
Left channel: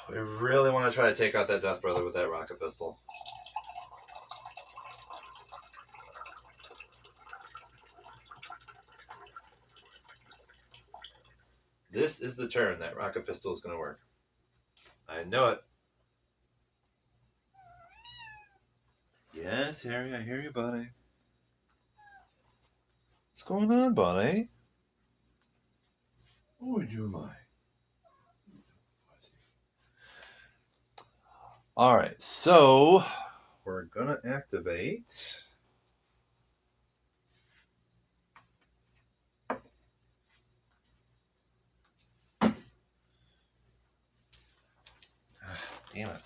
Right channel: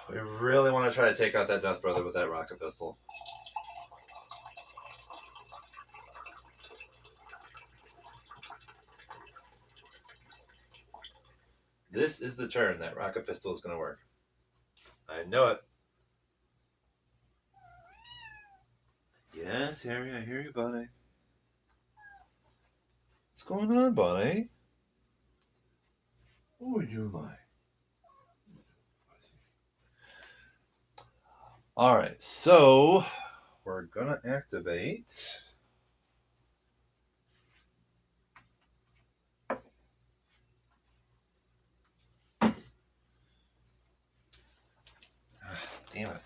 We really want to try to take out that Death Brother with that rocket pistol. This is the turn that rocket pistol is going to work. I know it. Yes, Harry, I hear you, buddy. What's going on, buddy? What would you like? All right, so we're going to activate... Damn it.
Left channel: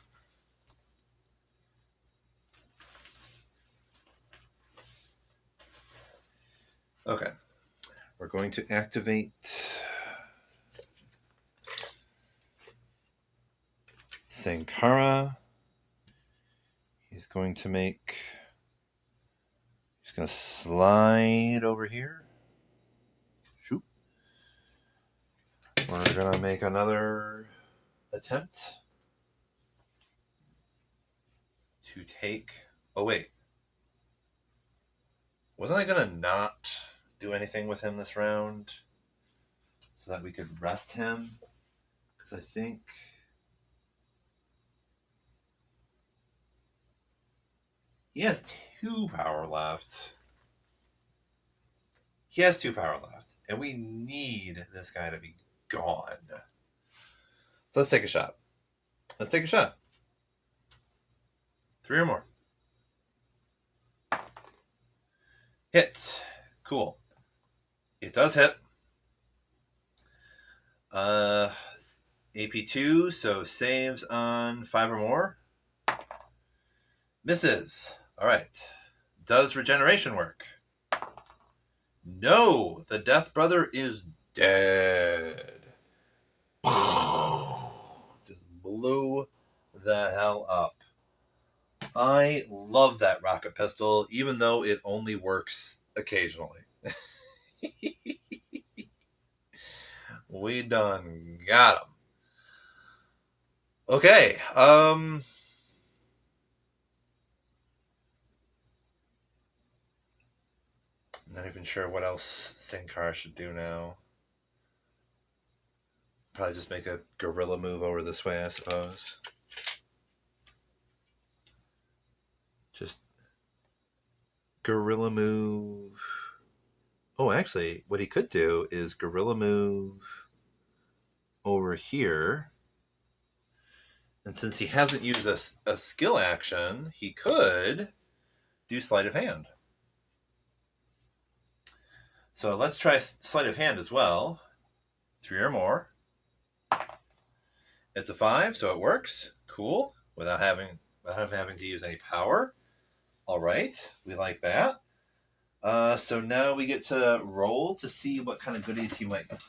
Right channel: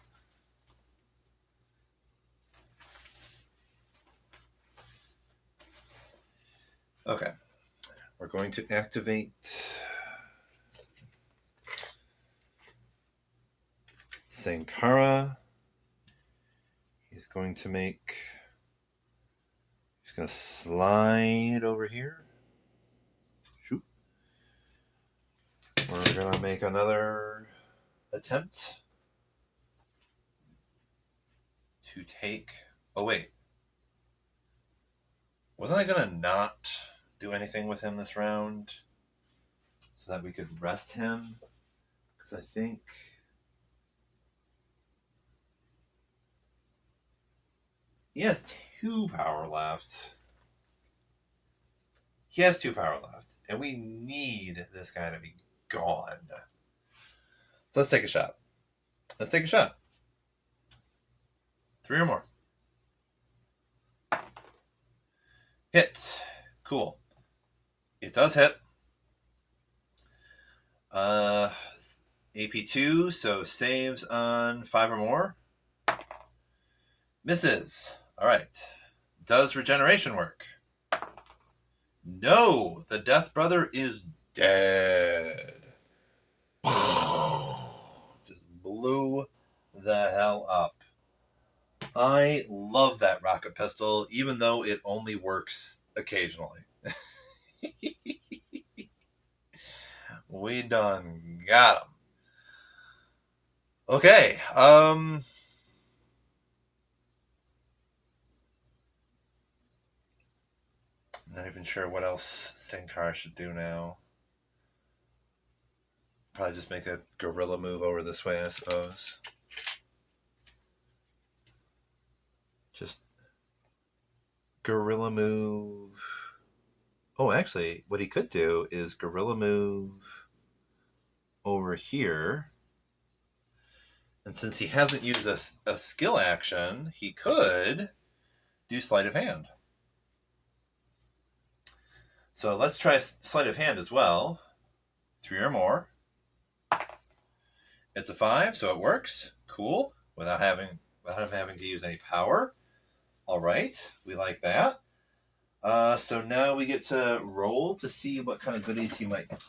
Okay. We're going to activate Sankara. He's going to make... He's going to slide over here. Shoot. We're going to make another attempt to take... Oh, wait. Wasn't I going to not do anything with him this round so that we could rest him? Because I think... He has 2 power left. He has 2 power left. And we need this guy to be gone. So let's take a shot. Let's take a shot. 3 or more. Hit. Cool. It does hit. AP2, so saves on 5 or more. Misses. All right. Does regeneration work? No. The Death Brother is dead. Just blew the hell up. I love that rocket pistol, even though it only works occasionally. We done got him. Okay. Not even sure what else Sankara should do now. Probably just make a guerrilla move over this way, I suppose. Just guerrilla move. Oh, actually, what he could do is guerrilla move over here. And since he hasn't used a skill action, he could do sleight of hand. So let's try sleight of hand as well. 3 or more. It's a 5, so it works. Cool. Without having without having to use any power. All right, we like that. So now we get to roll to see what kind of goodies he might get.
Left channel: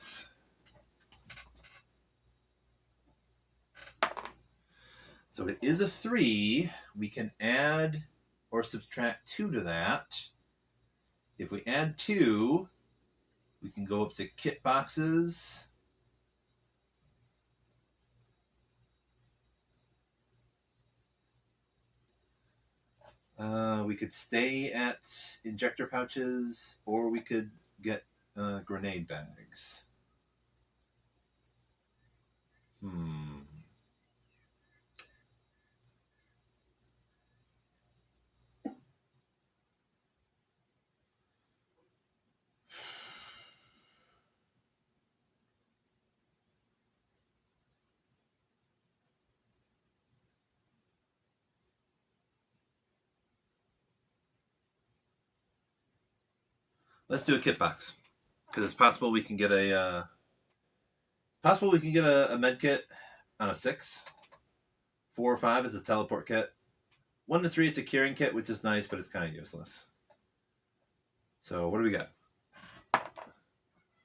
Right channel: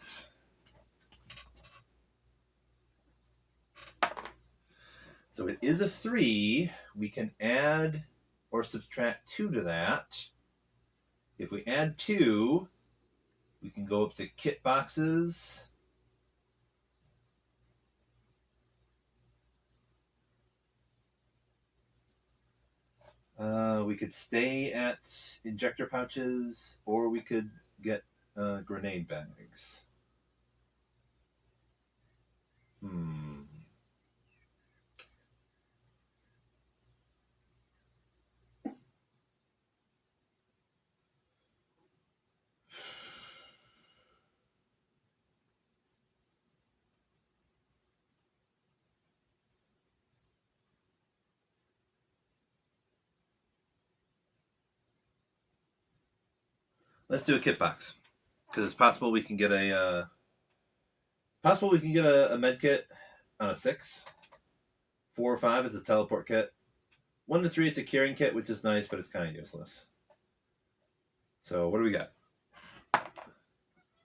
So it is a 3. We can add or subtract 2 to that. If we add 2, we can go up to kit boxes. We could stay at injector pouches, or we could get grenade bags. Let's do a kit box, because it's possible we can get a med kit on a 6. 4 or 5 is a teleport kit. 1 to 3 it's a curing kit, which is nice, but it's kind of useless. So what do we got?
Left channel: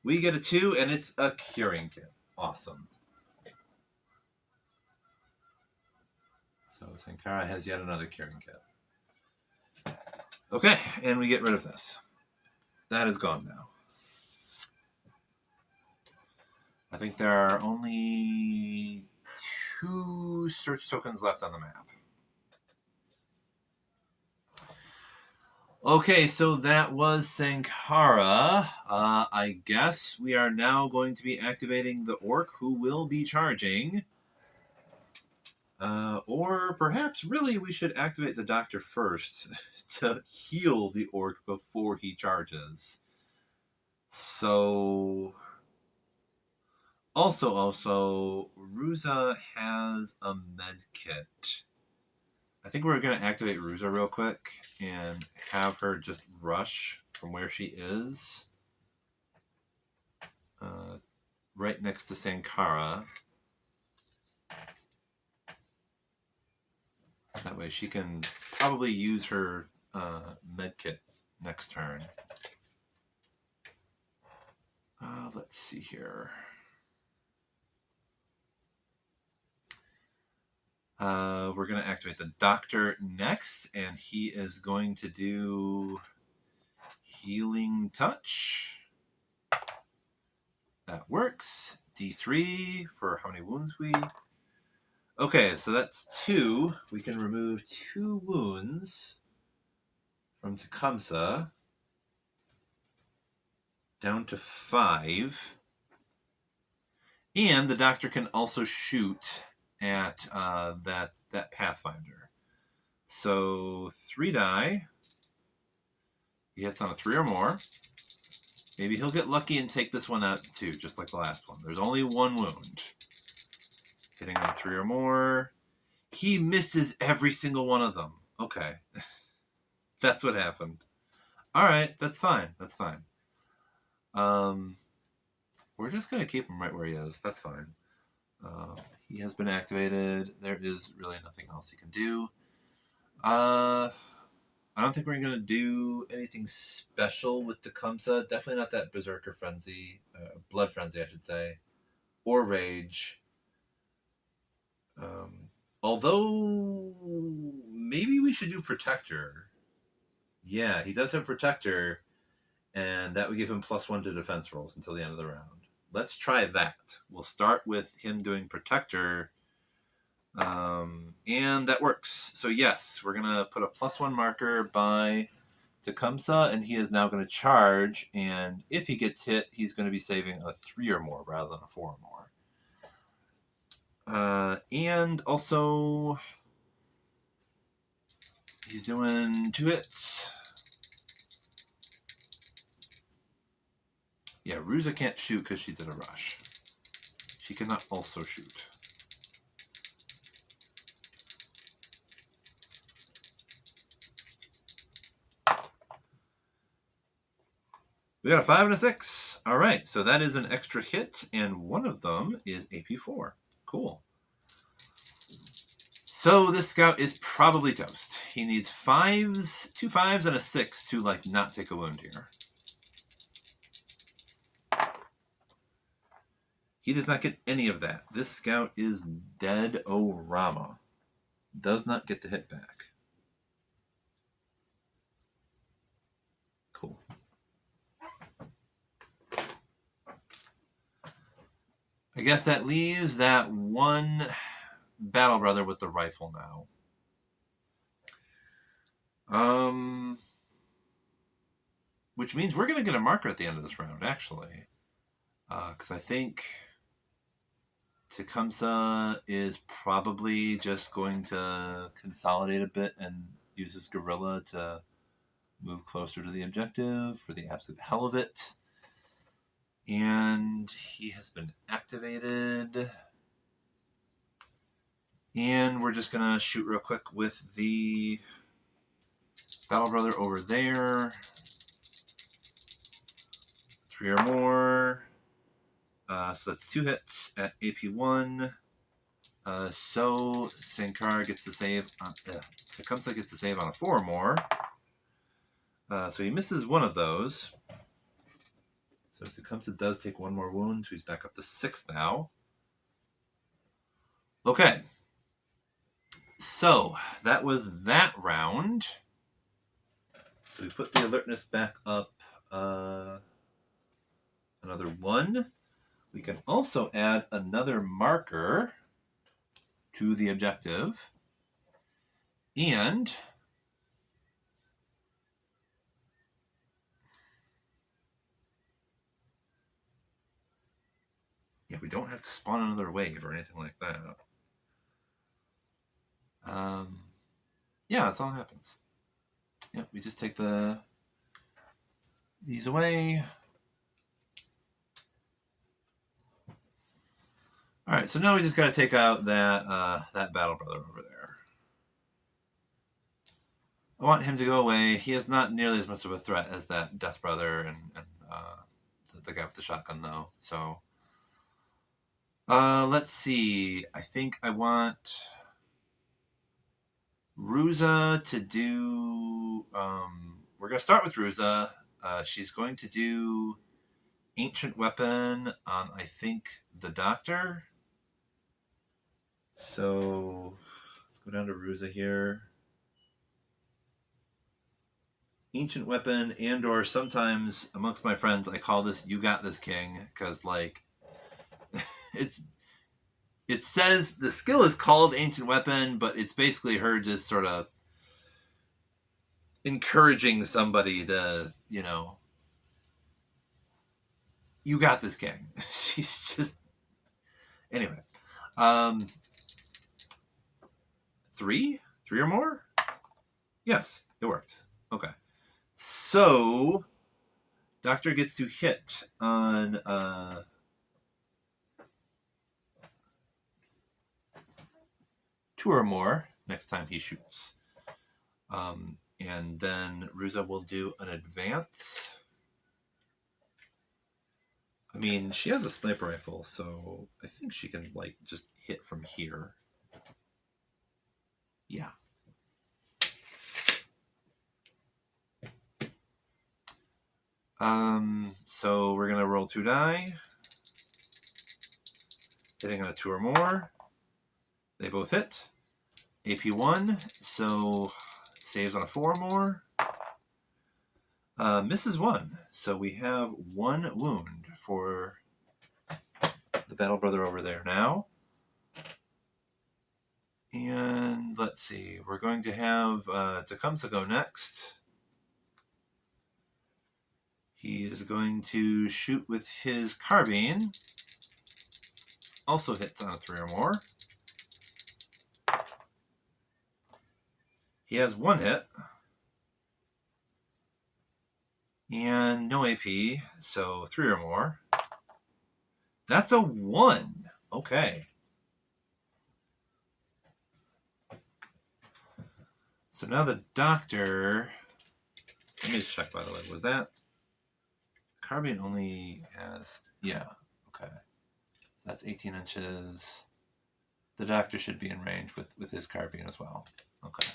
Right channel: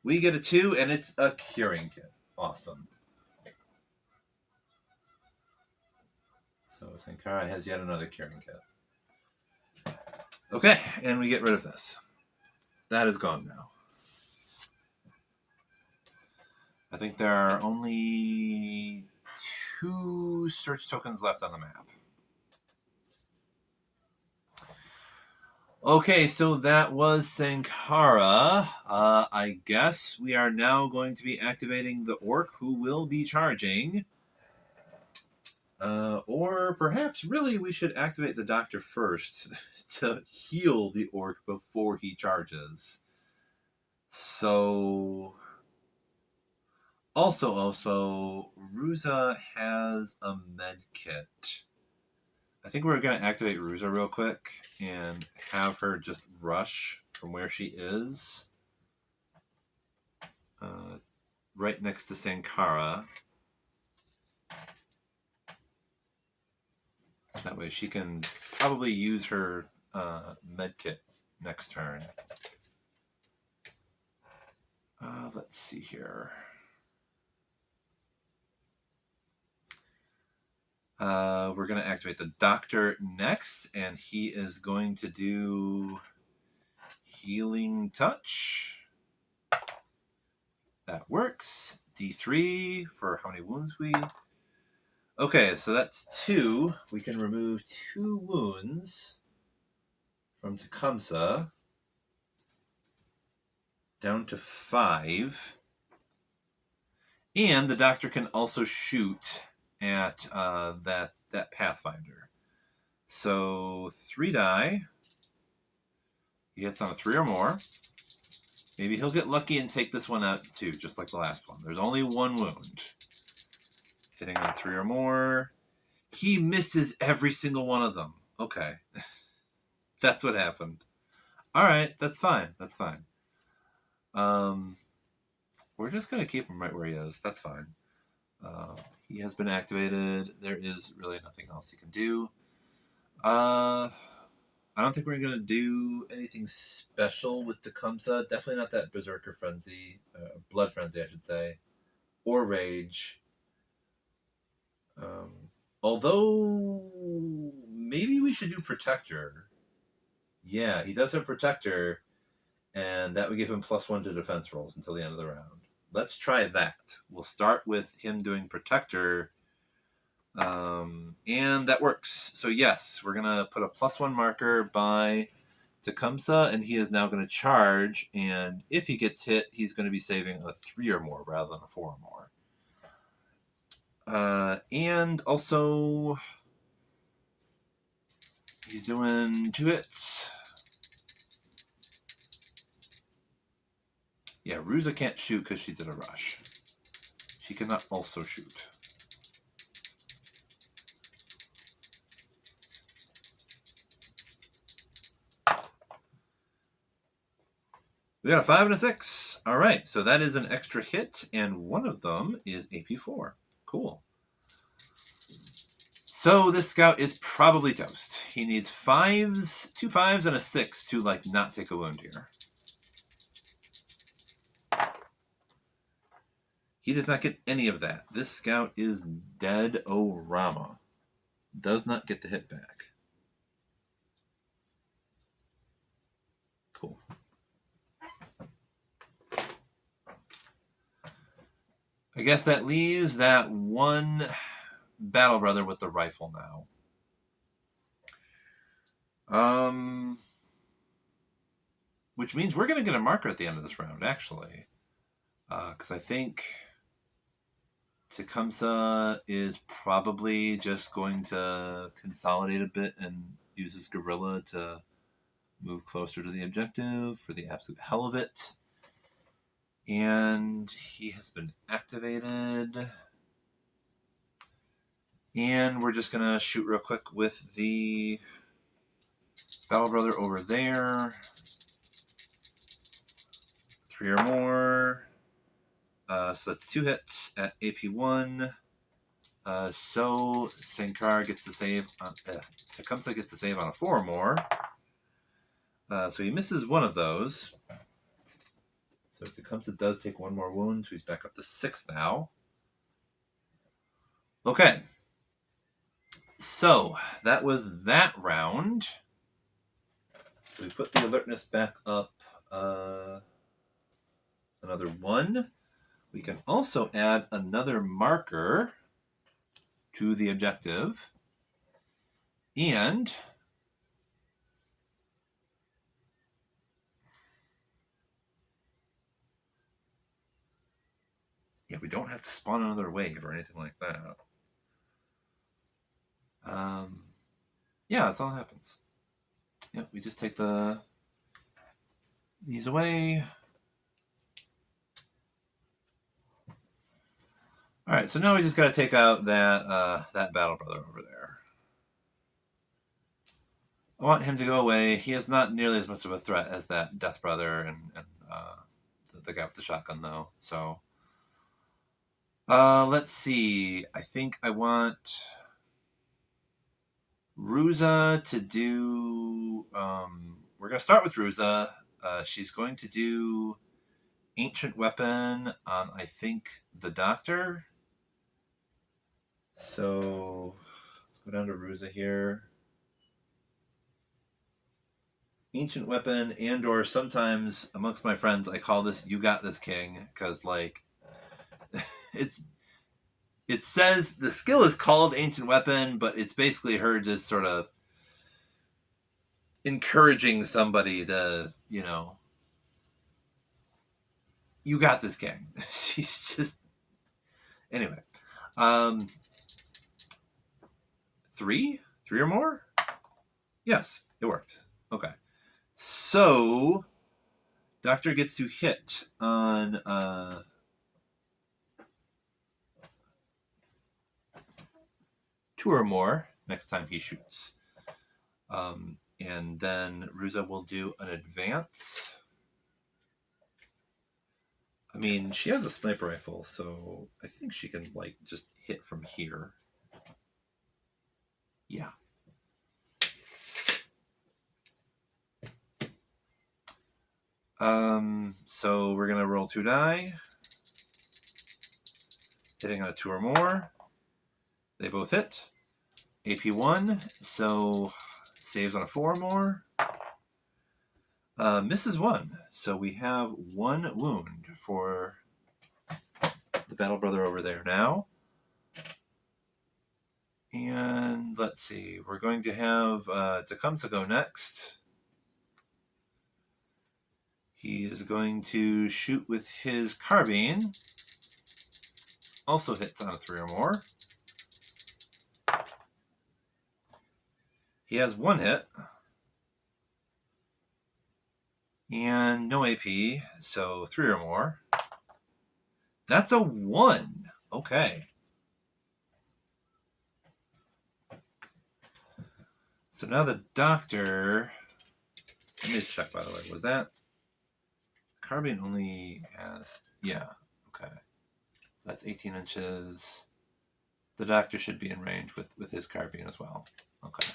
We get a 2, and it's a curing kit. Awesome. So Sankara has yet another curing kit. Okay, and we get rid of this. That is gone now. I think there are only 2 search tokens left on the map. Okay, so that was Sankara. I guess we are now going to be activating the orc, who will be charging. Or perhaps really we should activate the doctor first to heal the orc before he charges. So also Ruza has a med kit. I think we're going to activate Ruza real quick and have her just rush from where she is right next to Sankara. That way she can probably use her med kit next turn. Let's see here. We're going to activate the doctor next, and he is going to do healing touch. That works. D3 for how many wounds we... Okay, so that's 2. We can remove 2 wounds from Tecumseh down to 5. And the doctor can also shoot at that Pathfinder. So 3 die. He hits on a 3 or more. Maybe he'll get lucky and take this one out too, just like the last one. There's only 1 wound. Hitting on 3 or more. He misses every single one of them. Okay. That's what happened. Alright, that's fine. That's fine. We're just going to keep him right where he is. That's fine. He has been activated. There is really nothing else he can do. I don't think we're going to do anything special with Tecumseh. Definitely not that Berserker Frenzy. Blood Frenzy, I should say. Or Rage. Although, maybe we should do Protector. Yeah, he does have Protector, and that would give him +1 to defense rolls until the end of the round. Let's try that. We'll start with him doing Protector, and that works. So yes, we're going to put a +1 marker by Tecumseh, and he is now going to charge, and if he gets hit, he's going to be saving a 3 or more rather than a 4 or more. And also, he's doing 2 hits. Yeah, Ruza can't shoot because she did a rush. She cannot also shoot. We got a 5 and a 6. All right, so that is an extra hit, and one of them is AP4. Cool. So this scout is probably toast. He needs 5s, 2 5s, and a 6 to like not take a wound here. He does not get any of that. This scout is dead-o-rama. Does not get the hit back. Cool. I guess that leaves that one battle brother with the rifle now. Which means we're going to get a marker at the end of this round, actually. Because I think Tecumseh is probably just going to consolidate a bit and use his guerrilla to move closer to the objective for the absolute hell of it. And he has been activated. And we're just going to shoot real quick with the battle brother over there. 3 or more. So that's 2 hits at AP1. So Sankar gets to save on Tecumseh gets to save on a 4 or more. So he misses one of those. So Tecumseh does take 1 more wound, so he's back up to 6 now. Okay. So that was that round. So we put the alertness back up another 1. We can also add another marker to the objective. And yeah, we don't have to spawn another wave or anything like that. Yeah, that's all that happens. Yeah, we just take these away. All right, so now we just got to take out that battle brother over there. I want him to go away. He is not nearly as much of a threat as that death brother and the guy with the shotgun, though. So let's see. I think I want Ruza to do. We're gonna start with Ruza. She's going to do ancient weapon on, I think, the doctor. So let's go down to Ruza here. Ancient weapon, and or sometimes amongst my friends I call this "You Got This, King," because like it says the skill is called ancient weapon, but it's basically her just sort of encouraging somebody to, you know, you got this, King. She's just anyway. 3 or more? Yes, it worked. Okay. So Doctor gets to hit on 2 or more next time he shoots. And then Ruza will do an advance. I mean, she has a sniper rifle, so I think she can like just hit from here. Yeah. So we're gonna roll 2 die. Hitting on a 2 or more. They both hit. AP1, so saves on a 4 or more. Misses 1, so we have 1 wound for the battle brother over there now. And let's see, we're going to have Tecumseh go next. He is going to shoot with his carbine. Also hits on a 3 or more. He has 1 hit. And no AP, so 3 or more. That's a 1. Okay. So now the doctor... Let me check, by the way. Was that... Carbine only has... Yeah, okay. That's 18 inches. The doctor should be in range with his carbine as well. Okay.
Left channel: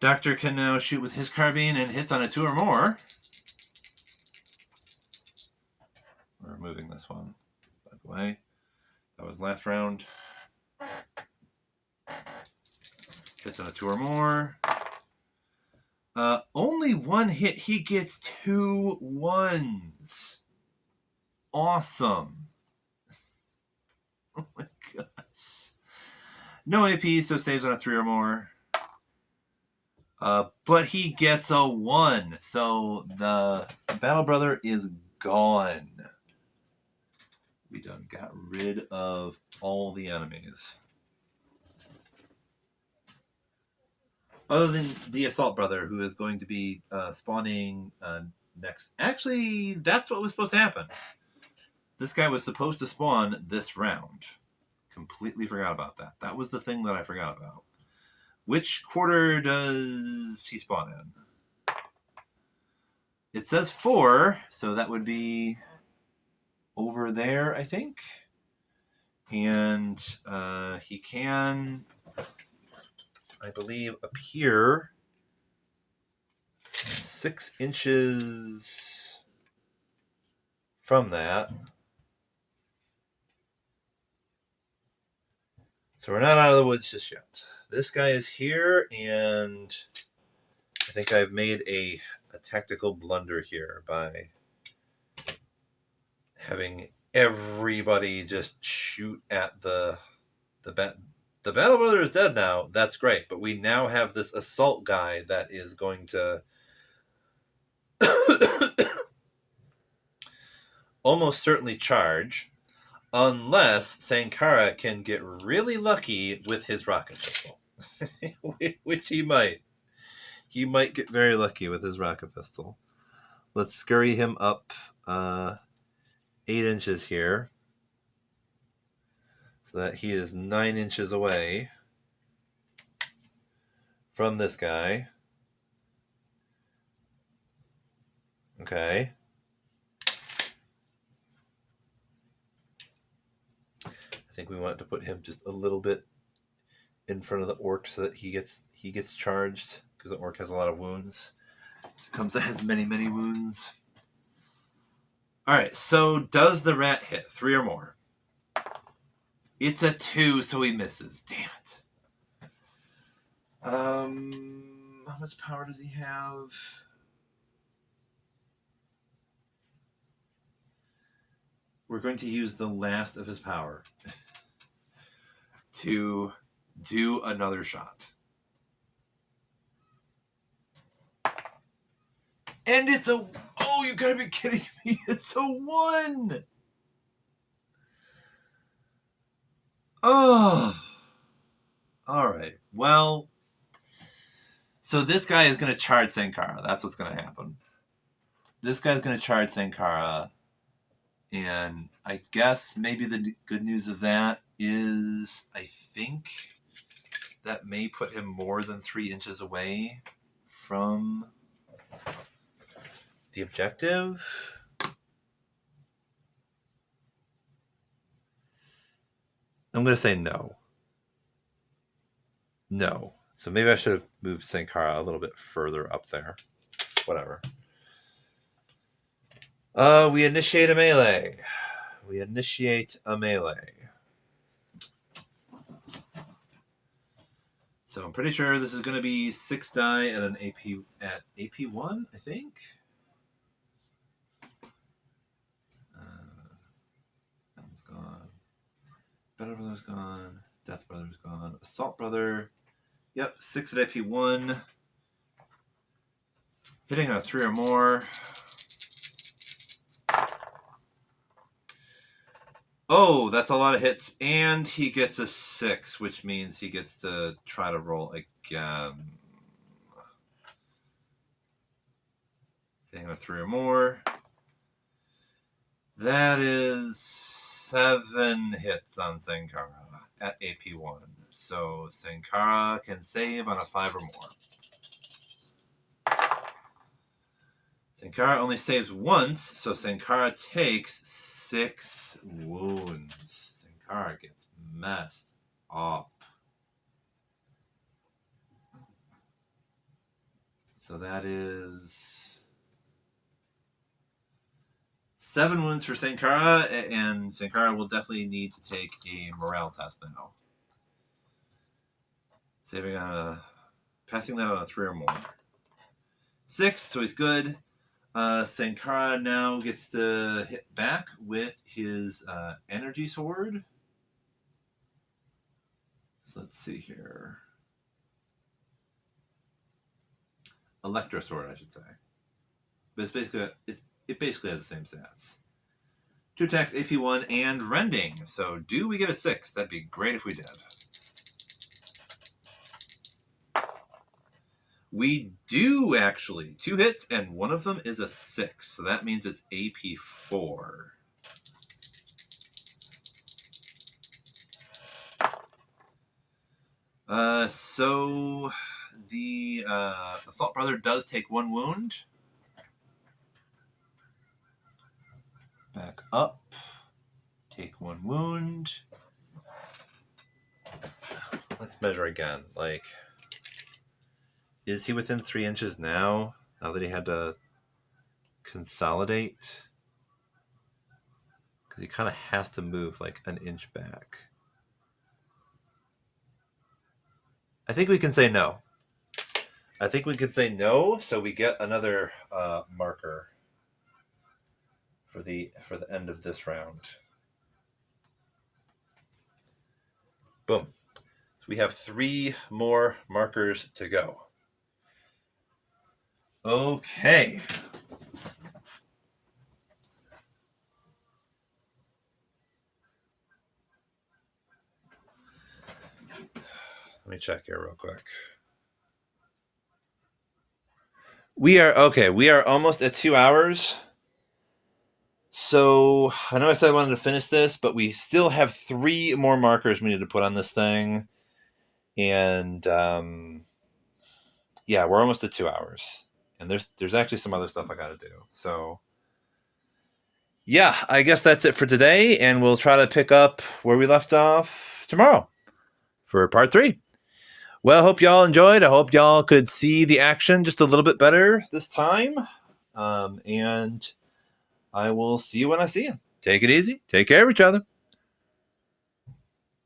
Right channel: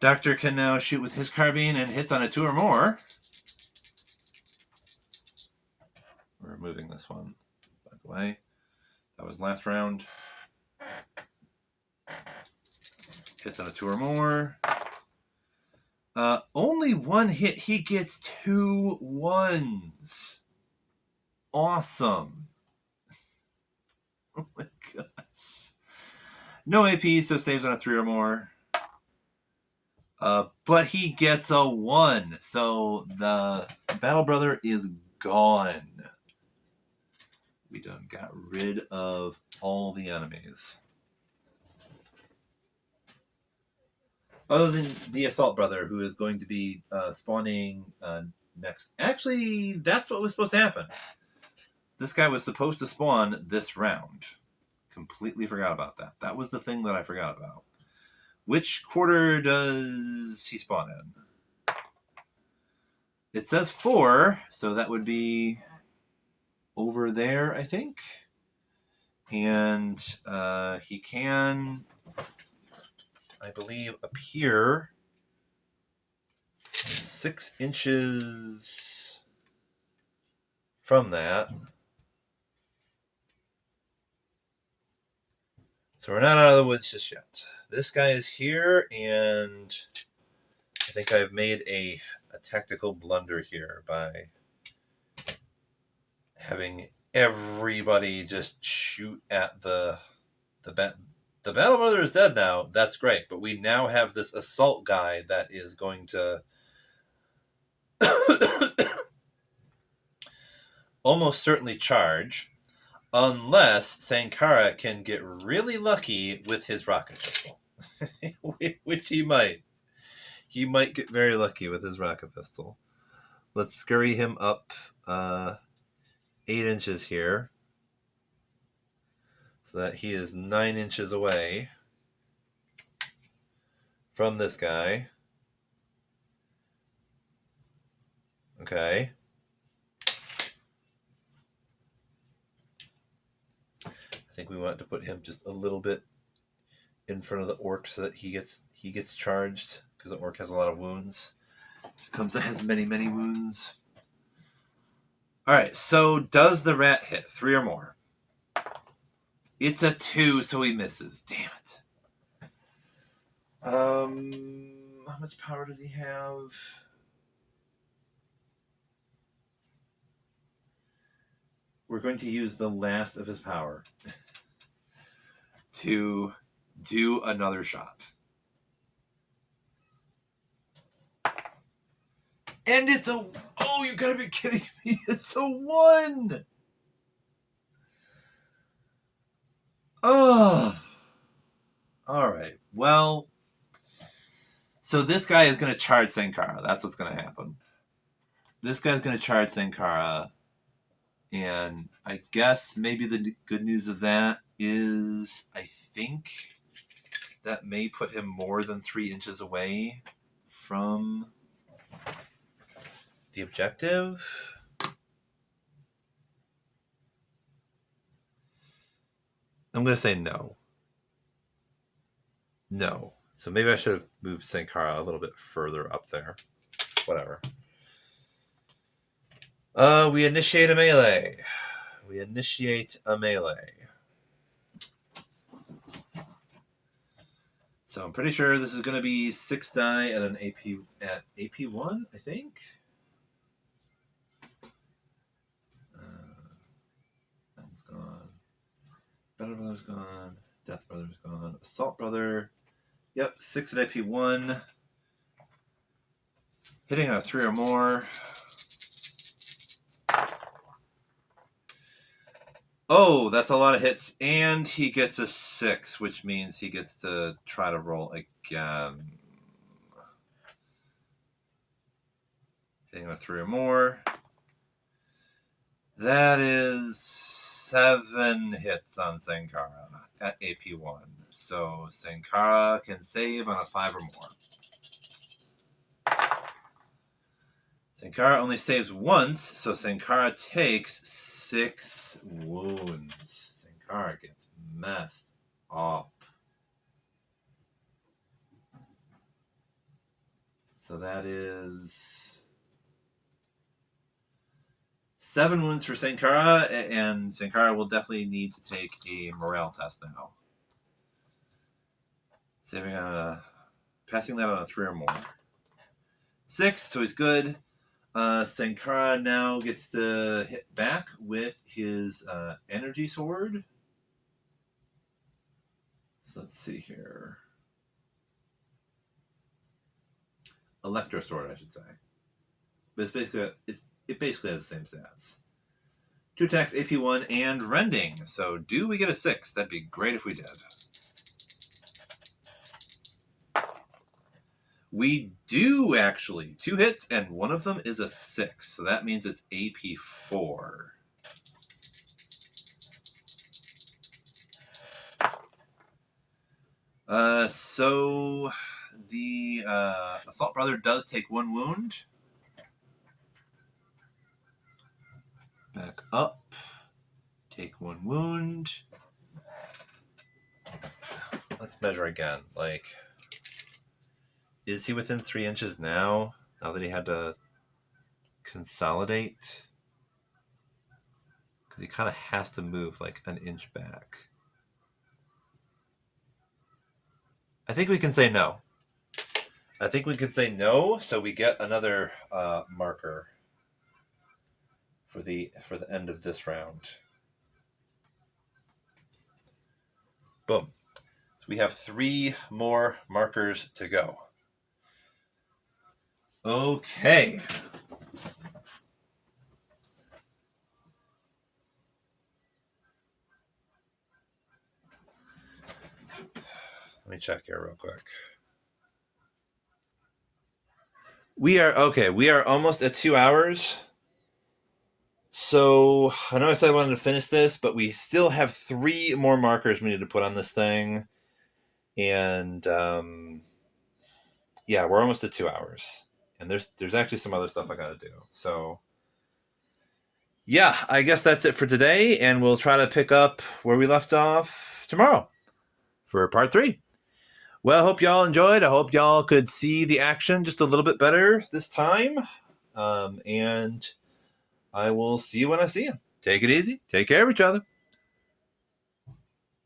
Doctor can now shoot with his carbine and hits on a 2 or more. We're removing this one, by the way. That was last round. Hits on a 2 or more. Only 1 hit. He gets 2 1s. Awesome. Oh my gosh. No AP, so saves on a 3 or more. But he gets a 1. So the Battle Brother is gone. We done got rid of all the enemies. Other than the Assault Brother, who is going to be spawning next. Actually, that's what was supposed to happen. This guy was supposed to spawn this round. Completely forgot about that. That was the thing that I forgot about. Which quarter does he spawn in? It says 4, so that would be over there, I think. And he can, I believe, appear 6 inches from that. So we're not out of the woods just yet. This guy is here, and I think I've made a tactical blunder here by having everybody just shoot at the Battle Brother is dead now. That's great, but we now have this assault guy that is going to almost certainly charge, unless Sankara can get really lucky with his rocket pistol, which he might. He might get very lucky with his rocket pistol. Let's scurry him up 8 inches here, so that he is 9 inches away from this guy. Okay. I think we want to put him just a little bit in front of the orc so that he gets charged, because the orc has a lot of wounds. He comes that has many wounds. All right, so does the rat hit 3 or more? It's a 2, so he misses. Damn it. How much power does he have? We're going to use the last of his power to do another shot. And it's a... Oh, you gotta be kidding me. It's a 1. Oh. All right. Well, so this guy is going to charge Sankara. That's what's going to happen. This guy's going to charge Sankara. And I guess maybe the good news of that is I think that may put him more than 3 inches away from the objective. I'm going to say no. No. So maybe I should have moved Sankara a little bit further up there. Whatever. We initiate a melee. So I'm pretty sure this is going to be 6 die at an AP1, I think. That's gone. Battle Brother's gone. Death Brother's gone. Assault Brother. Yep, 6 at AP1. Hitting on a 3 or more. Oh, that's a lot of hits. And he gets a 6, which means he gets to try to roll again. Hitting on a 3 or more. That is 7 hits on Sankara at AP1. So Sankara can save on a 5 or more. Sankara only saves once, so Sankara takes 6 wounds. Sankara gets messed up. So that is 7 wounds for Sankara, and Sankara will definitely need to take a morale test now. Saving on a, passing that on a 3 or more. 6, so he's good. Sankara now gets to hit back with his energy sword. So let's see here. Electro sword, I should say. But it's basically it basically has the same stats. 2 attacks, AP 1, and rending. So do we get a 6? That'd be great if we did. We do, actually. 2 hits, and one of them is a 6. So that means it's AP 4. So the Assault Brother does take 1 wound. Back up. Take 1 wound. Let's measure again. Like, is he within 3 inches now? Now that he had to consolidate? Because he kind of has to move like an inch back. I think we can say no. I think we can say no, so we get another marker for the end of this round. Boom. So we have 3 more markers to go. Okay. Let me check here real quick. We are almost at 2 hours. So I know I said I wanted to finish this, but we still have 3 more markers we need to put on this thing. And yeah, we're almost at 2 hours. And there's actually some other stuff I gotta do. So yeah, I guess that's it for today, and we'll try to pick up where we left off tomorrow for part 3. Well, I hope y'all enjoyed. I hope y'all could see the action just a little bit better this time. And I will see you when I see you. Take it easy. Take care of each other.